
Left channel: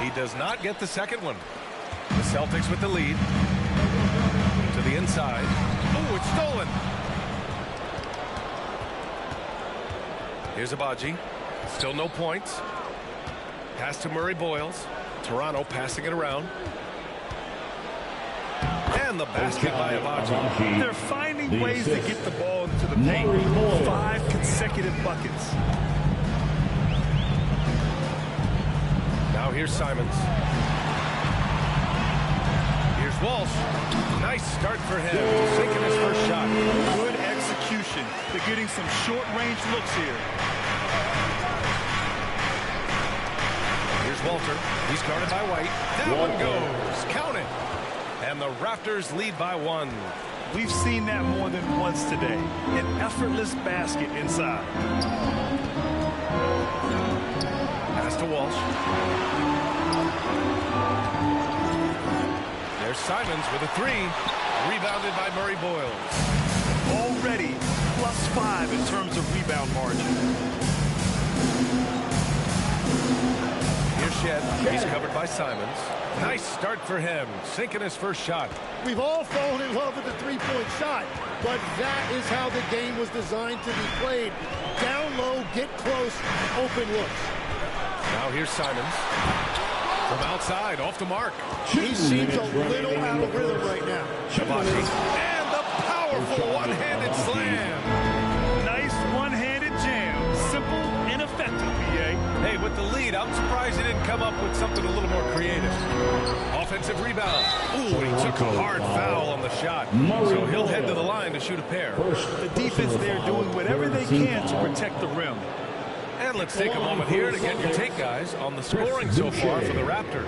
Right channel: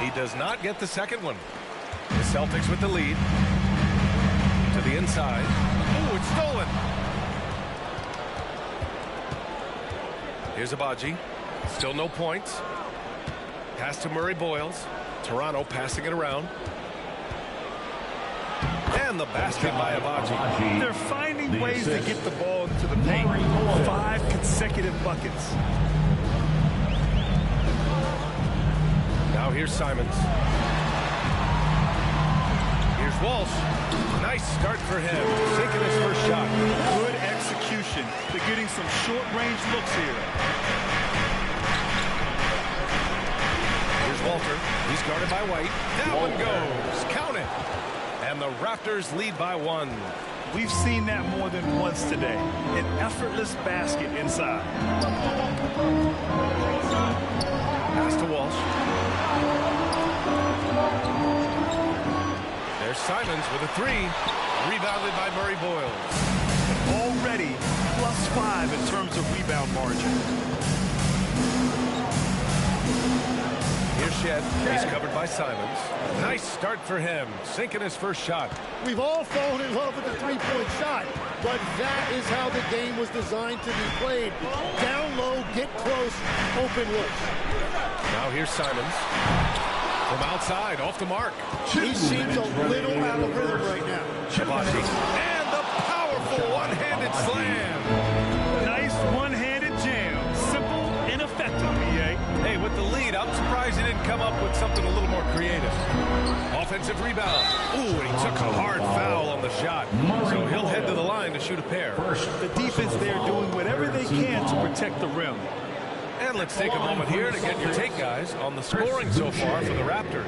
He does not get the second one. The Celtics with the lead. To the inside. Oh, it's stolen. Here's Abaji. Still no points. Pass to Murray Boyles. Toronto passing it around. And the basket by Abaji. They're finding ways to get the ball into the paint. 5 consecutive buckets. Now here's Simons. Here's Walsh. Nice start for him. Sinking his first shot. Good execution. They're getting some short-range looks here. Here's Walter. He's guarded by White. That one goes. Count it. And the Raptors lead by 1. We've seen that more than once today. An effortless basket inside. Pass to Walsh. There's Simons with a three. Rebounded by Murray Boyles. Already +5 in terms of rebound margin. Here's Shed. He's covered by Simons. Nice start for him. Sinking his first shot. We've all fallen in love with the three-point shot, but that is how the game was designed to be played. Down low, get close, open looks. Now here's Simons. From outside, off the mark. He seems a little out of rhythm right now. Shabazzi. And the powerful one-handed slam. Nice one-handed jam. Simple and effective, BA. Hey, with the lead, I'm surprised he didn't come up with something a little more creative. Offensive rebound. Ooh, and he took a hard foul on the shot. So he'll head to the line to shoot a pair. The defense there doing whatever they can to protect the rim. And let's take a moment here to get your take, guys, on the scoring so far for the Raptors.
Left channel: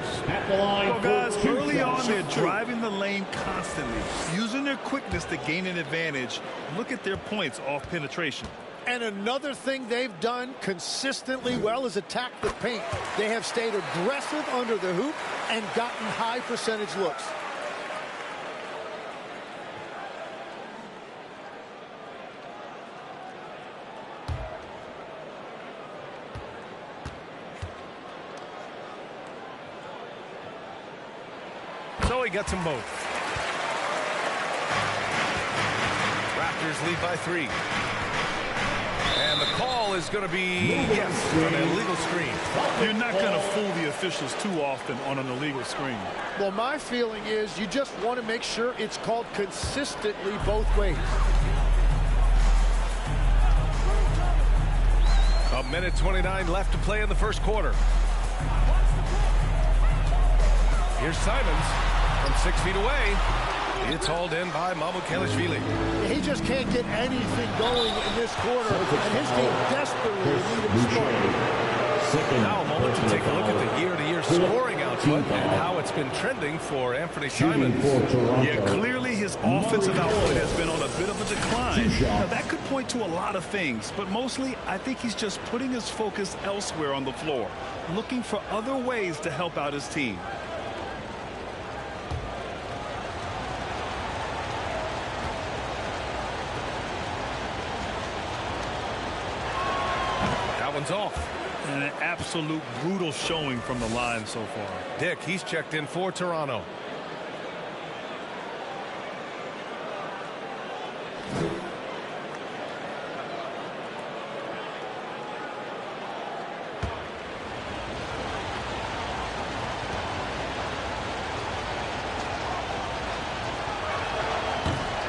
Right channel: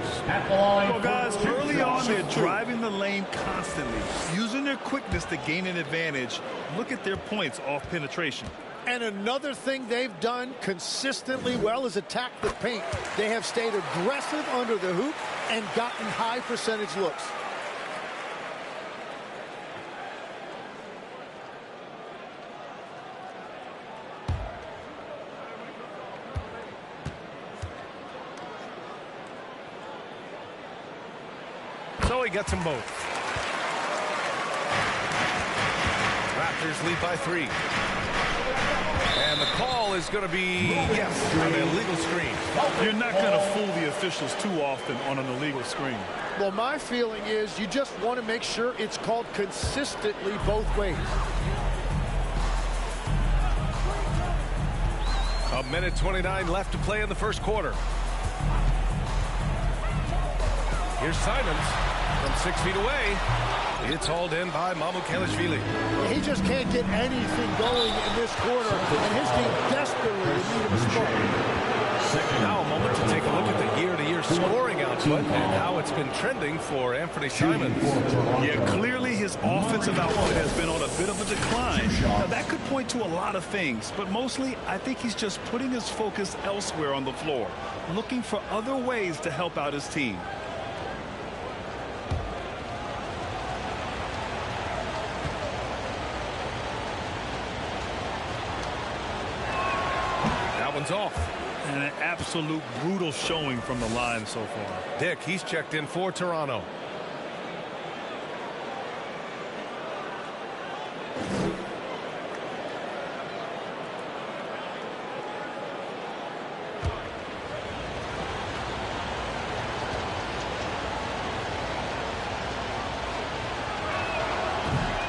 Well, guys, early on, they're driving the lane constantly, using their quickness to gain an advantage. Look at their points off penetration. And another thing they've done consistently well is attack the paint. They have stayed aggressive under the hoop and gotten high percentage looks. So he gets them both. Raptors lead by 3. And the call is going to be, yes, an illegal screen. You're not going to fool the officials too often on an illegal screen. Well, my feeling is you just want to make sure it's called consistently both ways. A minute 29 left to play in the first quarter. Here's Simons from 6 feet away. It's hauled in by Mamukelashvili. He just can't get anything going in this quarter, and his team desperately in need of a spark. Now a moment to take a look at the year-to-year scoring output and how it's been trending for Anthony Simons. Yeah, clearly his offensive output has been on a bit of a decline. Now, that could point to a lot of things, but mostly I think he's just putting his focus elsewhere on the floor, looking for other ways to help out his team. That one's off. And an absolute brutal showing from the line so far. Dick, he's checked in for Toronto.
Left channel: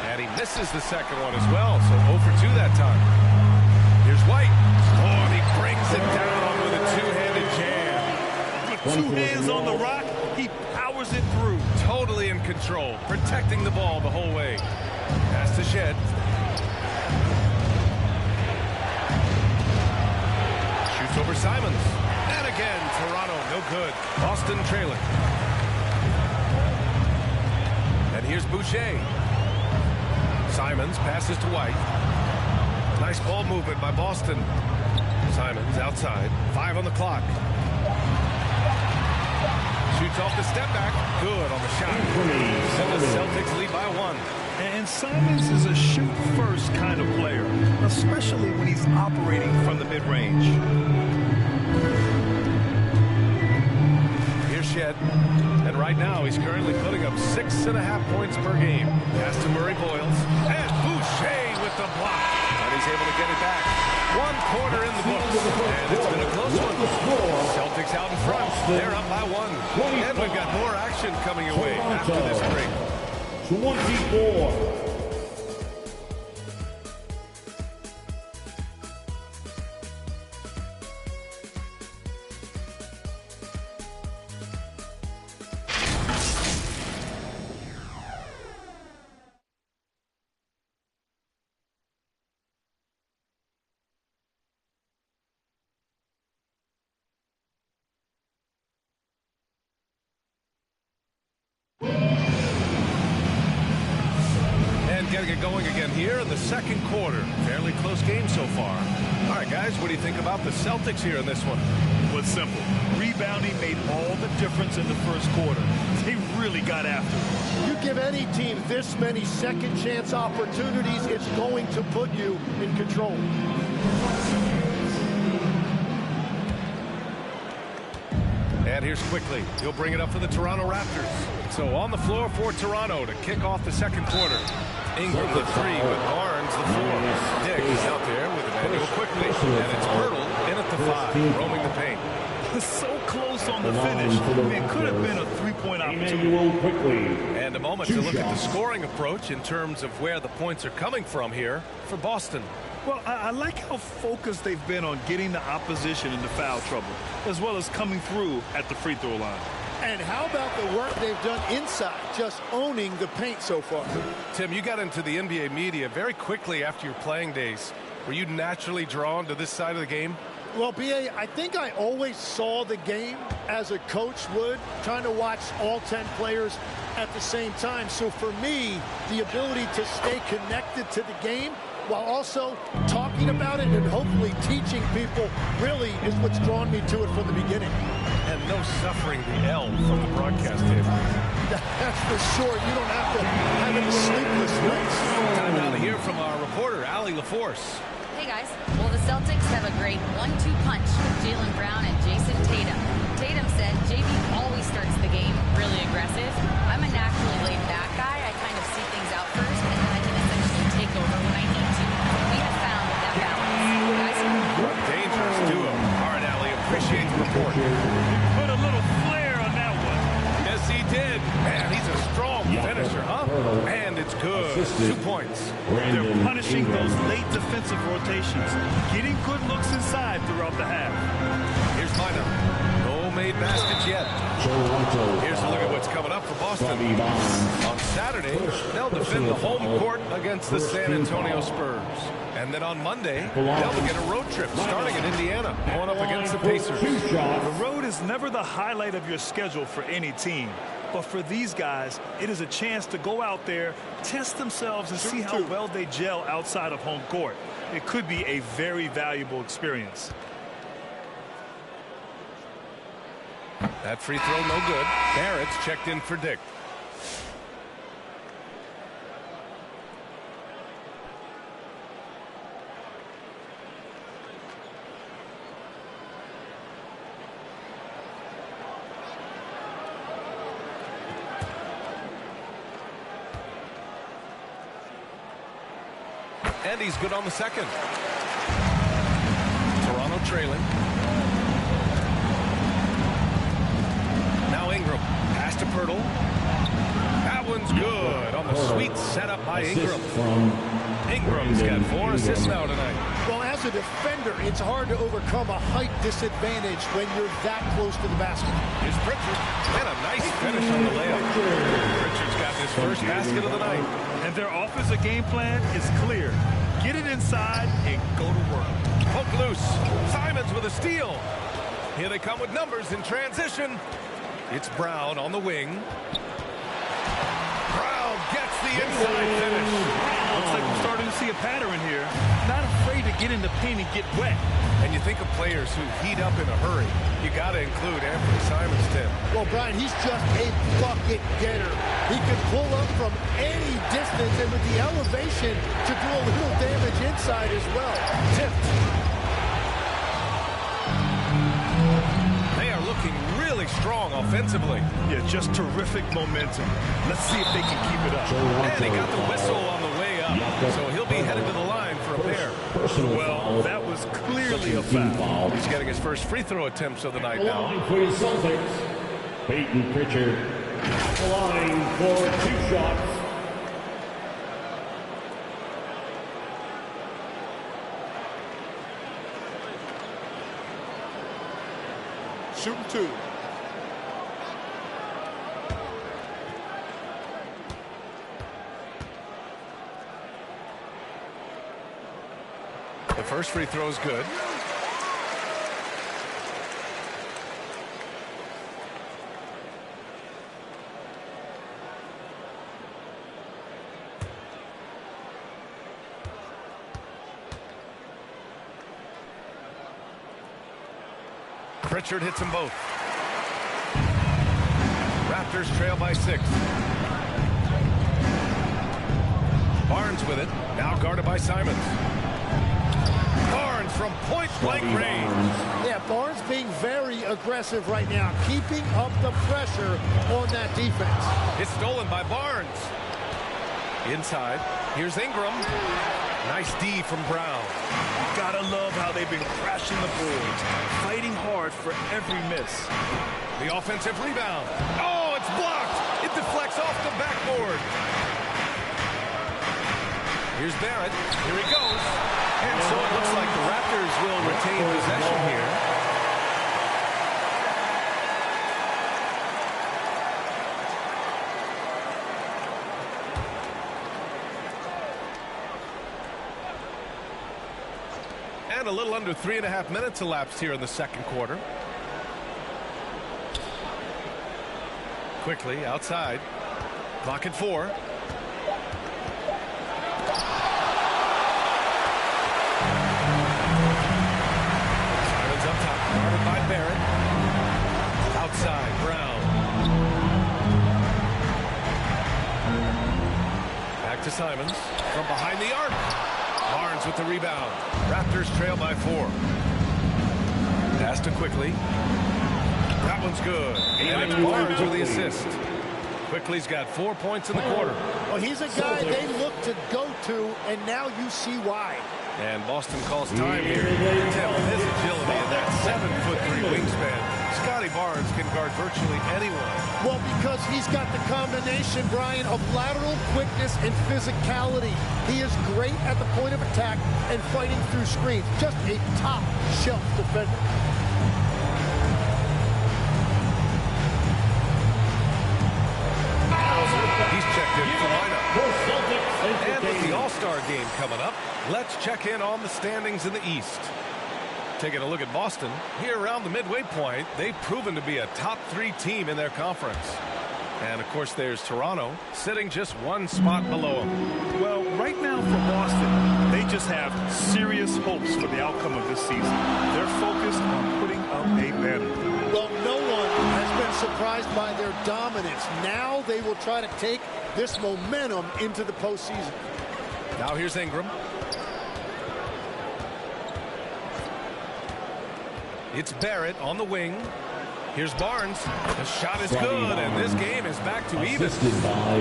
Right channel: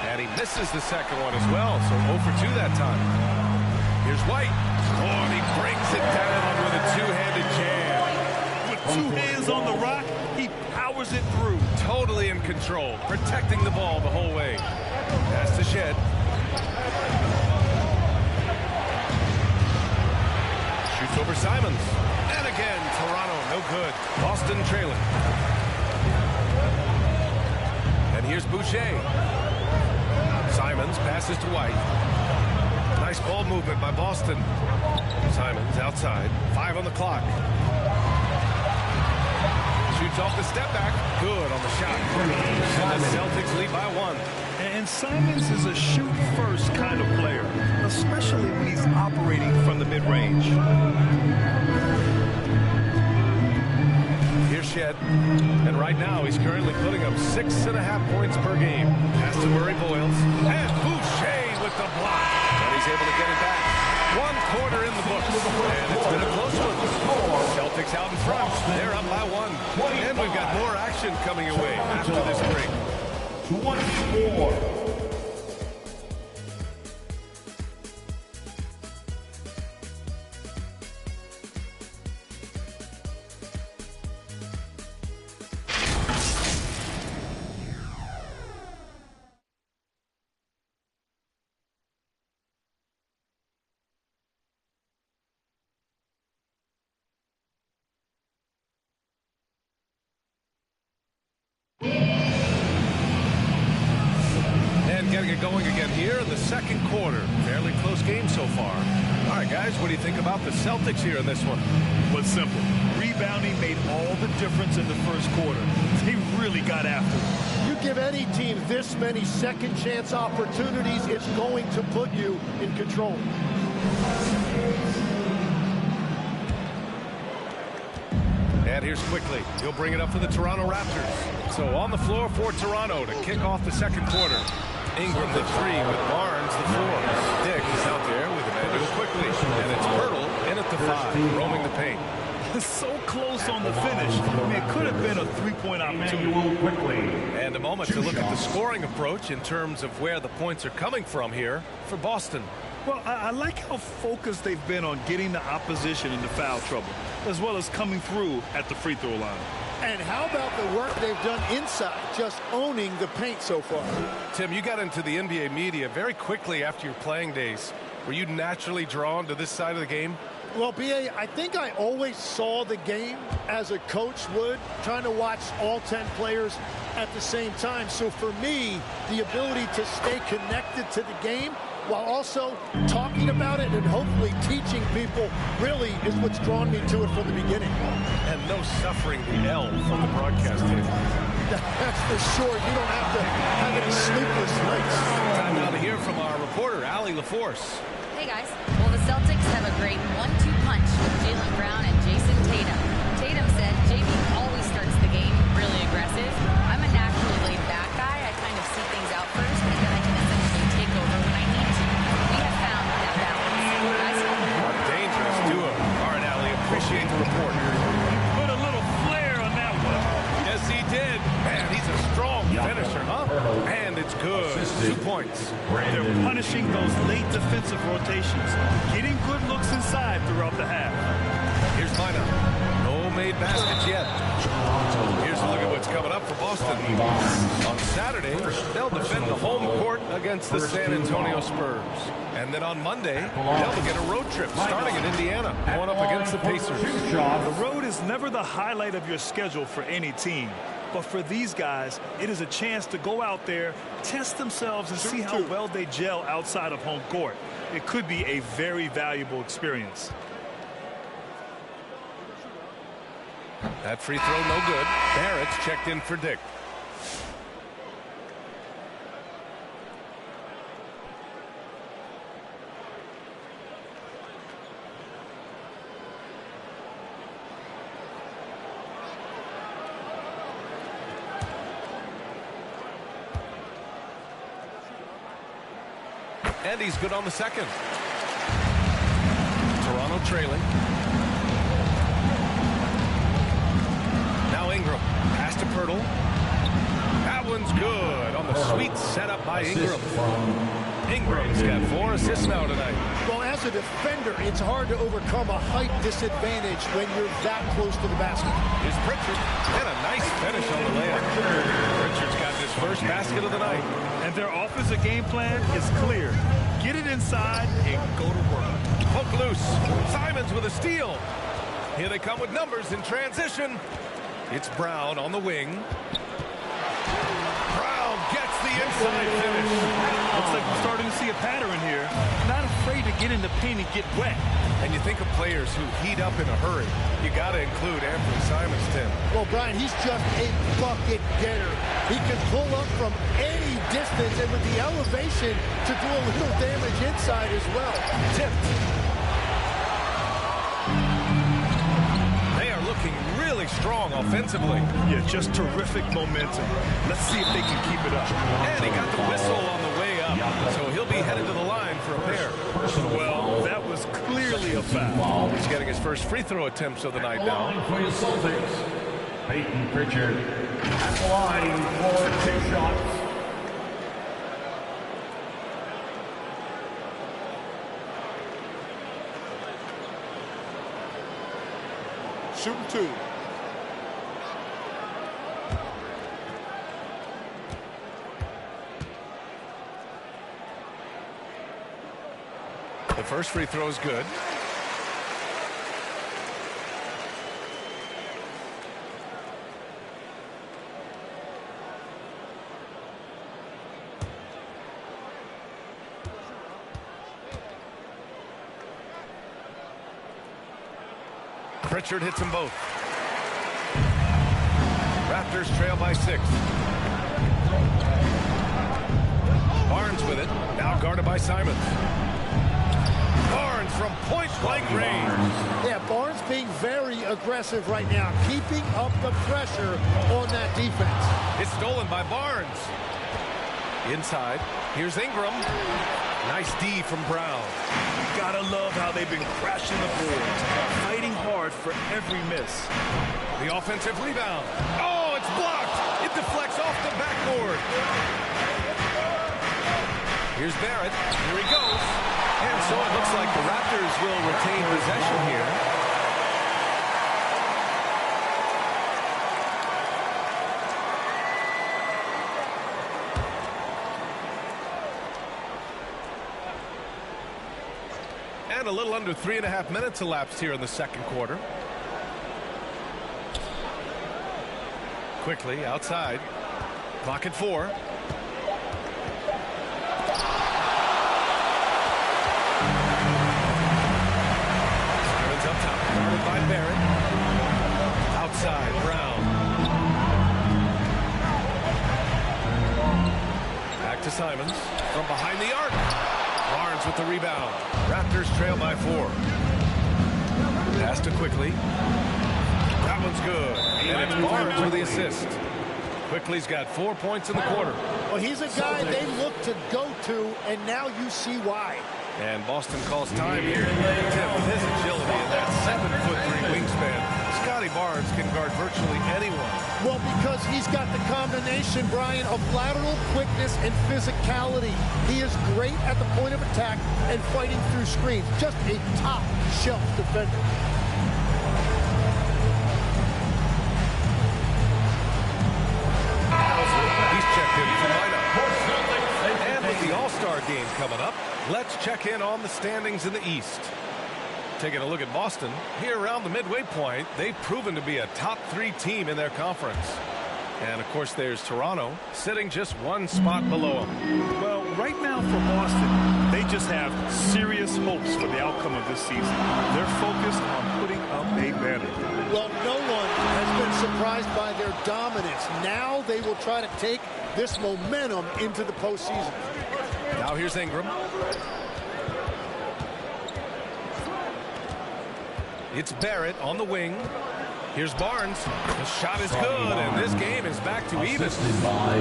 And he misses the second one as well, so 0 for 2 that time. Here's White. Oh, and he brings it down with a two-handed jam. With 2 hands on the rock, he powers it through. Totally in control, protecting the ball the whole way. Pass to Shed. Shoots over Simons. And again, Toronto, no good. Boston trailing. And here's Boucher. Simons passes to White. Nice ball movement by Boston. Simons outside. 5 on the clock. Shoots off the step back. Good on the shot. And the Celtics lead by 1. And Simons is a shoot-first kind of player, especially when he's operating from the mid-range. Here's Shed. And right now, he's currently putting up 6.5 points per game. Pass to Murray Boyles. And Boucher with the block. And he's able to get it back. 1 quarter in the books. And it's been a close one. Celtics out in front. They're up by 1. And we've got more action coming your way after this break. 24. Getting it going again here in the second quarter. Fairly close game so far. All right, guys, what do you think about the Celtics here in this one? Was simple. Rebounding made all the difference in the first quarter. They really got after it. You give any team this many second chance opportunities, it's going to put you in control. And here's quickly. He'll bring it up for the Toronto Raptors. So on the floor for Toronto to kick off the second quarter. Ingram the three with Barnes the four. Dick is out there with Emmanuel quickly. And it's Pirtle in at the 5, roaming the paint. So close on the finish. I mean, it could have been a three-point opportunity. And a moment to look at the scoring approach in terms of where the points are coming from here for Boston. Well, I like how focused they've been on getting the opposition into foul trouble, as well as coming through at the free throw line. And how about the work they've done inside, just owning the paint so far? Tim, you got into the NBA media very quickly after your playing days. Were you naturally drawn to this side of the game? Well, B.A., I think I always saw the game as a coach would, trying to watch all 10 players at the same time. So for me, the ability to stay connected to the game while also talking about it and hopefully teaching people really is what's drawn me to it from the beginning. And no suffering the L from the broadcast table. That's for sure. You don't have to have any sleepless nights. Time now to hear from our reporter, Allie LaForce. Hey, guys. Well, the Celtics have a great 1-2 punch with Jaylen Brown and Jason Tatum. Tatum said JB always starts the game really aggressive. I'm a naturally laid-back guy. I kind of see things out first, and then I can essentially take over when I need to. We have found that balance. Guys? A dangerous duo. All right, Allie, appreciate the report. He put a little flair on that one. Yes, he did. Man, he's a strong finisher, huh? And it's good. 2 points. They're punishing those late defensive rotations, getting good looks inside throughout the half. Here's Mina. No made baskets yet. Here's a look at what's coming up for Boston. On Saturday, they'll defend the home court against the San Antonio Spurs. And then on Monday, they'll begin a road trip starting in Indiana, going up against the Pacers. The road is never the highlight of your schedule for any team. But for these guys, it is a chance to go out there, test themselves, and see how well they gel outside of home court. It could be a very valuable experience. That free throw no good. Barrett's checked in for Dick. And he's good on the second. Toronto trailing. Now Ingram. Pass to Pirtle. That one's good on the sweet setup by Ingram. Ingram's got 4 assists now tonight. Well, as a defender, it's hard to overcome a height disadvantage when you're that close to the basket. Here's Pritchard. And a nice finish on the layup. Pritchard's got his first basket of the night. And their offensive game plan is clear. Get it inside and go to work. Poke loose. Simons with a steal. Here they come with numbers in transition. It's Brown on the wing. Brown gets the inside finish. Looks like we're starting to see a pattern here. Not afraid to get in the paint and get wet. And you think of players who heat up in a hurry. You got to include Anthony Simons, Tim. Well, Brian, he's just a bucket getter. He can pull up from any distance, and with the elevation to do a little damage inside as well. Tipped. They are looking really strong offensively. Yeah, just terrific momentum. Let's see if they can keep it up. And he got the whistle on the way up, so he'll be headed to the line for a pair. Well, that was clearly a foul. He's getting his first free throw attempts of the night now. For your Celtics, Peyton Pritchard at the line for 2 shots. Shooting 2. The first free throw is good. Pritchard hits them both. Raptors trail by 6. Barnes with it. Now guarded by Simons. Barnes from point-blank range. Yeah, Barnes being very aggressive right now, keeping up the pressure on that defense. It's stolen by Barnes. Inside, here's Ingram. Nice D from Brown. Gotta love how they've been crashing the boards, fighting hard for every miss. The offensive rebound. Oh, it's blocked. It deflects off the backboard. Here's Barrett. Here he goes. And so it looks like the Raptors will retain possession here. And a little under 3.5 minutes elapsed here in the second quarter. Quickly outside. Clock at 4. Simons up top, guarded by Barrett. Outside, Brown. Back to Simons from behind the arc. Barnes with the rebound. Raptors trail by 4. Pass to Quickly. That one's good. And it's Barnes with the assist. Quickly's got 4 points in the quarter. Well, he's a guy they look to go to, and now you see why. And Boston calls time here. Tim, with his agility and that 7'3" wingspan, Scotty Barnes can guard virtually anyone. Well, because he's got the combination, Brian, of lateral quickness and physicality. He is great at the point of attack and fighting through screens. Just a top-shelf defender. He's checked in for lineup. And with the All-Star game coming up, let's check in on the standings in the East. Taking a look at Boston, here around the midway point, they've proven to be a top 3 team in their conference. And, of course, there's Toronto, sitting just 1 spot below them. Well, right now for Boston, they just have serious hopes for the outcome of this season. They're focused on putting up a banner. Well, no one has been surprised by their dominance. Now they will try to take this momentum into the postseason. Now here's Ingram. It's Barrett on the wing. Here's Barnes. The shot is good, and this game is back to even.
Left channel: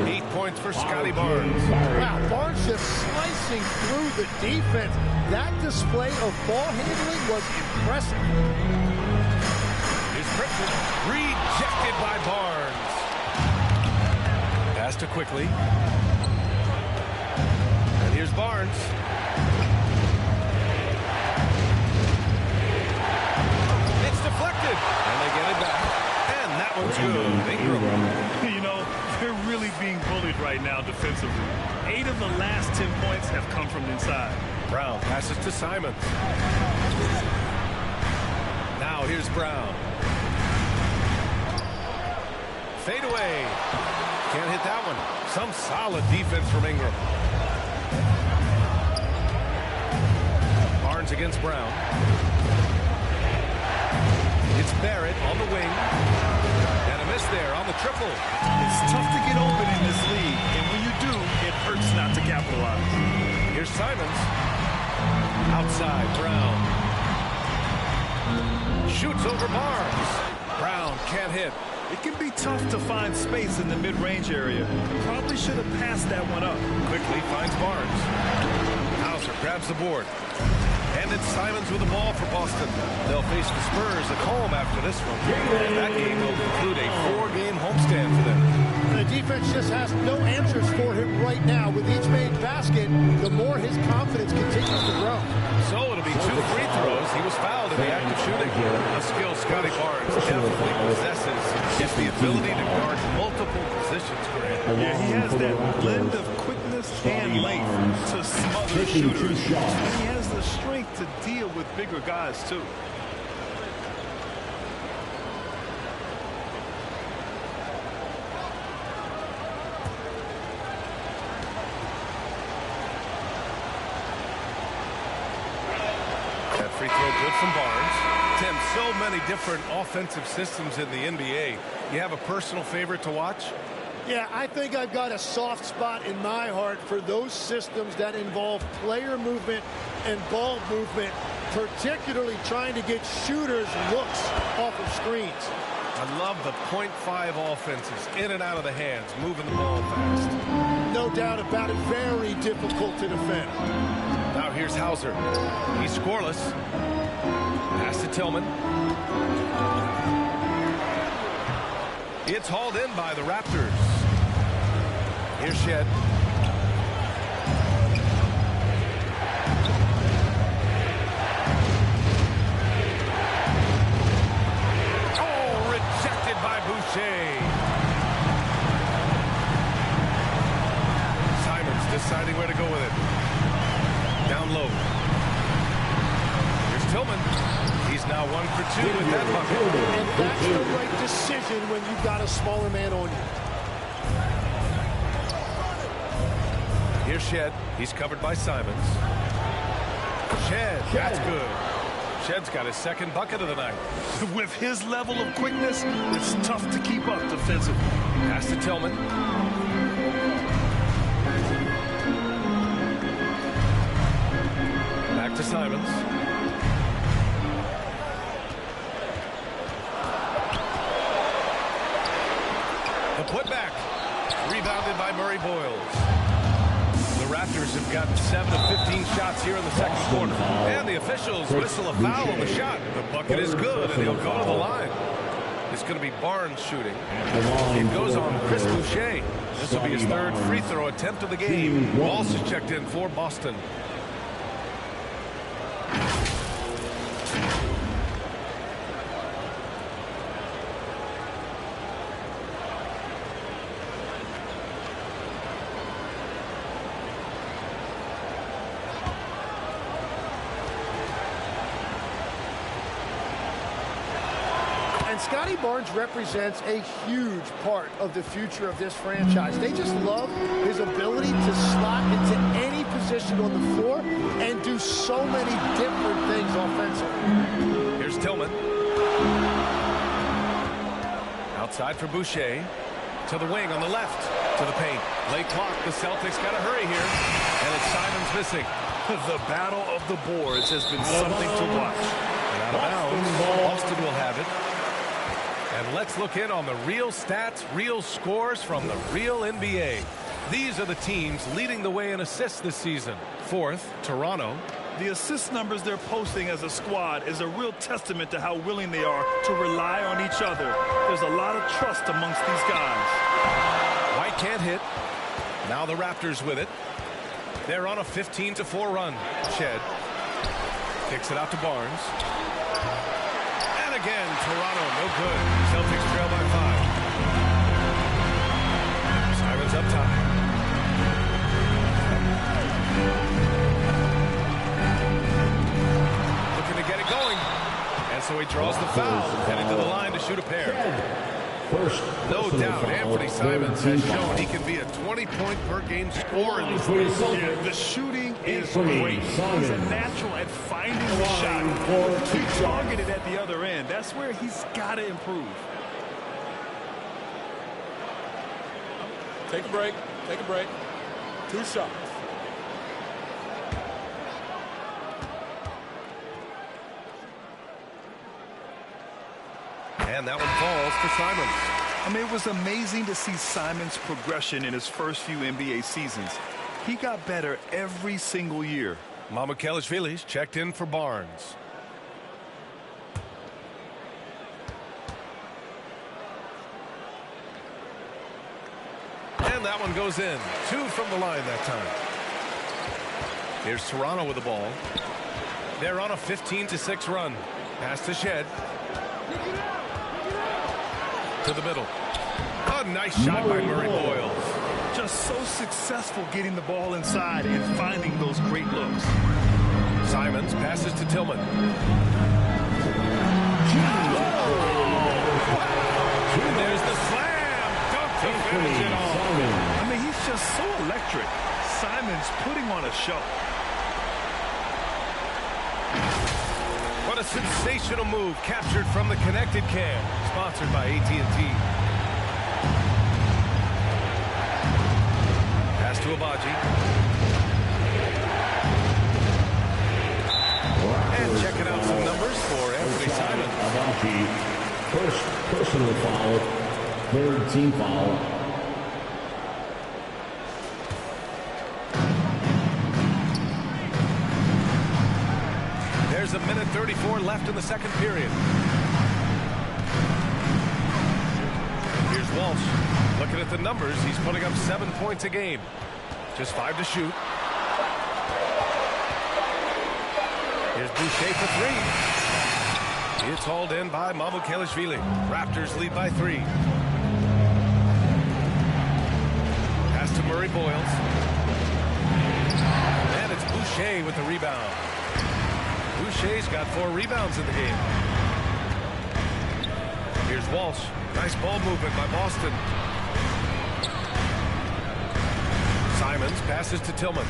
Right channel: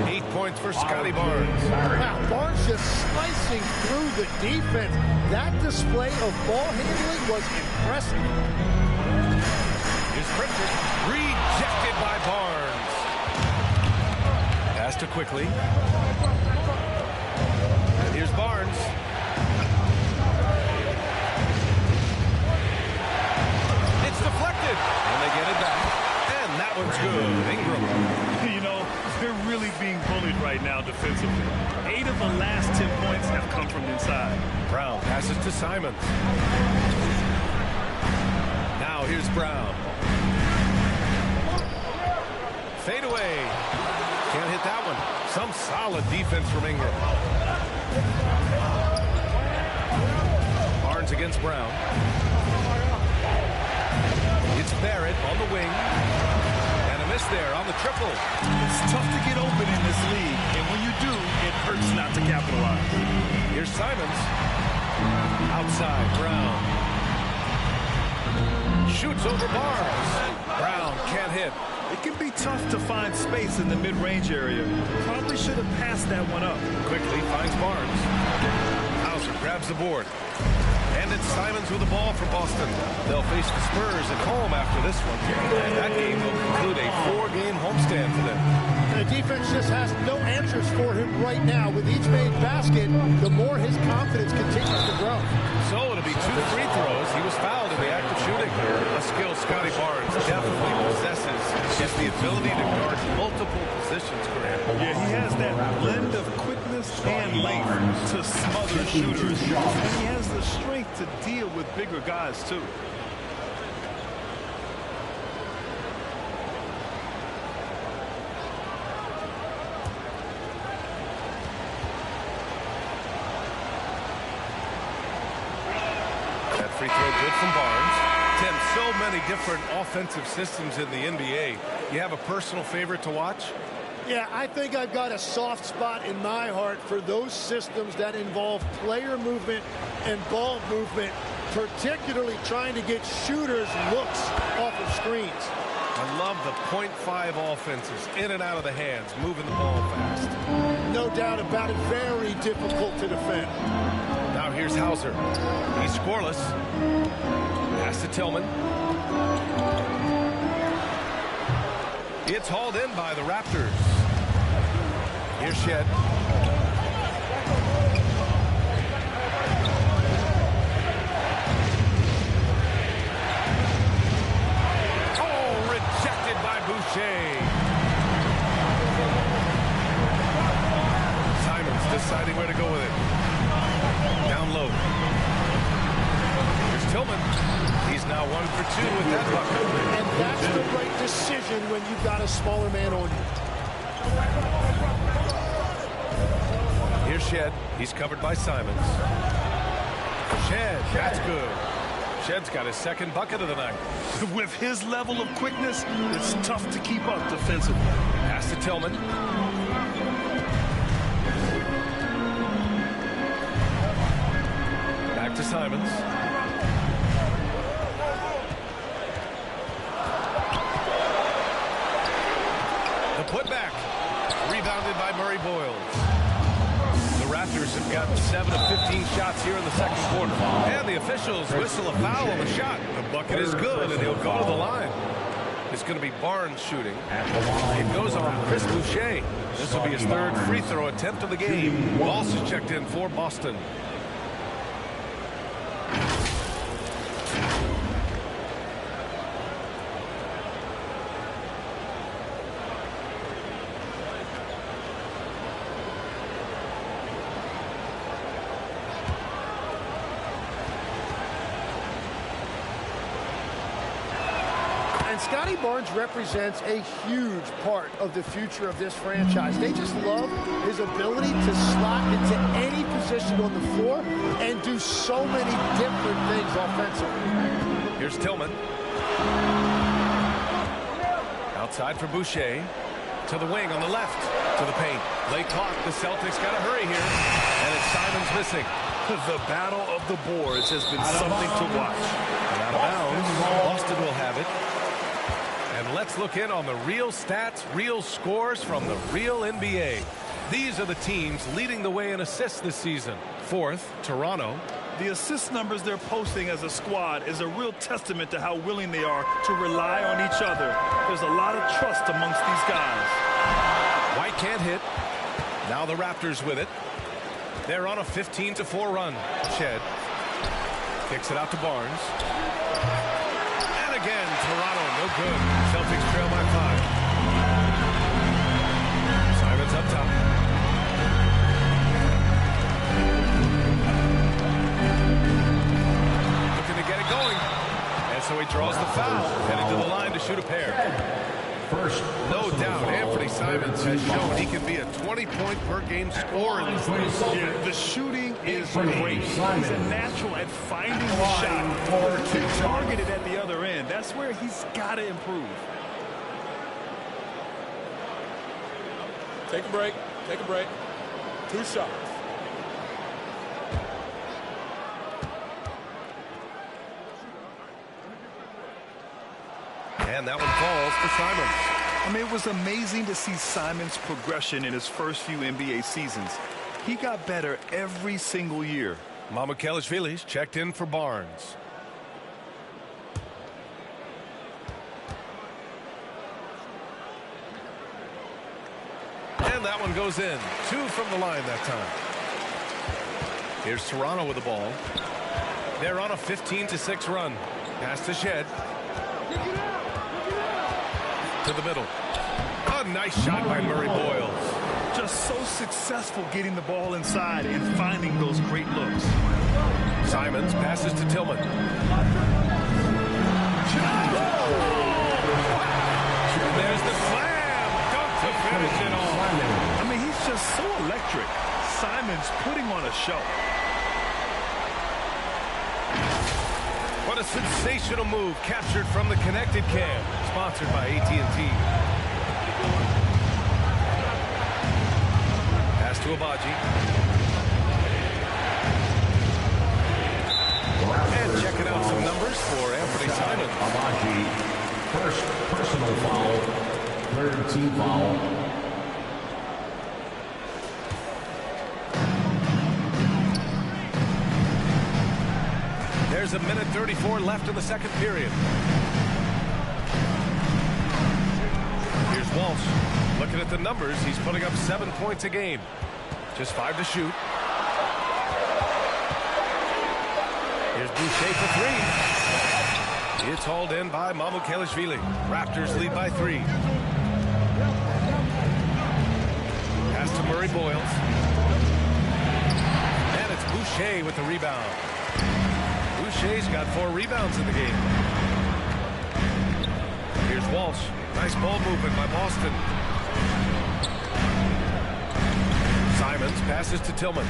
8 points for Scotty Barnes. Wow, Barnes just slicing through the defense. That display of ball handling was impressive. Here's Pritchard. Rejected by Barnes. Pass to Quickly. And here's Barnes. It's deflected. And they get it back. And that one's good. Ingram. You know, they're really being bullied right now defensively. 8 of the last 10 points have come from inside. Brown passes to Simons. Now here's Brown. Fade away. Can't hit that one. Some solid defense from Ingram. Barnes against Brown. It's Barrett on the wing. And a miss there on the triple. It's tough to get open in this league, and when you do, it hurts not to capitalize. Here's Simons. Outside, Brown. Shoots over Barnes. Brown can't hit. It can be tough to find space in the mid-range area. Probably should have passed that one up. Quickly finds Barnes. Hauser grabs the board. And it's Simons with the ball for Boston. They'll face the Spurs at home after this one. And that game will conclude a 4-game homestand for them. The defense just has no answers for him right now. With each made basket, the more his confidence continues to grow. So it'll be 2 free throws. He was fouled in the act of shooting. A skill Scotty Barnes definitely possesses is the ability to guard multiple positions, Grant. Yeah, he has that blend of quickness and length to smother shooters. And he has the strength to deal with bigger guys, too. That free throw good from Barnes. Tim, so many different offensive systems in the NBA. You have a personal favorite to watch? Yeah, I think I've got a soft spot in my heart for those systems that involve player movement and ball movement, particularly trying to get shooters looks off of screens. I love the .5 offenses, in and out of the hands, moving the ball fast. No doubt about it, very difficult to defend. Now here's Hauser. He's scoreless. Pass to Tillman. It's hauled in by the Raptors. Here's Shed. Oh, rejected by Boucher. Simons deciding where to go with it. Down low. Here's Tillman. He's now 1 for 2 with that bucket. And that's the right decision when you've got a smaller man on you. Here's Shed. He's covered by Simons. Shed. That's good. Shed's got his second bucket of the night. With his level of quickness, it's tough to keep up defensively. Pass to Tillman. Back to Simons. The putback. Rebounded by Murray Boyles. The Raptors have gotten 7 of 15 shots here in the second quarter. And the officials whistle a foul on the shot. The bucket is good, and he'll go to the line. It's going to be Barnes shooting. It goes on Chris Boucher. This will be his third free throw attempt of the game. Walsh is checked in for Boston. Scotty Barnes represents a huge part of the future of this franchise. They just love his ability to slot into any position on the floor and do so many different things offensively. Here's Tillman. Outside for Boucher. To the wing on the left. To the paint. Late clock. The Celtics got to hurry here. And it's Simons missing. The battle of the boards has been something to watch. And out of bounds. Boston will have it. And let's look in on the real stats, real scores from the real NBA. These are the teams leading the way in assists this season. Fourth, Toronto. The assist numbers they're posting as a squad is a real testament to how willing they are to rely on each other. There's a lot of trust amongst these guys. White can't hit. Now the Raptors with it. They're on a 15-4 run. Shed kicks it out to Barnes. Again, Toronto, no good. Celtics trail by 5. Simons up top. Looking to get it going. And so he draws the foul, headed to the line to shoot a pair. No doubt, Anthony Simons has shown he can be a 20-point-per-game scorer in this league. Yeah, the shooting is great. He's a natural at finding the shot. He targeted at the other end. That's where he's got to improve. Take a break. Take a break. 2 shots. And that one falls for Simons. I mean, it was amazing to see Simons' progression in his first few NBA seasons. He got better every single year. Mamukelashvili's checked in for Barnes. And that one goes in. 2 from the line that time. Here's Toronto with the ball. They're on a 15-6 run. Pass to Shed. To the middle. A nice shot by Murray Boyles. Just so successful getting the ball inside and finding those great looks. Simons passes to Tillman. And there's the slam dunk to finish it off. I mean, he's just so electric. Simons putting on a show. What a sensational move captured from the connected cam, sponsored by AT&T. Pass to Abaji. And checking out some numbers for Anthony Simons. Abaji, first personal foul, third team foul. There's 1:34 left in the second period. Here's Walsh. Looking at the numbers, he's putting up 7 points a game. Just 5 to shoot. Here's Boucher for 3. It's hauled in by Mamukelashvili. Raptors lead by 3. Pass to Murray Boyles. And it's Boucher with the rebound. Boucher's got 4 rebounds in the game. Here's Walsh. Nice ball movement by Boston. Simons passes to Tillman.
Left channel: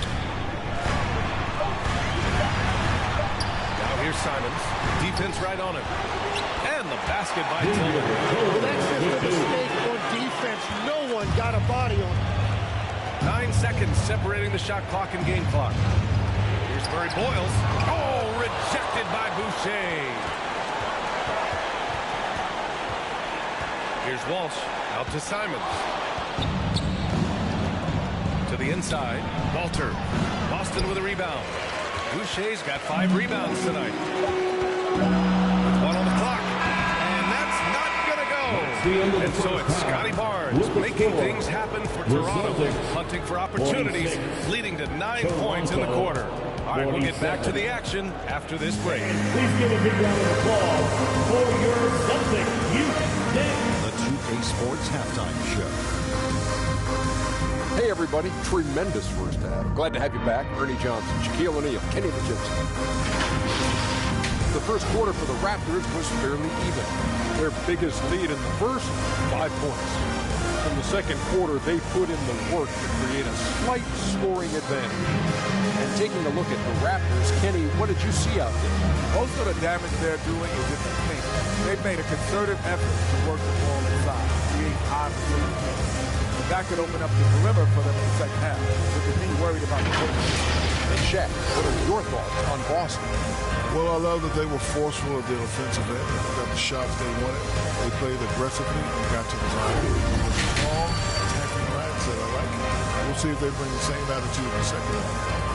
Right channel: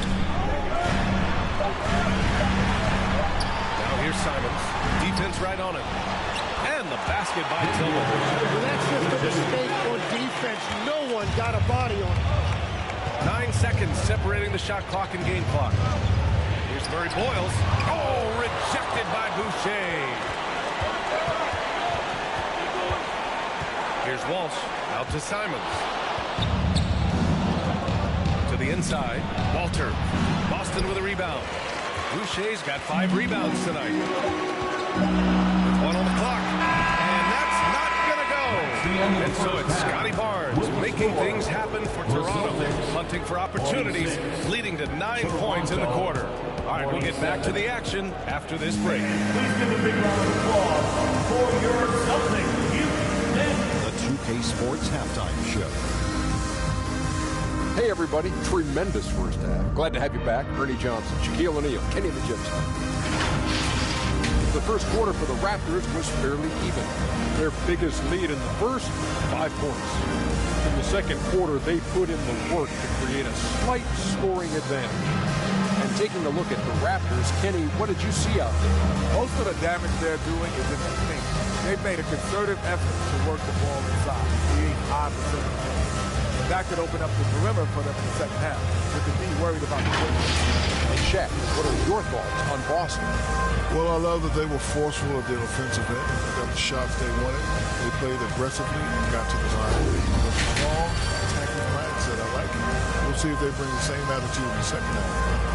Now here's Simons. Defense right on him. And the basket by Tillman. Well, that's just a mistake on defense. No one got a body on him. 9 seconds separating the shot clock and game clock. Here's Murray Boyles. Oh, rejected by Boucher. Here's Walsh. Out to Simons. To the inside. Walter. Boston with a rebound. Boucher's got 5 rebounds tonight. With 1 on the clock. And that's not going to go. And so it's Scotty Barnes making things happen for Toronto. Hunting for opportunities, leading to 9 points in the quarter. All right, we'll get back to the action after this break. Please give a big round of applause for your Celtics. The 2K Sports Halftime Show. Hey, everybody. Tremendous first half. Glad to have you back. Ernie Johnson, Shaquille O'Neal, Kenny the Jet Smith. The first quarter for the Raptors was fairly even. Their biggest lead in the first, 5 points. In the second quarter, they put in the work to create a slight scoring advantage. And taking a look at the Raptors, Kenny, what did you see out there? Most of the damage they're doing is in the paint. They've made a concerted effort to work the ball inside, create high percentage points. And that could open up the perimeter for them in the second half, with the D worried about the point. And Shaq, what are your thoughts on Boston? Well, I love that they were forceful at their offensive end. They got the shots they wanted. They played aggressively and got to the line. With a strong attacking mindset, I like it. We'll see if they bring the same attitude in the second half.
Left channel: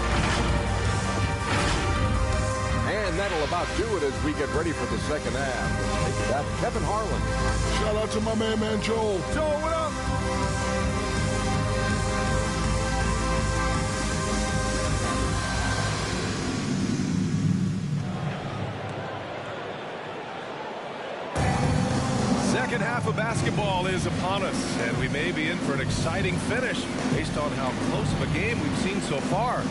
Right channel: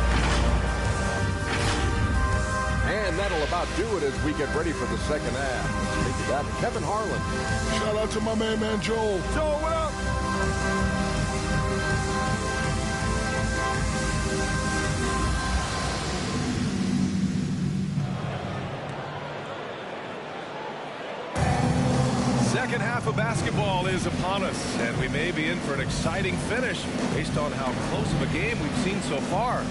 And that'll about do it as we get ready for the second half. Let's take it out to Kevin Harlan. Shout out to my man Joel. Joel, what up? Second half of basketball is upon us, and we may be in for an exciting finish based on how close of a game we've seen so far.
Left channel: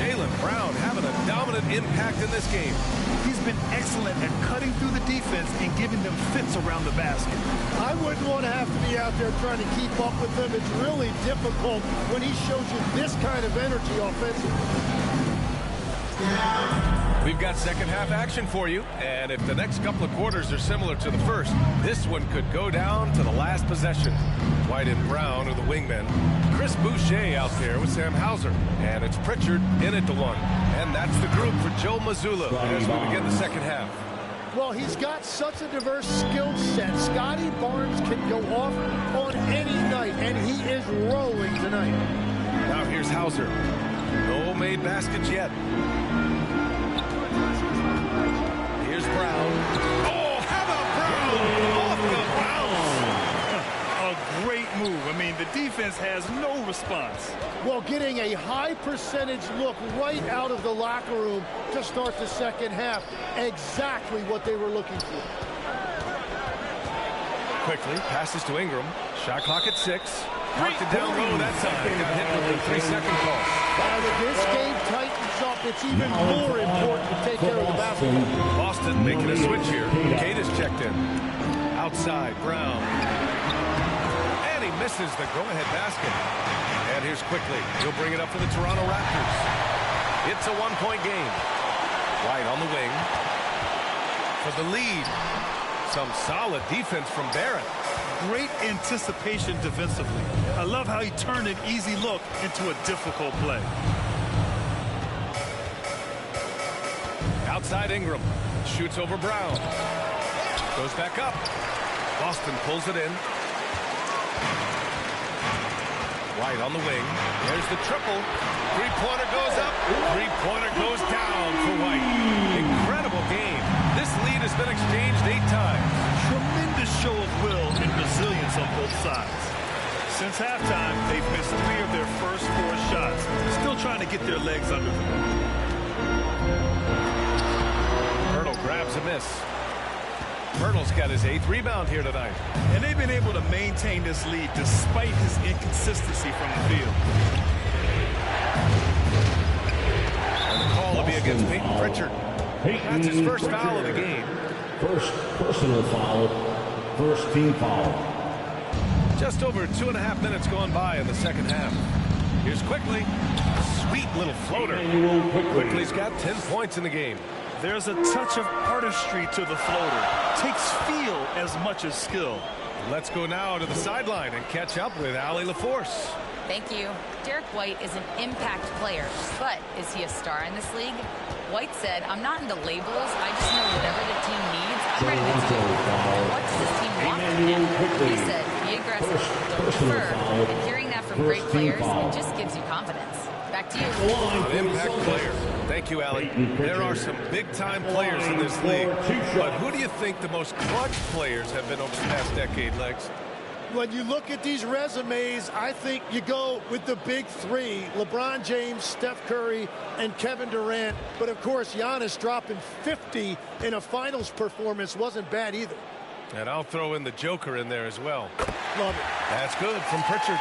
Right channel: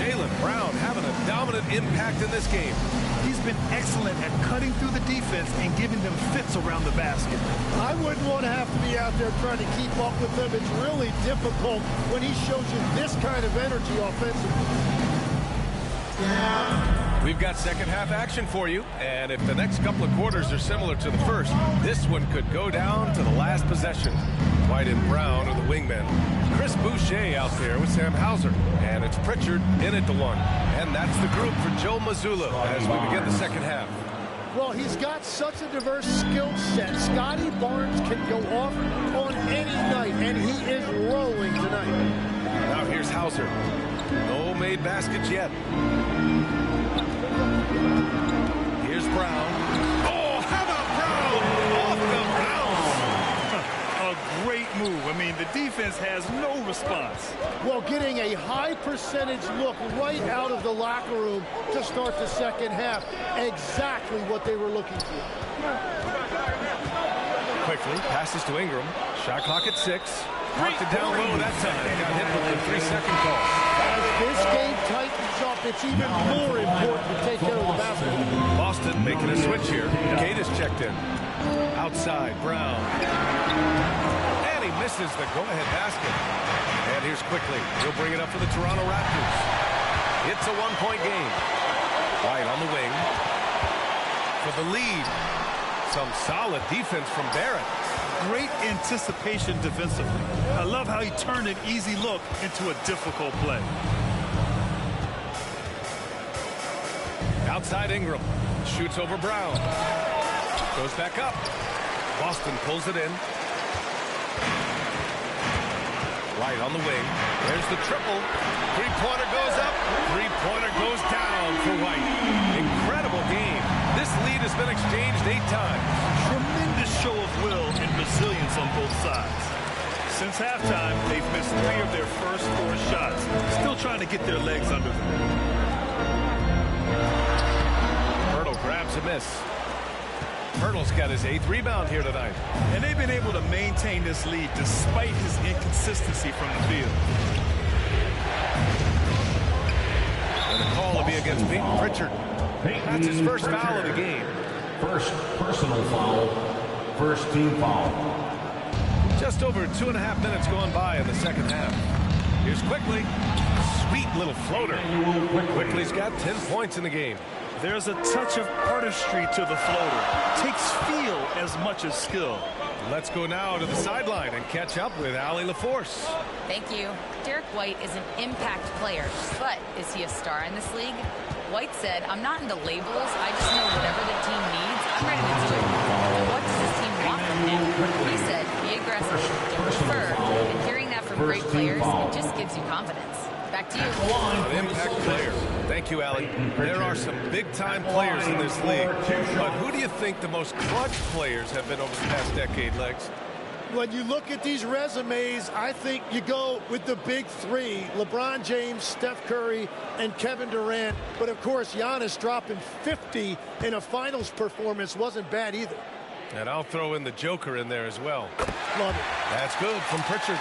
Jaylen Brown having a dominant impact in this game. He's been excellent at cutting through the defense and giving them fits around the basket. I wouldn't want to have to be out there trying to keep up with him. It's really difficult when he shows you this kind of energy offensively. We've got second half action for you, and if the next couple of quarters are similar to the first, this one could go down to the last possession. White and Brown are the wingmen. Chris Boucher out there with Sam Hauser, and it's Pritchard in at the 1. And that's the group for Joe Mazzulla as we begin the second half. Well, he's got such a diverse skill set. Scotty Barnes can go off on any night, and he is rolling tonight. Now here's Hauser. No made baskets yet. Here's Brown. Oh, how about Brown? Off the bounce. A great move. I mean, the defense has no response. Well, getting a high percentage look right out of the locker room to start the second half. Exactly what they were looking for. Quickly, passes to Ingram. Shot clock at 6. Knocked it down low that time. Got hit with the 3-second call. As this game tightens up, it's even more important to take care of the basketball. Boston making a switch here. Cade is checked in. Outside, Brown. And he misses the go-ahead basket. And here's Quickly. He'll bring it up for the Toronto Raptors. It's a 1-point game. White on the wing. for the lead. Some solid defense from Barrett. Great anticipation defensively. I love how he turned an easy look into a difficult play. Outside Ingram. Shoots over Brown. Goes back up. Boston pulls it in. White on the wing. There's the triple. Three-pointer goes up. Three-pointer goes down for White. Incredible game. This lead has been exchanged 8 times. Tremendous show of will and resilience on both sides. Since halftime, they've missed 3 of their first 4 shots. Still trying to get their legs under them. Pirtle grabs a miss. Pirtle's got his 8th rebound here tonight. And they've been able to maintain this lead despite his inconsistency from the field. And the call will be against Peyton Pritchard. That's his first foul of the game. First personal foul. First team foul. Just over 2.5 minutes gone by in the second half. Here's Quickly. Sweet little floater. Quickly's got 10 points in the game. There's a touch of artistry to the floater. Takes feel as much as skill. Let's go now to the sideline and catch up with Allie LaForce. Thank you. Derek White is an impact player, but is he a star in this league? White said, "I'm not into labels. I just know whatever the team needs, I'm ready to do it. And what does this team want from him?" He said, "Be aggressive, don't defer." And hearing that from great players, it just gives you confidence. Back to you. An impact player. Thank you, Allie. There are some big-time players in this league, but who do you think the most clutch players have been over the past decade, Legs? When you look at these resumes, I think you go with the big 3, LeBron James, Steph Curry, and Kevin Durant. But, of course, Giannis dropping 50 in a finals performance wasn't bad either. And I'll throw in the Joker in there as well. Love it. That's good from Pritchard.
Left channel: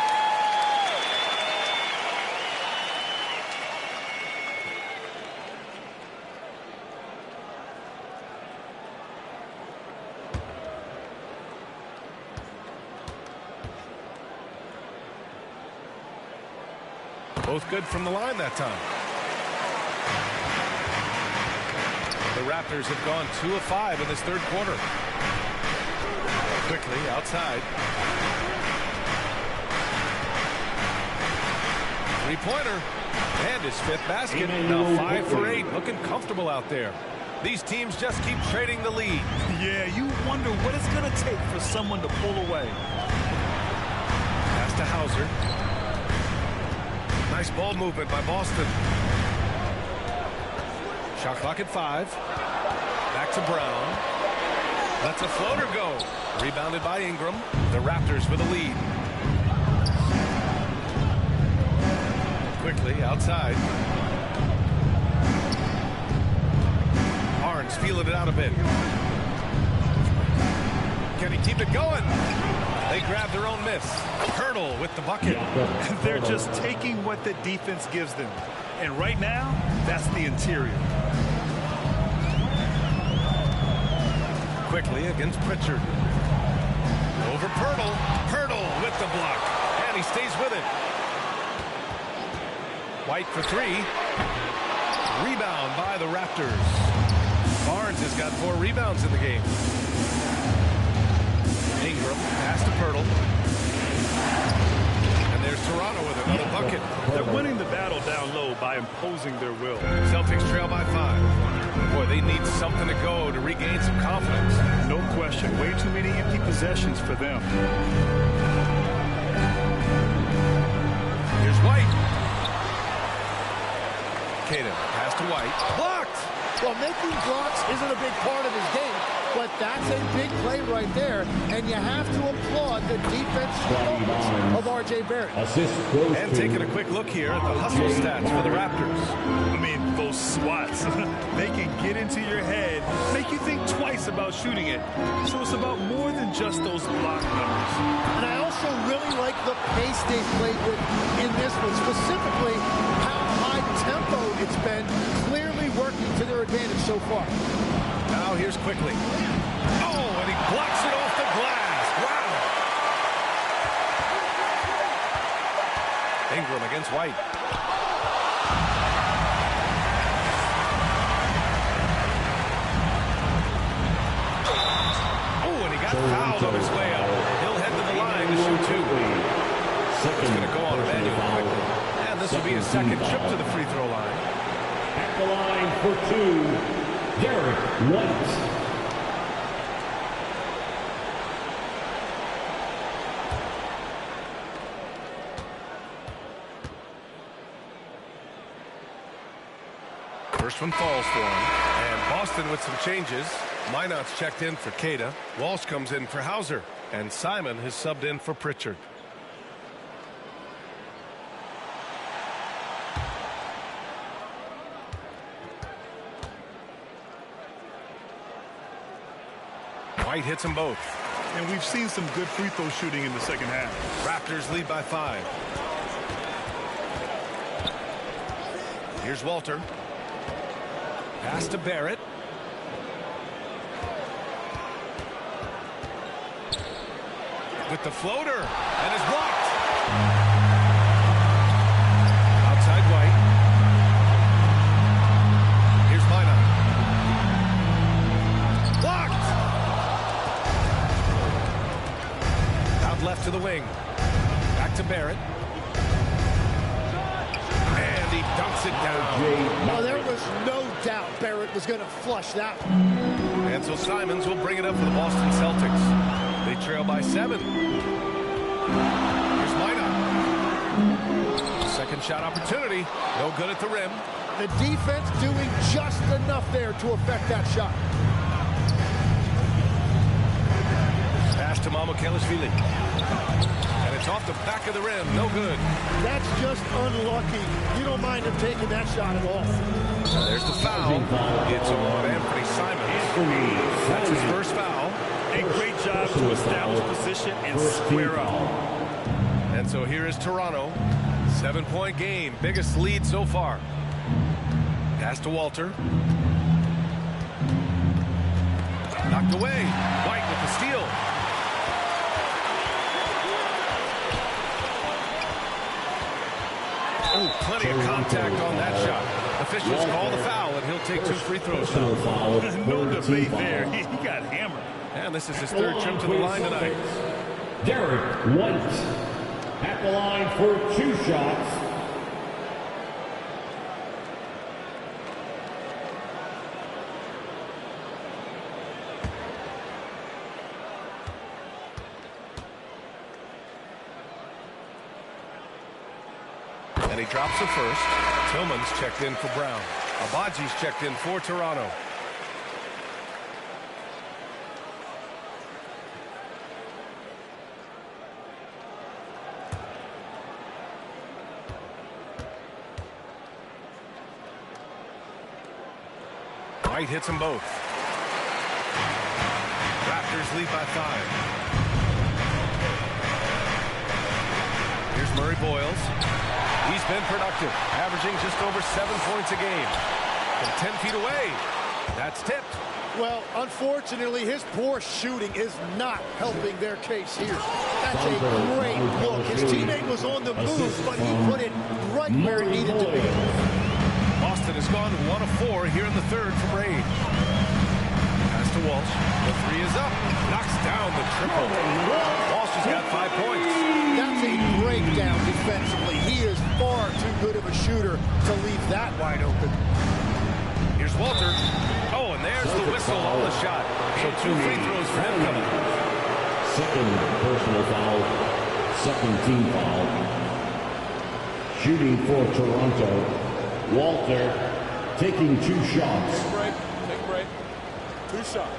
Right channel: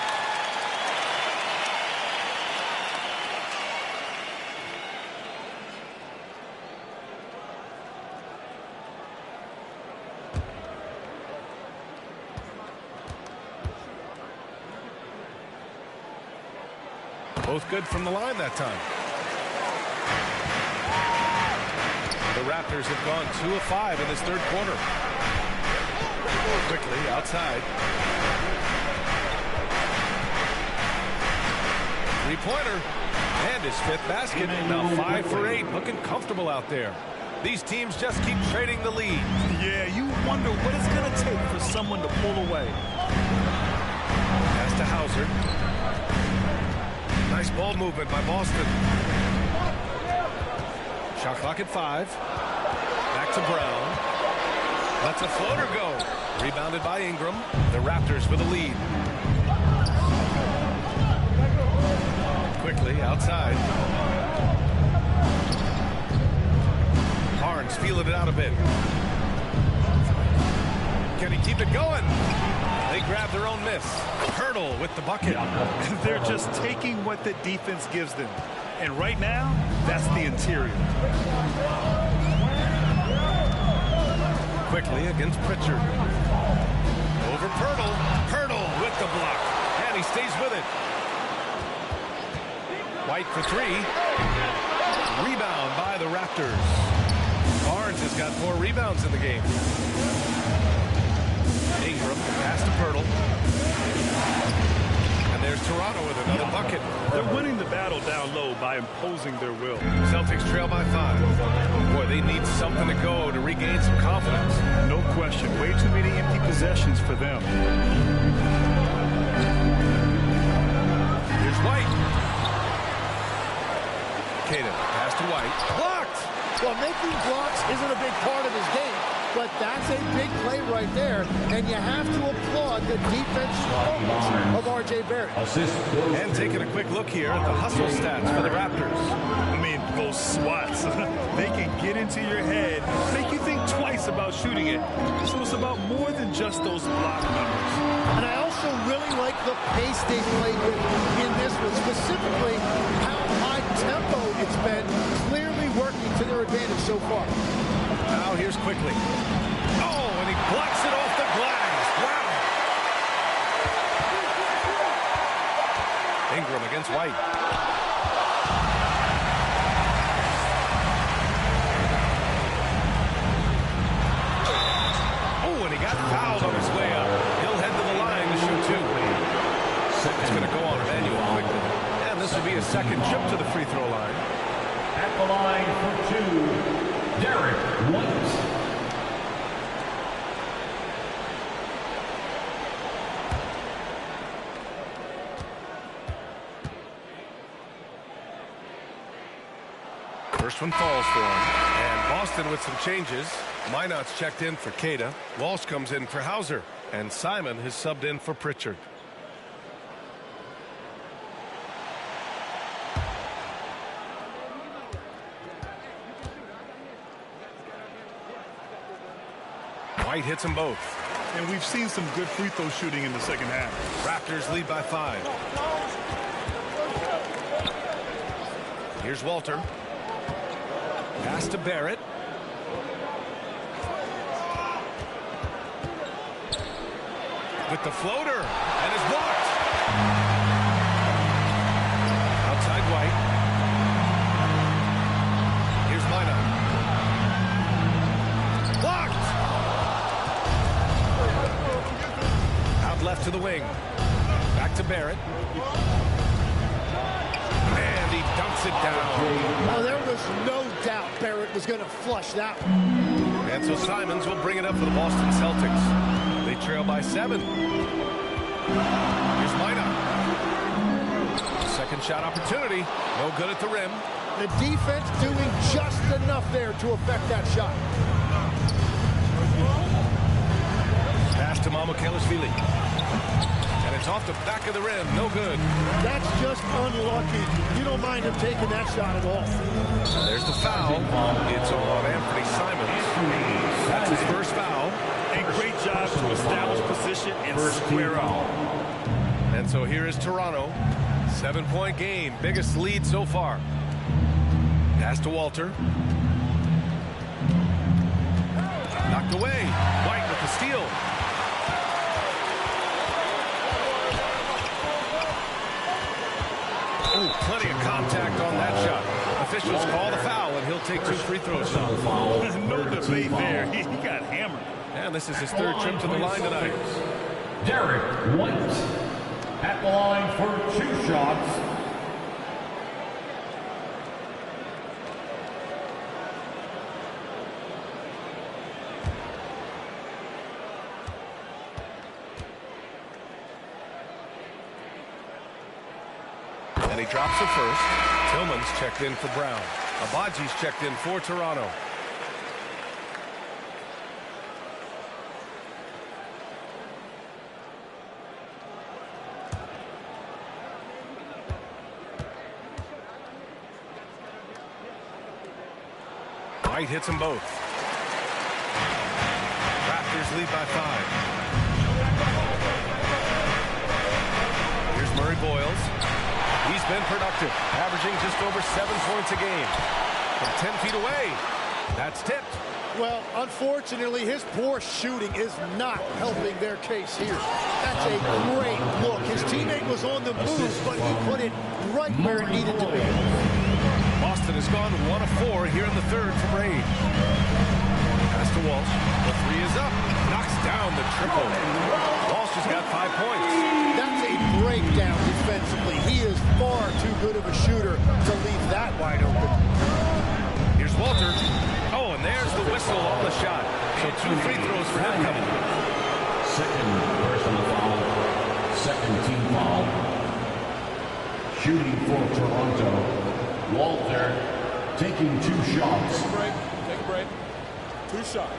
Both good from the line that time. The Raptors have gone 2 of 5 in this third quarter. Quickly outside. Three-pointer. And his 5th basket. Now 5 for 8. Looking comfortable out there. These teams just keep trading the lead. Yeah, you wonder what it's going to take for someone to pull away. Pass to Hauser. Nice ball movement by Boston. Shot clock at 5. Back to Brown. Lets a floater go. Rebounded by Ingram. The Raptors with a lead. Quickly outside. Barnes feeling it out a bit. Can he keep it going? They grab their own miss. Hurdle with the bucket. They're just taking what the defense gives them. And right now, that's the interior. Quickly against Pritchard. Over Pirtle. Pirtle with the block. And he stays with it. White for 3. Rebound by the Raptors. Barnes has got 4 rebounds in the game. Ingram, pass to Pirtle. And there's Toronto with another bucket. They're winning the battle down low by imposing their will. Celtics trail by 5. Boy, they need something to go to regain some confidence. No question. Way too many empty possessions for them. Here's White. Caden, pass to White. Blocked! Well, making blocks isn't a big part of his game, but that's a big play right there, and you have to applaud the defensive focus of R.J. Barrett. And taking a quick look here at the hustle stats for the Raptors. I mean, those swats, they can get into your head, make you think twice about shooting it. So it's about more than just those block numbers. And I also really like the pace they played with in this one, specifically how high tempo it's been, clearly working to their advantage so far. Now here's Quickly. Oh, and he blocks it off the glass. Wow. Ingram against White. got fouled on his way up. He'll head to the line to shoot two. It's going to go on Emmanuel quickly. And this will be a second trip to the free throw line. At the line for two, Derek White. First one falls for him. And Boston with some changes. Minot's checked in for Cada. Walsh comes in for Hauser. And Simon has subbed in for Pritchard. White hits them both. And we've seen some good free throw shooting in the second half. Raptors lead by 5. Here's Walter. Pass to Barrett. With the floater. And is blocked. Outside White. Here's Minot. Blocked. Out left to the wing. Back to Barrett. And he dunks it down. Oh, there was no doubt Barrett was going to flush that one. And so Simons will bring it up for the Boston Celtics. They trail by 7. Here's Minot. Second shot opportunity. No good at the rim. The defense doing just enough there to affect that shot. Pass to Mamukelashvili. And it's off the back of the rim. No good. That's just unlucky. You don't mind him taking that shot at all. And there's the foul. It's on Anthony Simons. That's his first foul. A great job to establish position and square up. And so here is Toronto. 7-point game. Biggest lead so far. Pass to Walter. Knocked away. White with the steal. Oh, plenty of contact on that shot. Officials call the foul, and he'll take 2 free throws now. No debate there. He got hammered. And this is his 3rd trip to the line tonight. Derek White at the line for 2 shots. And he drops the first. Tillman's checked in for Brown. Abaji's checked in for Toronto. White hits them both. Raptors lead by 5. Here's Murray Boyles. He's been productive, averaging just over 7 points a game. From 10 feet away, that's tipped. Well, unfortunately, his poor shooting is not helping their case here. That's a great look. His teammate was on the move, but he put it right where it needed to be. Boston has gone 1 of 4 here in the 3rd from range. Pass to Walsh. The 3 is up. Knocks down the triple. Walsh has got 5 points. That's a breakdown defensively. He is far too good of a shooter to leave that wide open. Here's Walter. Oh, and there's the whistle on the shot. So 2 free throws for him coming. Second personal foul. Second team foul. Shooting for Toronto. Walter taking 2 shots. Take a break. Take a break. 2 shots.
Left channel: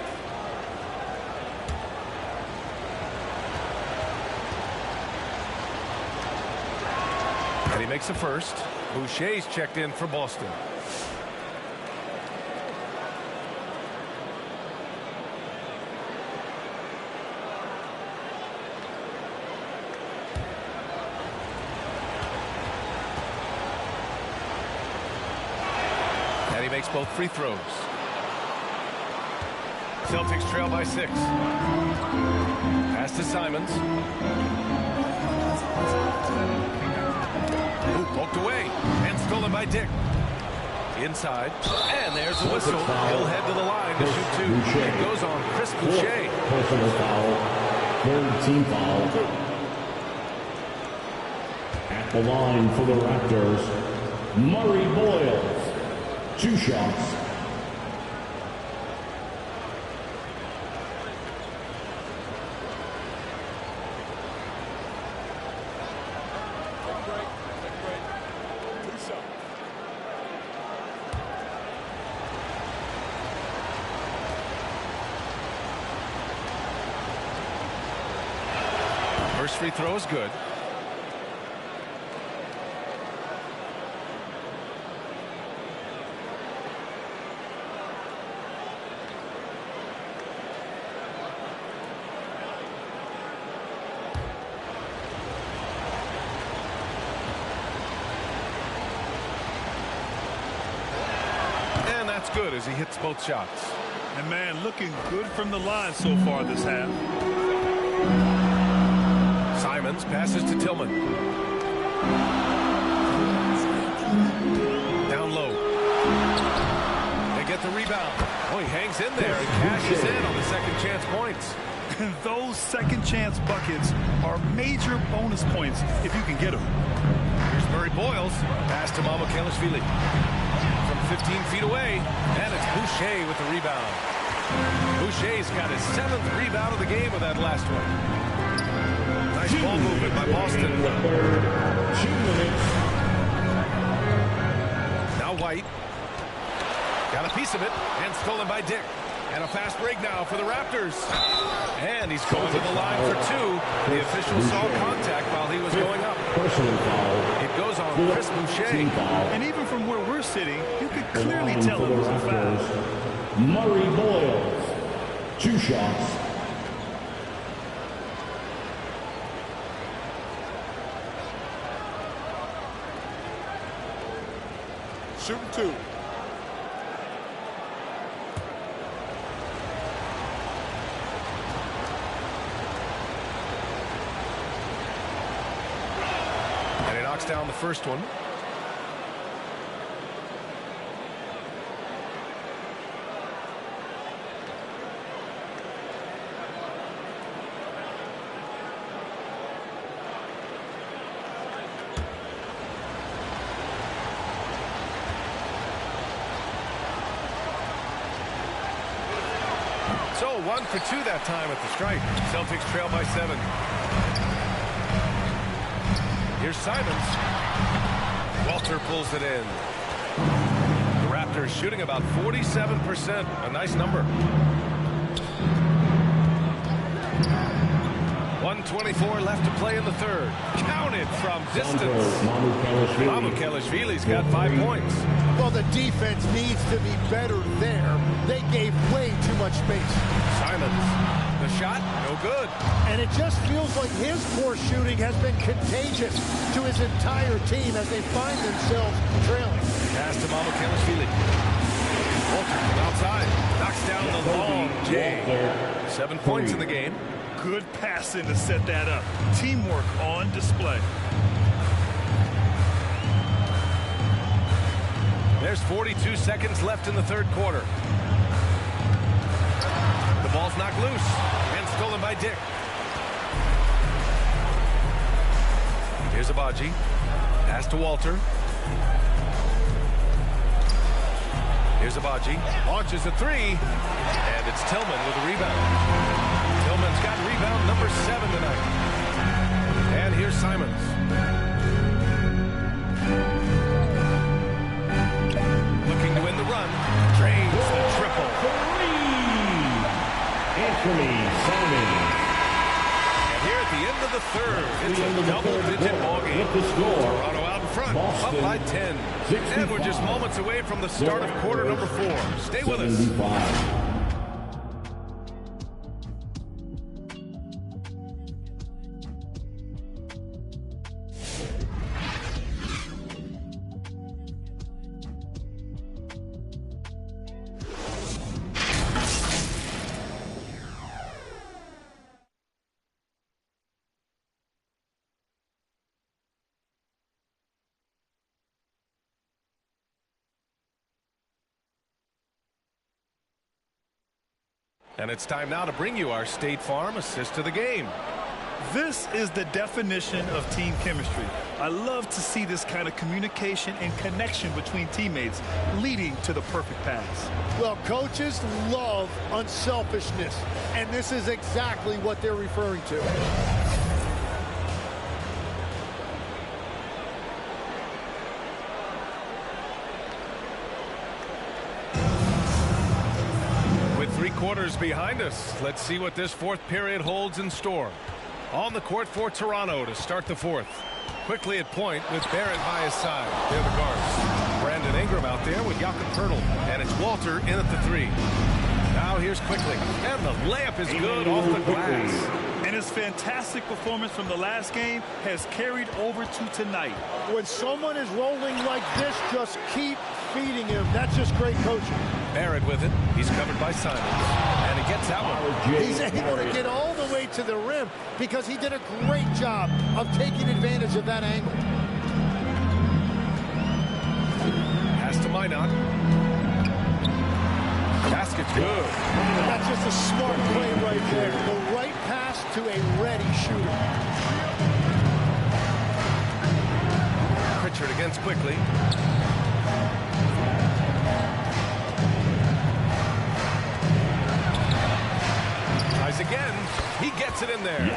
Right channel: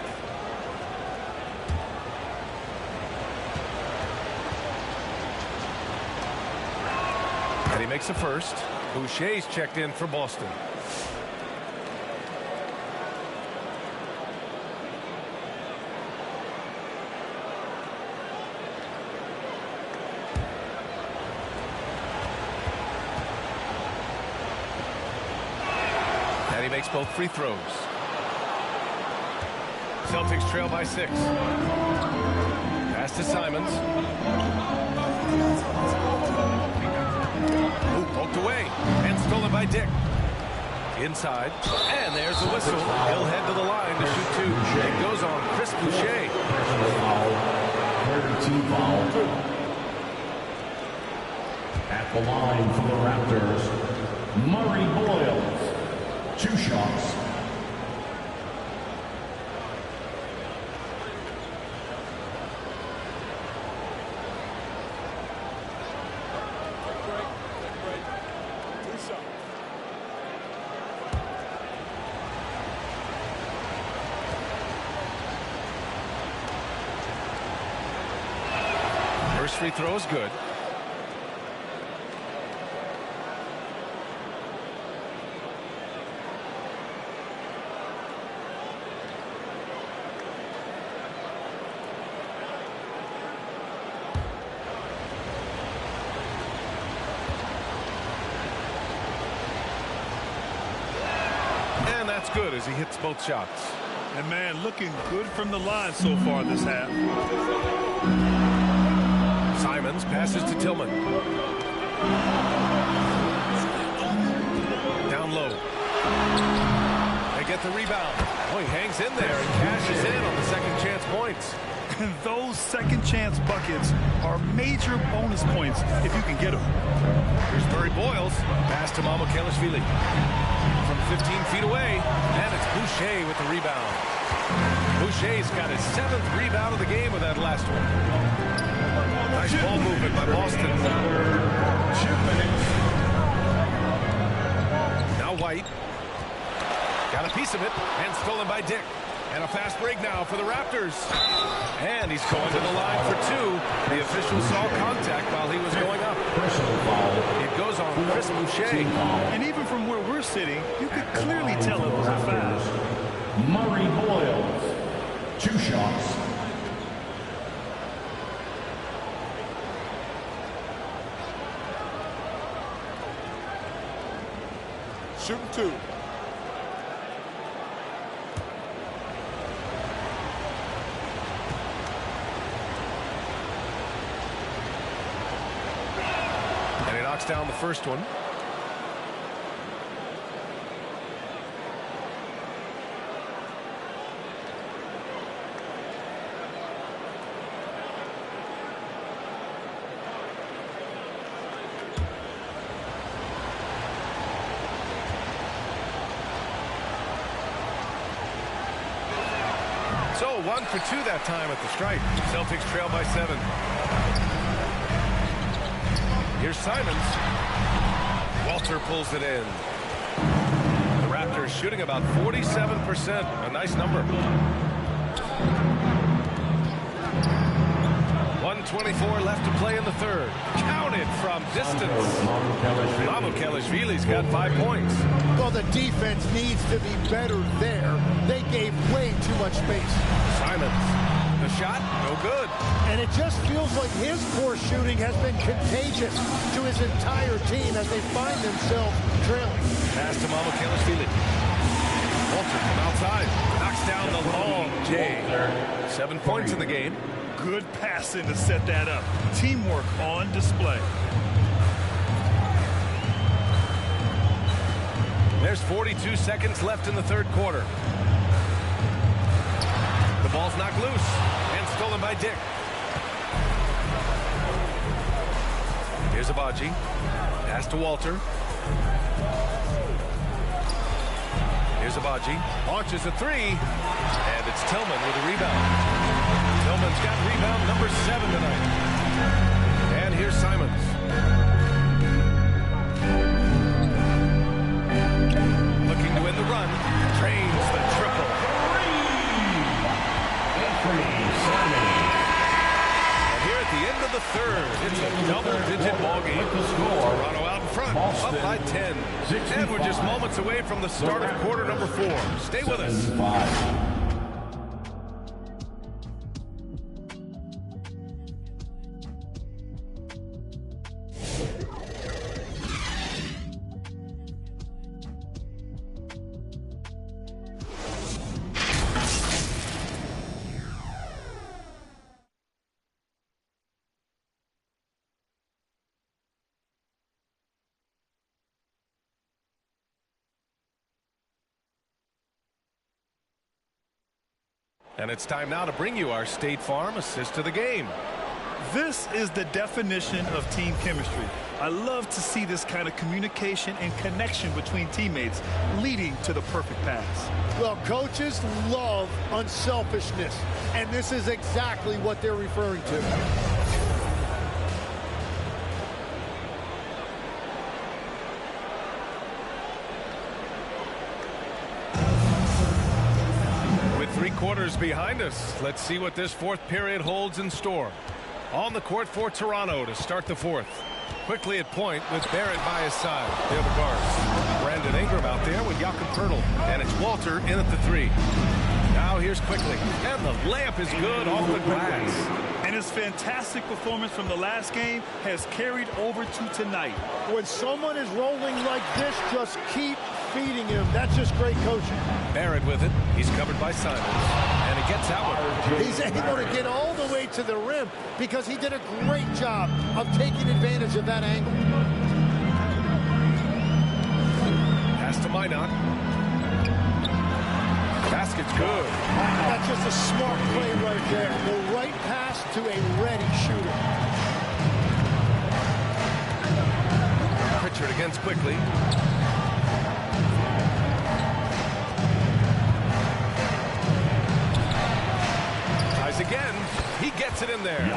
And he makes the first. Boucher's checked in for Boston. And he makes both free throws. Celtics trail by 6. Pass to Simons. Ooh, poked away and stolen by Dick. Inside. And there's the whistle. He'll head to the line to shoot two. It goes on Chris Boucher. Personal foul. Third team foul. At the line for the Raptors, Murray Boyles. 2 shots. First free throw is good. And that's good as he hits both shots. And man, looking good from the line so far this half. Simons passes to Tillman. Down low. They get the rebound. Oh, he hangs in there and cashes in on the second chance points. Those second chance buckets are major bonus points if you can get them. Here's Murray Boyles. Pass to Mamukelashvili. From 15 feet away. And it's Boucher with the rebound. Boucher's got his 7th rebound of the game with that last one. Nice ball movement by Boston. 2 minutes. Now White. Got a piece of it. And stolen by Dick. And a fast break now for the Raptors. And he's going to the line for 2. The official saw contact while he was going up. Personal foul. It goes on Chris Boucher. And even from where we're sitting, you could clearly tell it was a foul. Murray Boyles. 2 shots. Shooting 2. And he knocks down the first one. So 1 for 2 that time at the stripe. Celtics trail by 7. Here's Simons. Walter pulls it in. The Raptors shooting about 47%. A nice number. 1:24 left to play in the third. Counted from distance. Mamukelashvili's got 5 points. Well, the defense needs to be better there. They gave way too much space. Simons. The shot, no good. And it just feels like his poor shooting has been contagious to his entire team as they find themselves trailing. Pass to Mamukelashvili. Walter from outside. Knocks down the long J. 7 points in the game. Good passing to set that up. Teamwork on display. There's 42 seconds left in the third quarter. The ball's knocked loose and stolen by Dick. Here's Abaji. Pass to Walter. Here's Abaji. Launches a 3. And it's Tillman with a rebound. Tillman's got rebound number 7 tonight. And here's Simons. Looking to win the run. Drains the triple. Anthony Simons. And here at the end of the third, it's a double-digit ball game. Toronto out in front, up by 10. And we're just moments away from the start of quarter number 4. Stay with us. And it's time now to bring you our State Farm assist to the game. This is the definition of team chemistry. I love to see this kind of communication and connection between teammates leading to the perfect pass. Well, coaches love unselfishness, and this is exactly what they're referring to. With 3 quarters behind us, let's see what this fourth period holds in store. On the court for Toronto to start the fourth. Quickly at point with Barrett by his side. They're the guards. Brandon Ingram out there with Jakob Poeltl. And it's Walter in at the 3. Now here's Quickly. And the layup is good off the glass. And his fantastic performance from the last game has carried over to tonight. When someone is rolling like this, just keep feeding him. That's just great coaching. Barrett with it. He's covered by Simons. And he gets that one. He's able to get all the way to the rim because he did a great job of taking advantage of that angle. Pass to Minot. Basket's good. That's just a smart play right there. The right pass to a ready shooter. Pritchard against Quickly. Tries again. He gets it in there.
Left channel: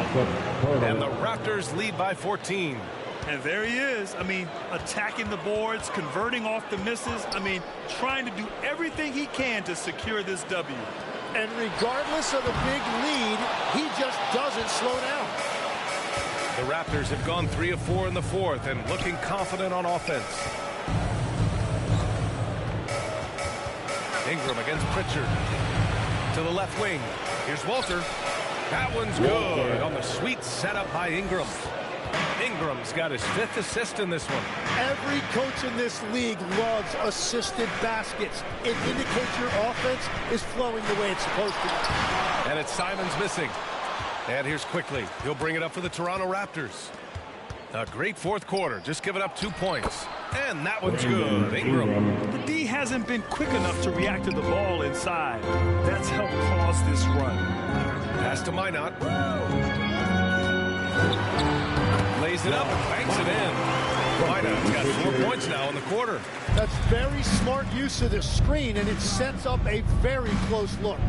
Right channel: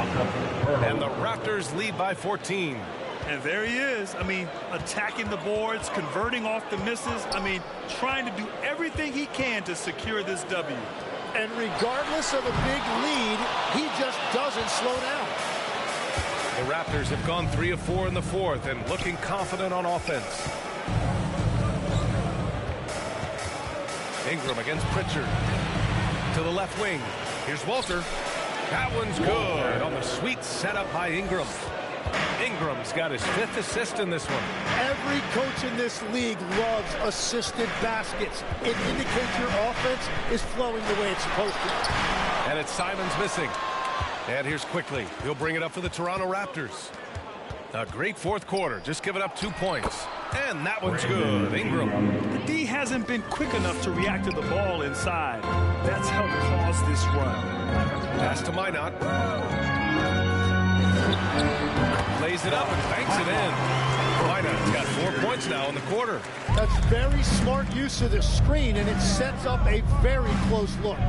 And the Raptors lead by 14. And there he is. I mean, attacking the boards, converting off the misses. I mean, trying to do everything he can to secure this W. And regardless of the big lead, he just doesn't slow down. The Raptors have gone 3 of 4 in the fourth and looking confident on offense. Ingram against Pritchard. To the left wing. Here's Walter. That one's good on the sweet setup by Ingram. Ingram's got his 5th assist in this one. Every coach in this league loves assisted baskets. It indicates your offense is flowing the way it's supposed to. And it's Simons missing. And here's Quickly. He'll bring it up for the Toronto Raptors. A great fourth quarter. Just giving up 2 points. And that one's good. Ingram. The D hasn't been quick enough to react to the ball inside. That's helped cause this run. Pass to Minot. Lays it up and banks it in. Minot's got 4 points now in the quarter. That's very smart use of the screen, and it sets up a very close look.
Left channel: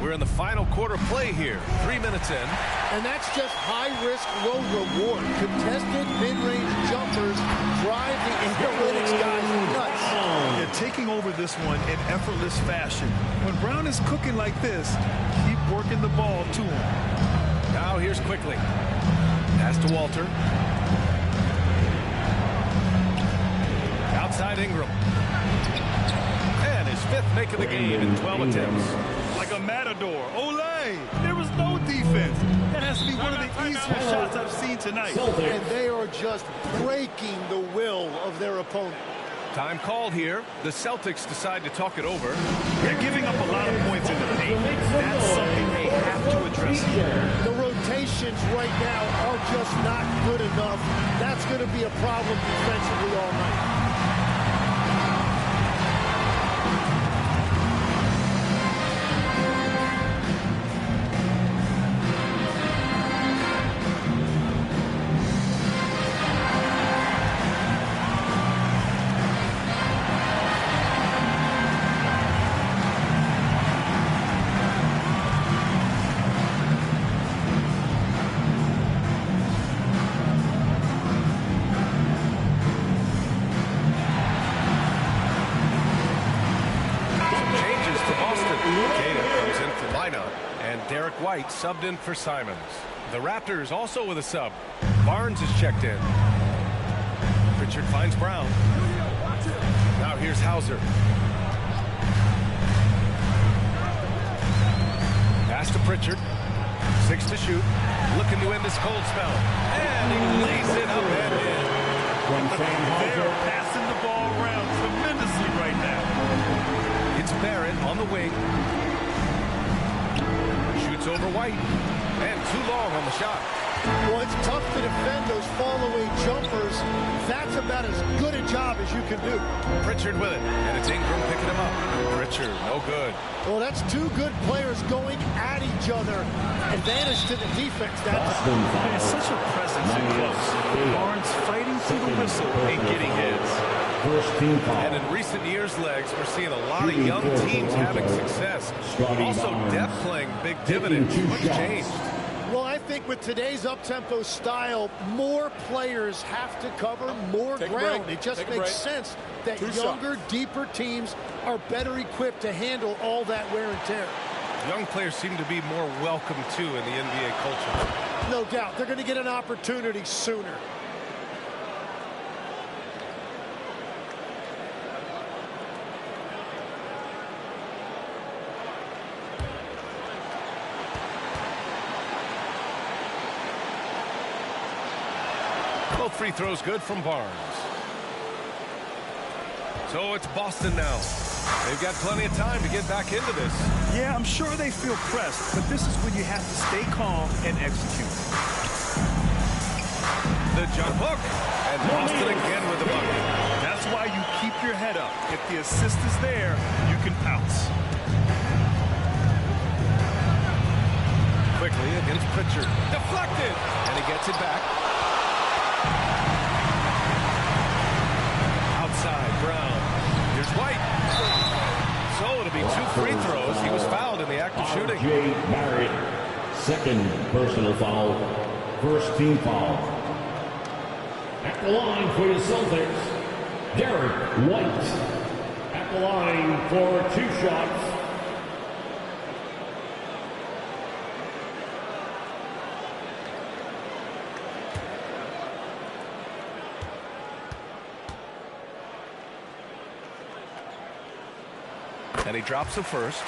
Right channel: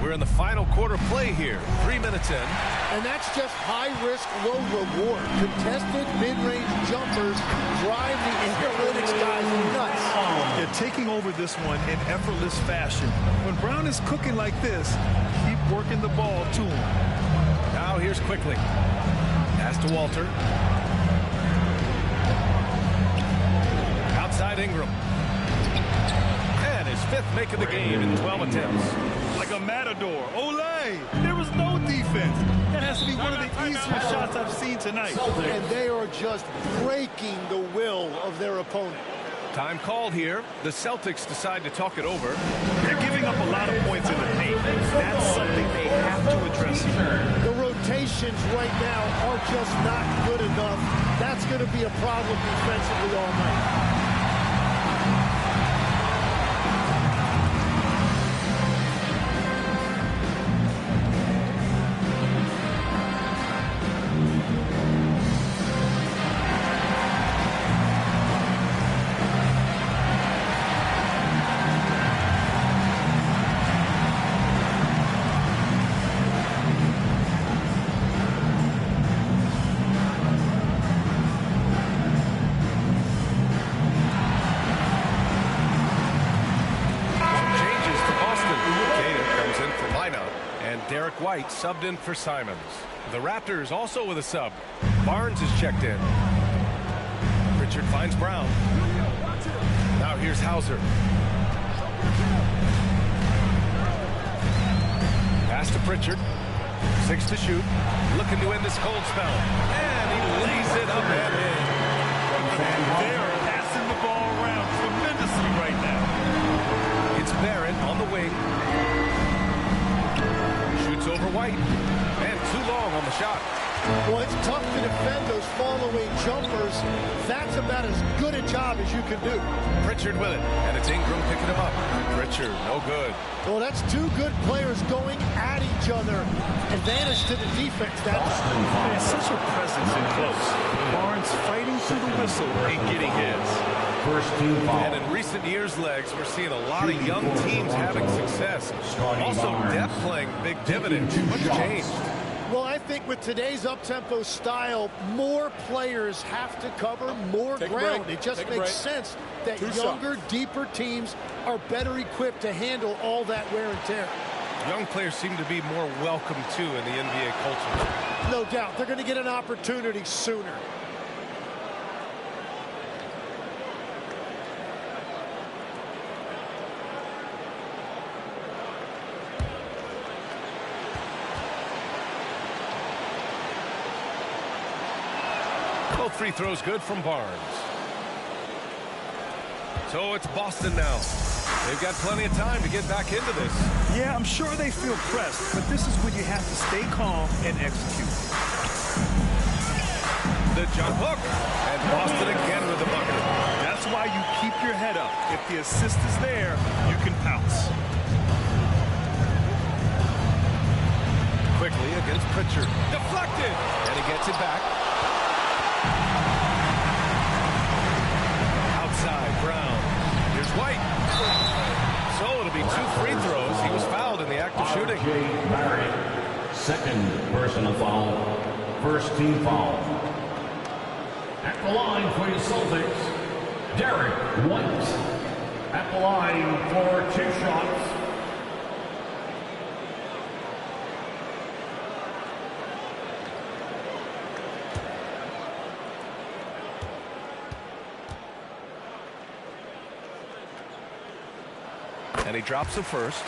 We're in the final quarter play here. 3 minutes in. And that's just high risk, low reward. Contested mid-range jumpers drive the analytics guys nuts. Yeah, taking over this one in effortless fashion. When Brown is cooking like this, keep working the ball to him. Now here's Quickly. Pass to Walter. Outside Ingram. And his 5th make of the game in 12 attempts. Like a matador. Olay! There was no defense. That has to be one of the easier shots I've seen tonight. And they are just breaking the will of their opponent. Time called here. The Celtics decide to talk it over. They're giving up a lot of points in the paint. That's something they have to address here. The rotations right now are just not good enough. That's going to be a problem defensively all night. Derek White subbed in for Simons. The Raptors also with a sub. Barnes is checked in. Pritchard finds Brown. Now here's Hauser. Pass to Pritchard. 6 to shoot. Looking to end this cold spell. And he lays it up and in. They are passing the ball around tremendously right now. It's Barrett on the wing. Shoots over White. And too long on the shot. Well, it's tough to defend those fall-away jumpers. That's about as good a job as you can do. Pritchard with it, and it's Ingram picking him up. Pritchard, no good. Well, that's two good players going at each other. Advantage to the defense. There's such a presence in close. Barnes fighting through the whistle and getting his. First team foul. And in recent years, Legs, we're seeing a lot of young teams having success. Also, depth playing big dividends. What's changed? Well, I think with today's up-tempo style, more players have to cover more ground. It just makes sense that younger, deeper teams are better equipped to handle all that wear and tear. Young players seem to be more welcome, too, in the NBA culture. No doubt. They're going to get an opportunity sooner. Both free throws good from Barnes. So it's Boston now. They've got plenty of time to get back into this. Yeah, I'm sure they feel pressed, but this is when you have to stay calm and execute. The jump hook, and Boston again with the bucket. That's why you keep your head up. If the assist is there, you can pounce. Quickly against Pritchard. Deflected, and he gets it back. Outside, Brown. Here's White. So it'll be 2 free throws. He was fouled in the act of shooting. R.J. Barrett, second personal foul. First team foul. At the line for your Celtics, Derek White. At the line for 2 shots. And he drops the first.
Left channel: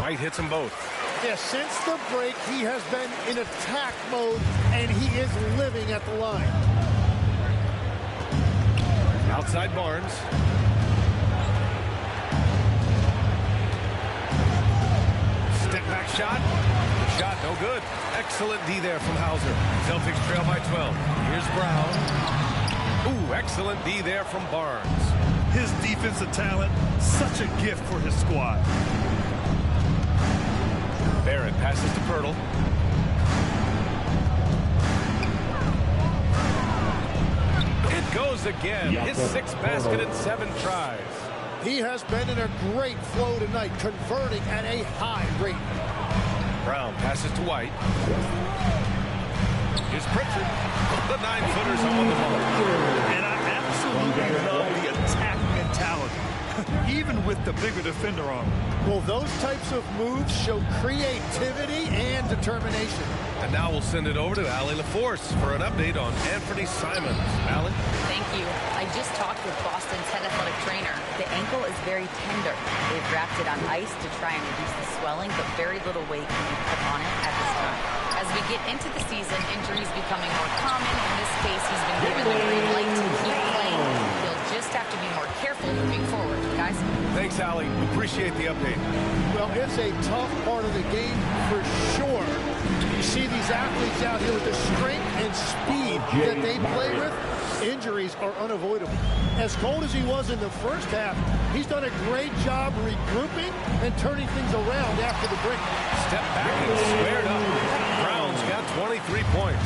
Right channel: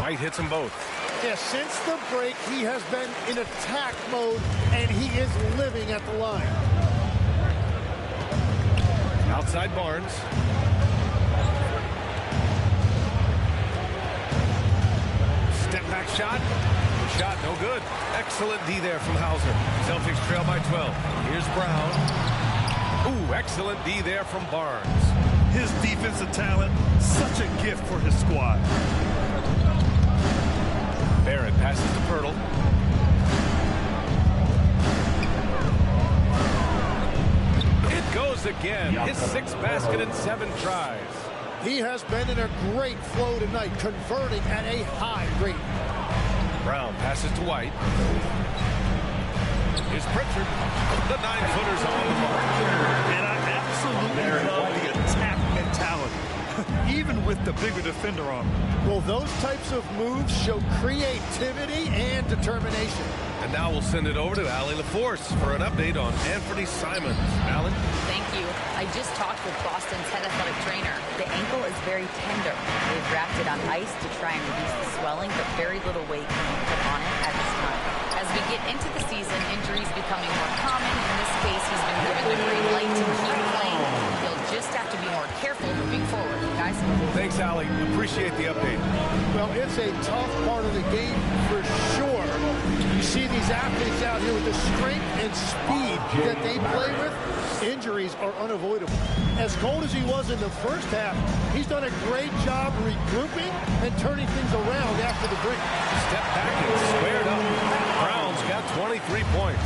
White hits them both. Yeah, since the break, he has been in attack mode, and he is living at the line. Outside Barnes. Step back shot. The shot no good. Excellent D there from Hauser. Celtics trail by 12. Here's Brown. Ooh, excellent D there from Barnes. His defensive talent, such a gift for his squad. Barrett passes to Pirtle. It goes again. His 6th basket in 7 tries. He has been in a great flow tonight, converting at a high rate. Brown passes to White. Here's Pritchard. The 9-footer's on the mark. And I absolutely love the attack mentality, even with the bigger defender on him. Well, those types of moves show creativity and determination. And now we'll send it over to Allie LaForce for an update on Anthony Simons. Allie? Thank you. I just talked with Boston's head athletic trainer. The ankle is very tender. They've wrapped it on ice to try and reduce the swelling, but very little weight can be put on it at this time. As we get into the season, injuries becoming more common. In this case, he's been given the green light to keep playing. He'll just have to be more careful moving forward. Guys? Thanks, Allie. Appreciate the update. Well, it's a tough part of the game for sure. You see these athletes out here with the strength and speed that they play with. Injuries are unavoidable. As cold as he was in the first half, he's done a great job regrouping and turning things around after the break. Step back and squared up. Brown's got 23 points.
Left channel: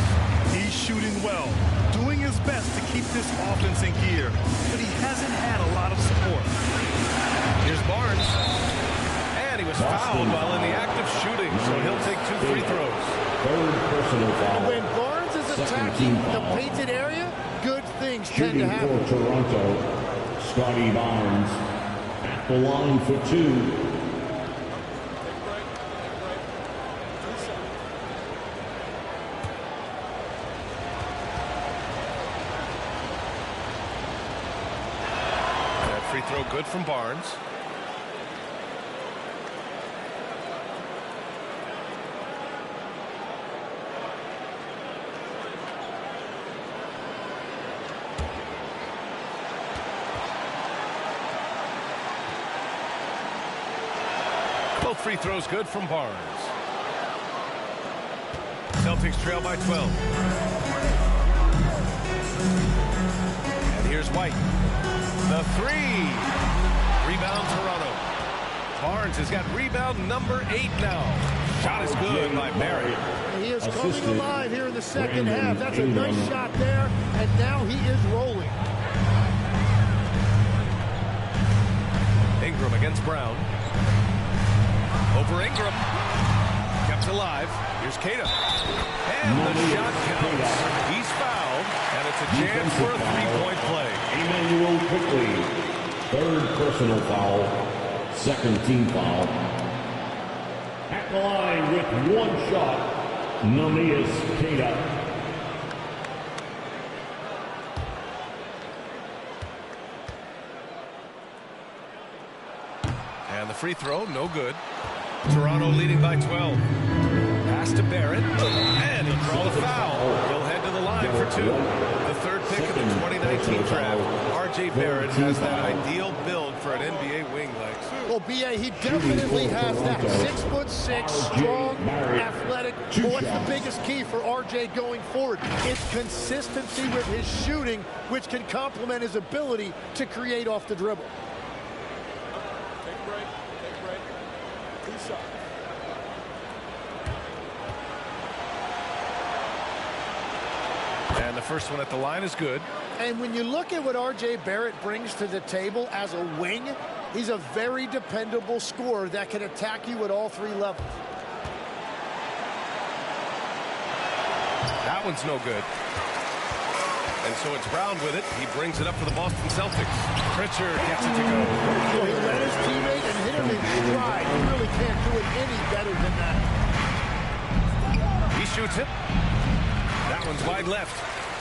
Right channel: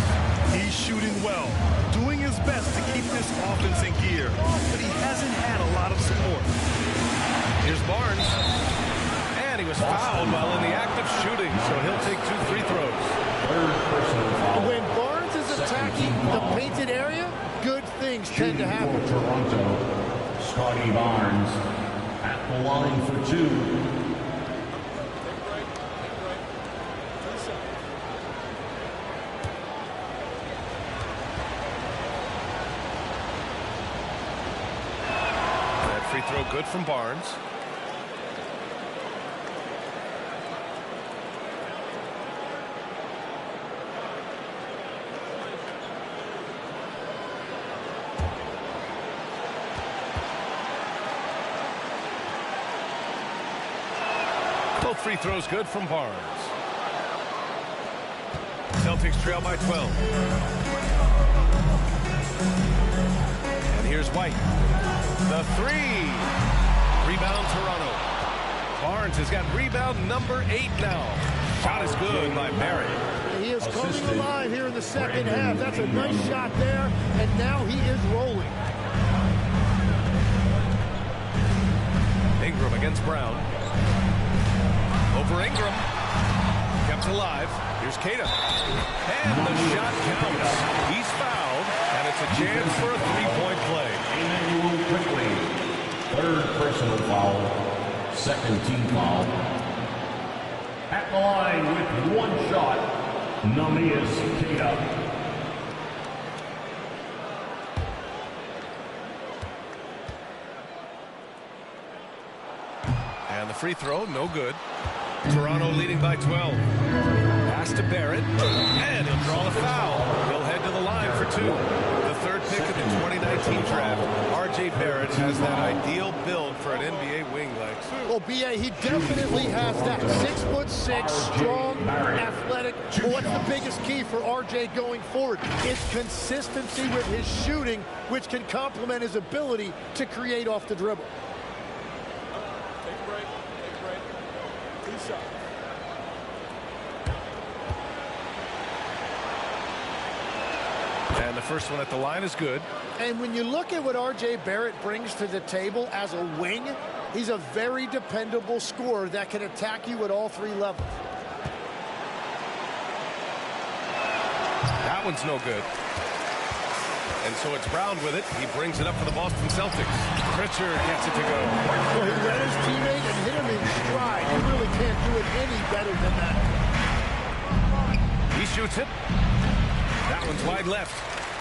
He's shooting well, doing his best to keep this offense in gear, but he hasn't had a lot of support. Here's Barnes. And he was fouled while in the act of shooting, so he'll take 2 free throws. Third personal foul. When Barnes is attacking the painted area, good things tend to happen. For Toronto, Scotty Barnes at the line for 2. That free throw good from Barnes. Both free throws good from Barnes. Celtics trail by 12. And here's White. The three. Rebound Toronto. Barnes has got rebound number 8 now. Shot is good by Barrett. He is coming alive here in the second half. That's a nice shot there, and now he is rolling. Ingram against Brown. Over Ingram. Kept alive. Here's Keita. And the shot counts. He's fouled, and it's a chance for a three-point play. Emmanuel quickly. Third personal foul. Second team foul. At the line with one shot, Namias Keita. And the free throw, no good. Toronto leading by 12. Pass to Barrett, and he'll draw the foul. He'll head to the line for 2. The third pick of the 2019 draft. R.J. Barrett has that ideal build for an NBA wing like. Well, B.A., he definitely has that. 6'6", strong, athletic. But what's the biggest key for R.J. going forward? It's consistency with his shooting, which can complement his ability to create off the dribble. Take a break. Take a break. 2 shots. And the first one at the line is good. And when you look at what R.J. Barrett brings to the table as a wing, he's a very dependable scorer that can attack you at all 3 levels. That one's no good. And so it's Brown with it. He brings it up for the Boston Celtics. Pritchard gets it to go. Well, he led his teammate and hit him in stride. You really can't do it any better than that. He shoots it. That one's wide left.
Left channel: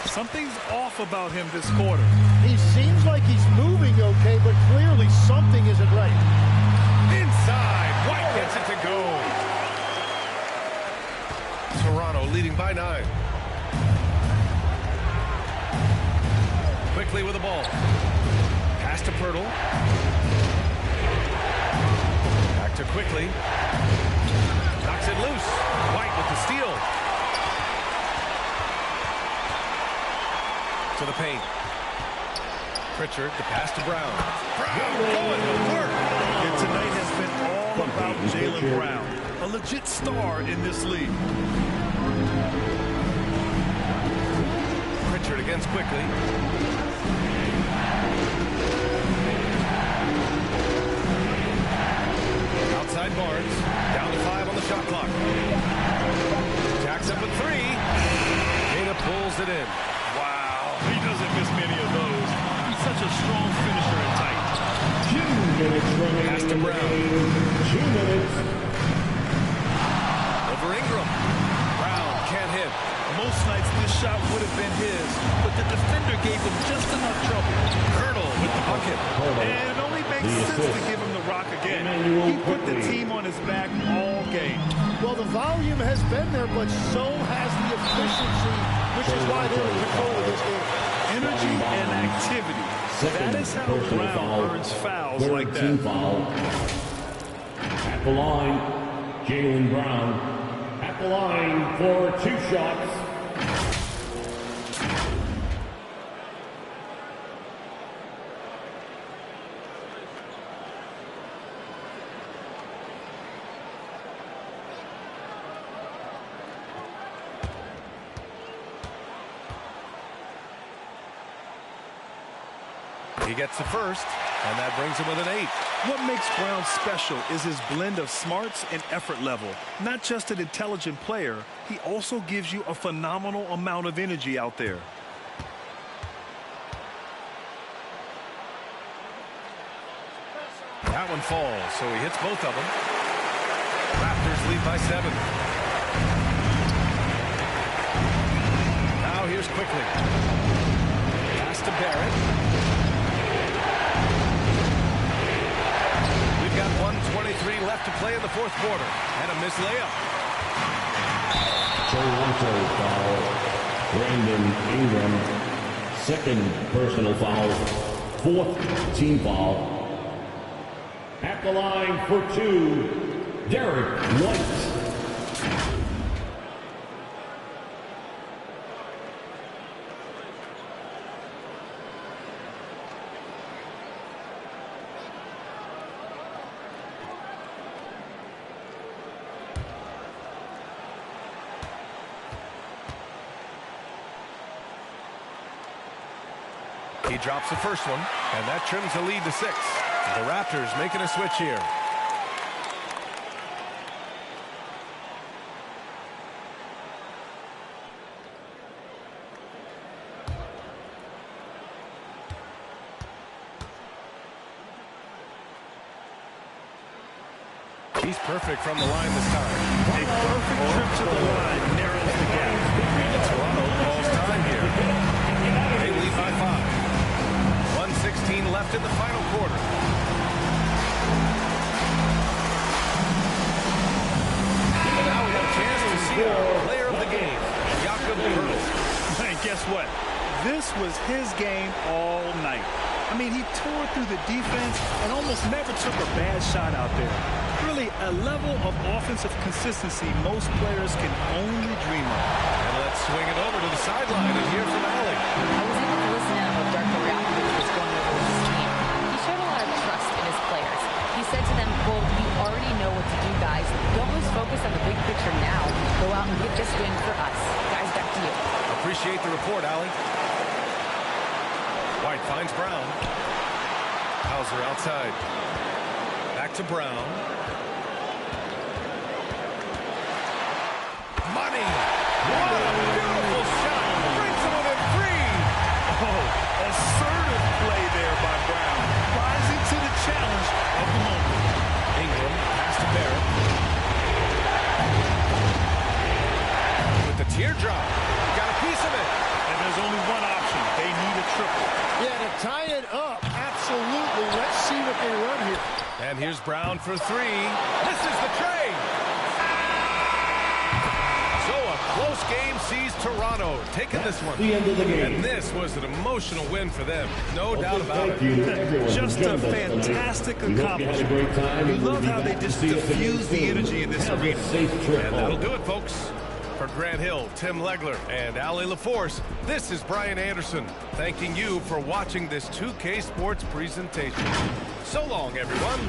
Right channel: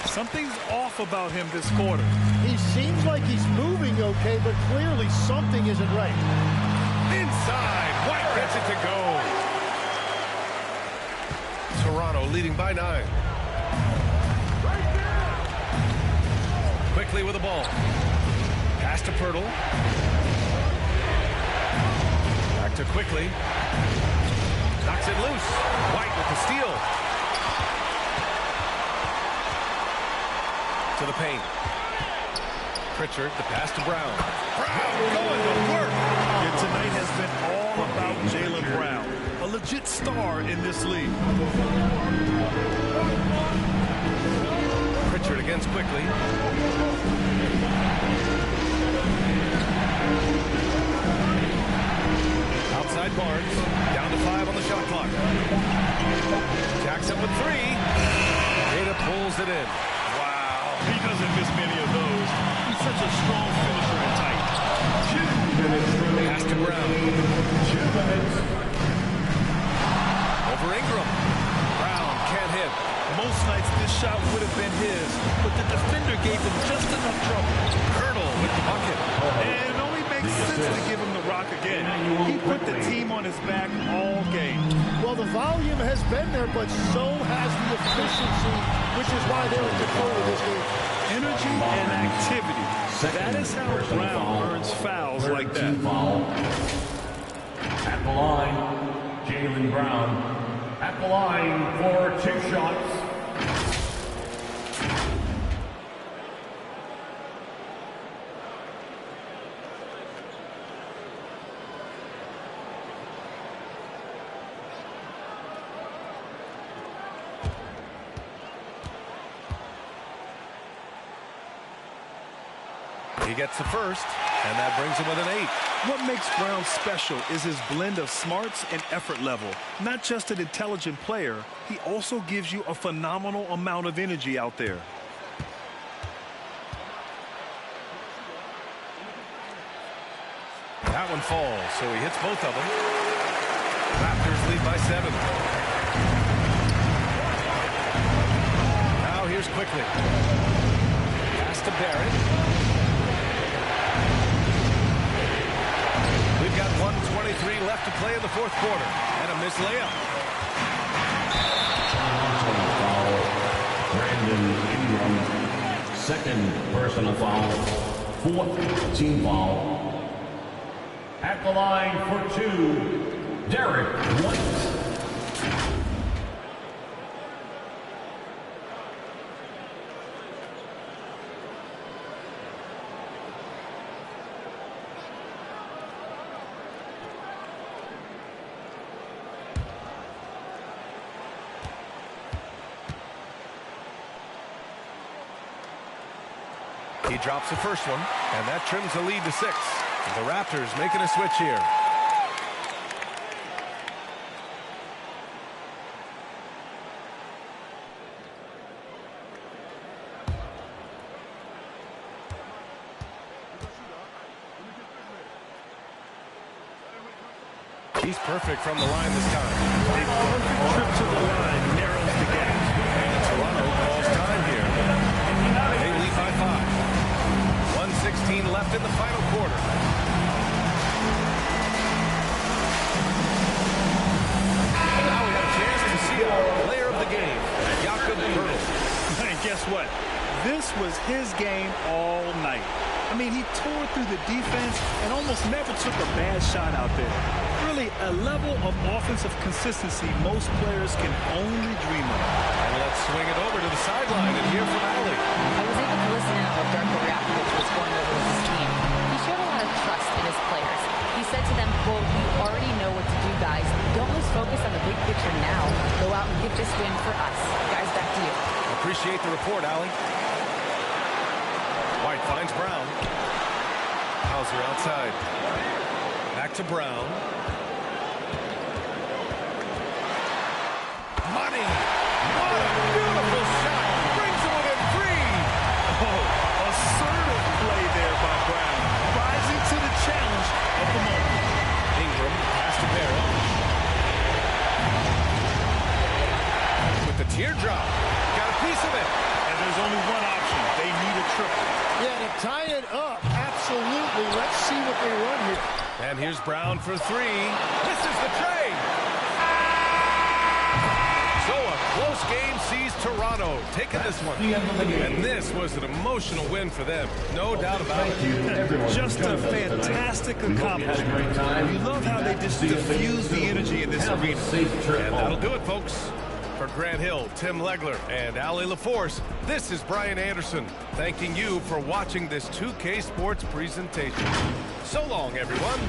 Something's off about him this quarter. He seems like he's moving okay, but clearly something isn't right. Inside. White gets it to go. Toronto leading by 9. Quickly with the ball. Pass to Pirtle. Back to Quickly. Knocks it loose. White with the steal. To the paint. Pritchard, the pass to Brown. Brown going to work. And tonight has been all about Jaylen Brown, a legit star in this league. Pritchard against Quickly. Outside Barnes. Down to 5 on the shot clock. Jacks up with 3. Keita pulls it in. Wow, he doesn't miss many of those. He's such a strong finisher and tight. 2 minutes remaining. Pass to Brown. 2 minutes. Over Ingram. Brown can't hit. Most nights this shot would have been his, but the defender gave him just enough trouble. Hurdle with the bucket. And it only makes sense to give him the rock again. He put the team on his back all game. Well, the volume has been there, but so has the efficiency, which is why they're in control of this game. Energy and activity. That is how Brown earns fouls like that. Foul. At the line, Jaylen Brown. At the line for 2 shots. He gets the first, and that brings him with an 8. What makes Brown special is his blend of smarts and effort level. Not just an intelligent player, he also gives you a phenomenal amount of energy out there. That one falls, so he hits both of them. Raptors lead by 7. Now here's Quickly. Pass to Barrett. We've got 1:23 left to play in the 4th quarter. And a missed layup. Toronto foul. Brandon Ingram. 2nd personal foul. 4th team foul. At the line for 2, Derek White. He drops the first one, and that trims the lead to 6. The Raptors making a switch here. He's perfect from the line this time. A perfect trip to the line narrows the gap. And Toronto calls time here. They lead by 5. 1:16 left in the final quarter. And now we have a chance to see our player of the game, Jakob Poeltl. And guess what? This was his game all night. I mean, he tore through the defense and almost never took a bad shot out there. Really a level of offensive consistency most players can only dream of. And let's swing it over to the sideline and hear from Allie. I was able to listen in on what Darko Rakovic was going over with his team. He showed a lot of trust in his players. He said to them, quote, "You already know what to do, guys. Don't lose focus on the big picture now. Go out and get this win for us." Guys, back to you. Appreciate the report, Allie. White finds Brown. Hauser outside. Back to Brown. Money. What a beautiful shot. Brings him within 3. Oh, assertive play there by Brown. Rising to the challenge of the moment. Ingram pass to Barrett. With the teardrop. Got a piece of it. And there's only one option. They need a triple. Yeah, to tie it up, absolutely. Let's see what they run here. And here's Brown for 3. Misses the trade. So a close game sees Toronto taking this one. The end of the game. And this was an emotional win for them. No doubt about it. Just a fantastic accomplishment. You love how they just diffuse the energy in this arena. And that'll do it, folks. For Grant Hill, Tim Legler, and Allie LaForce, this is Brian Anderson, thanking you for watching this 2K Sports presentation. So long, everyone.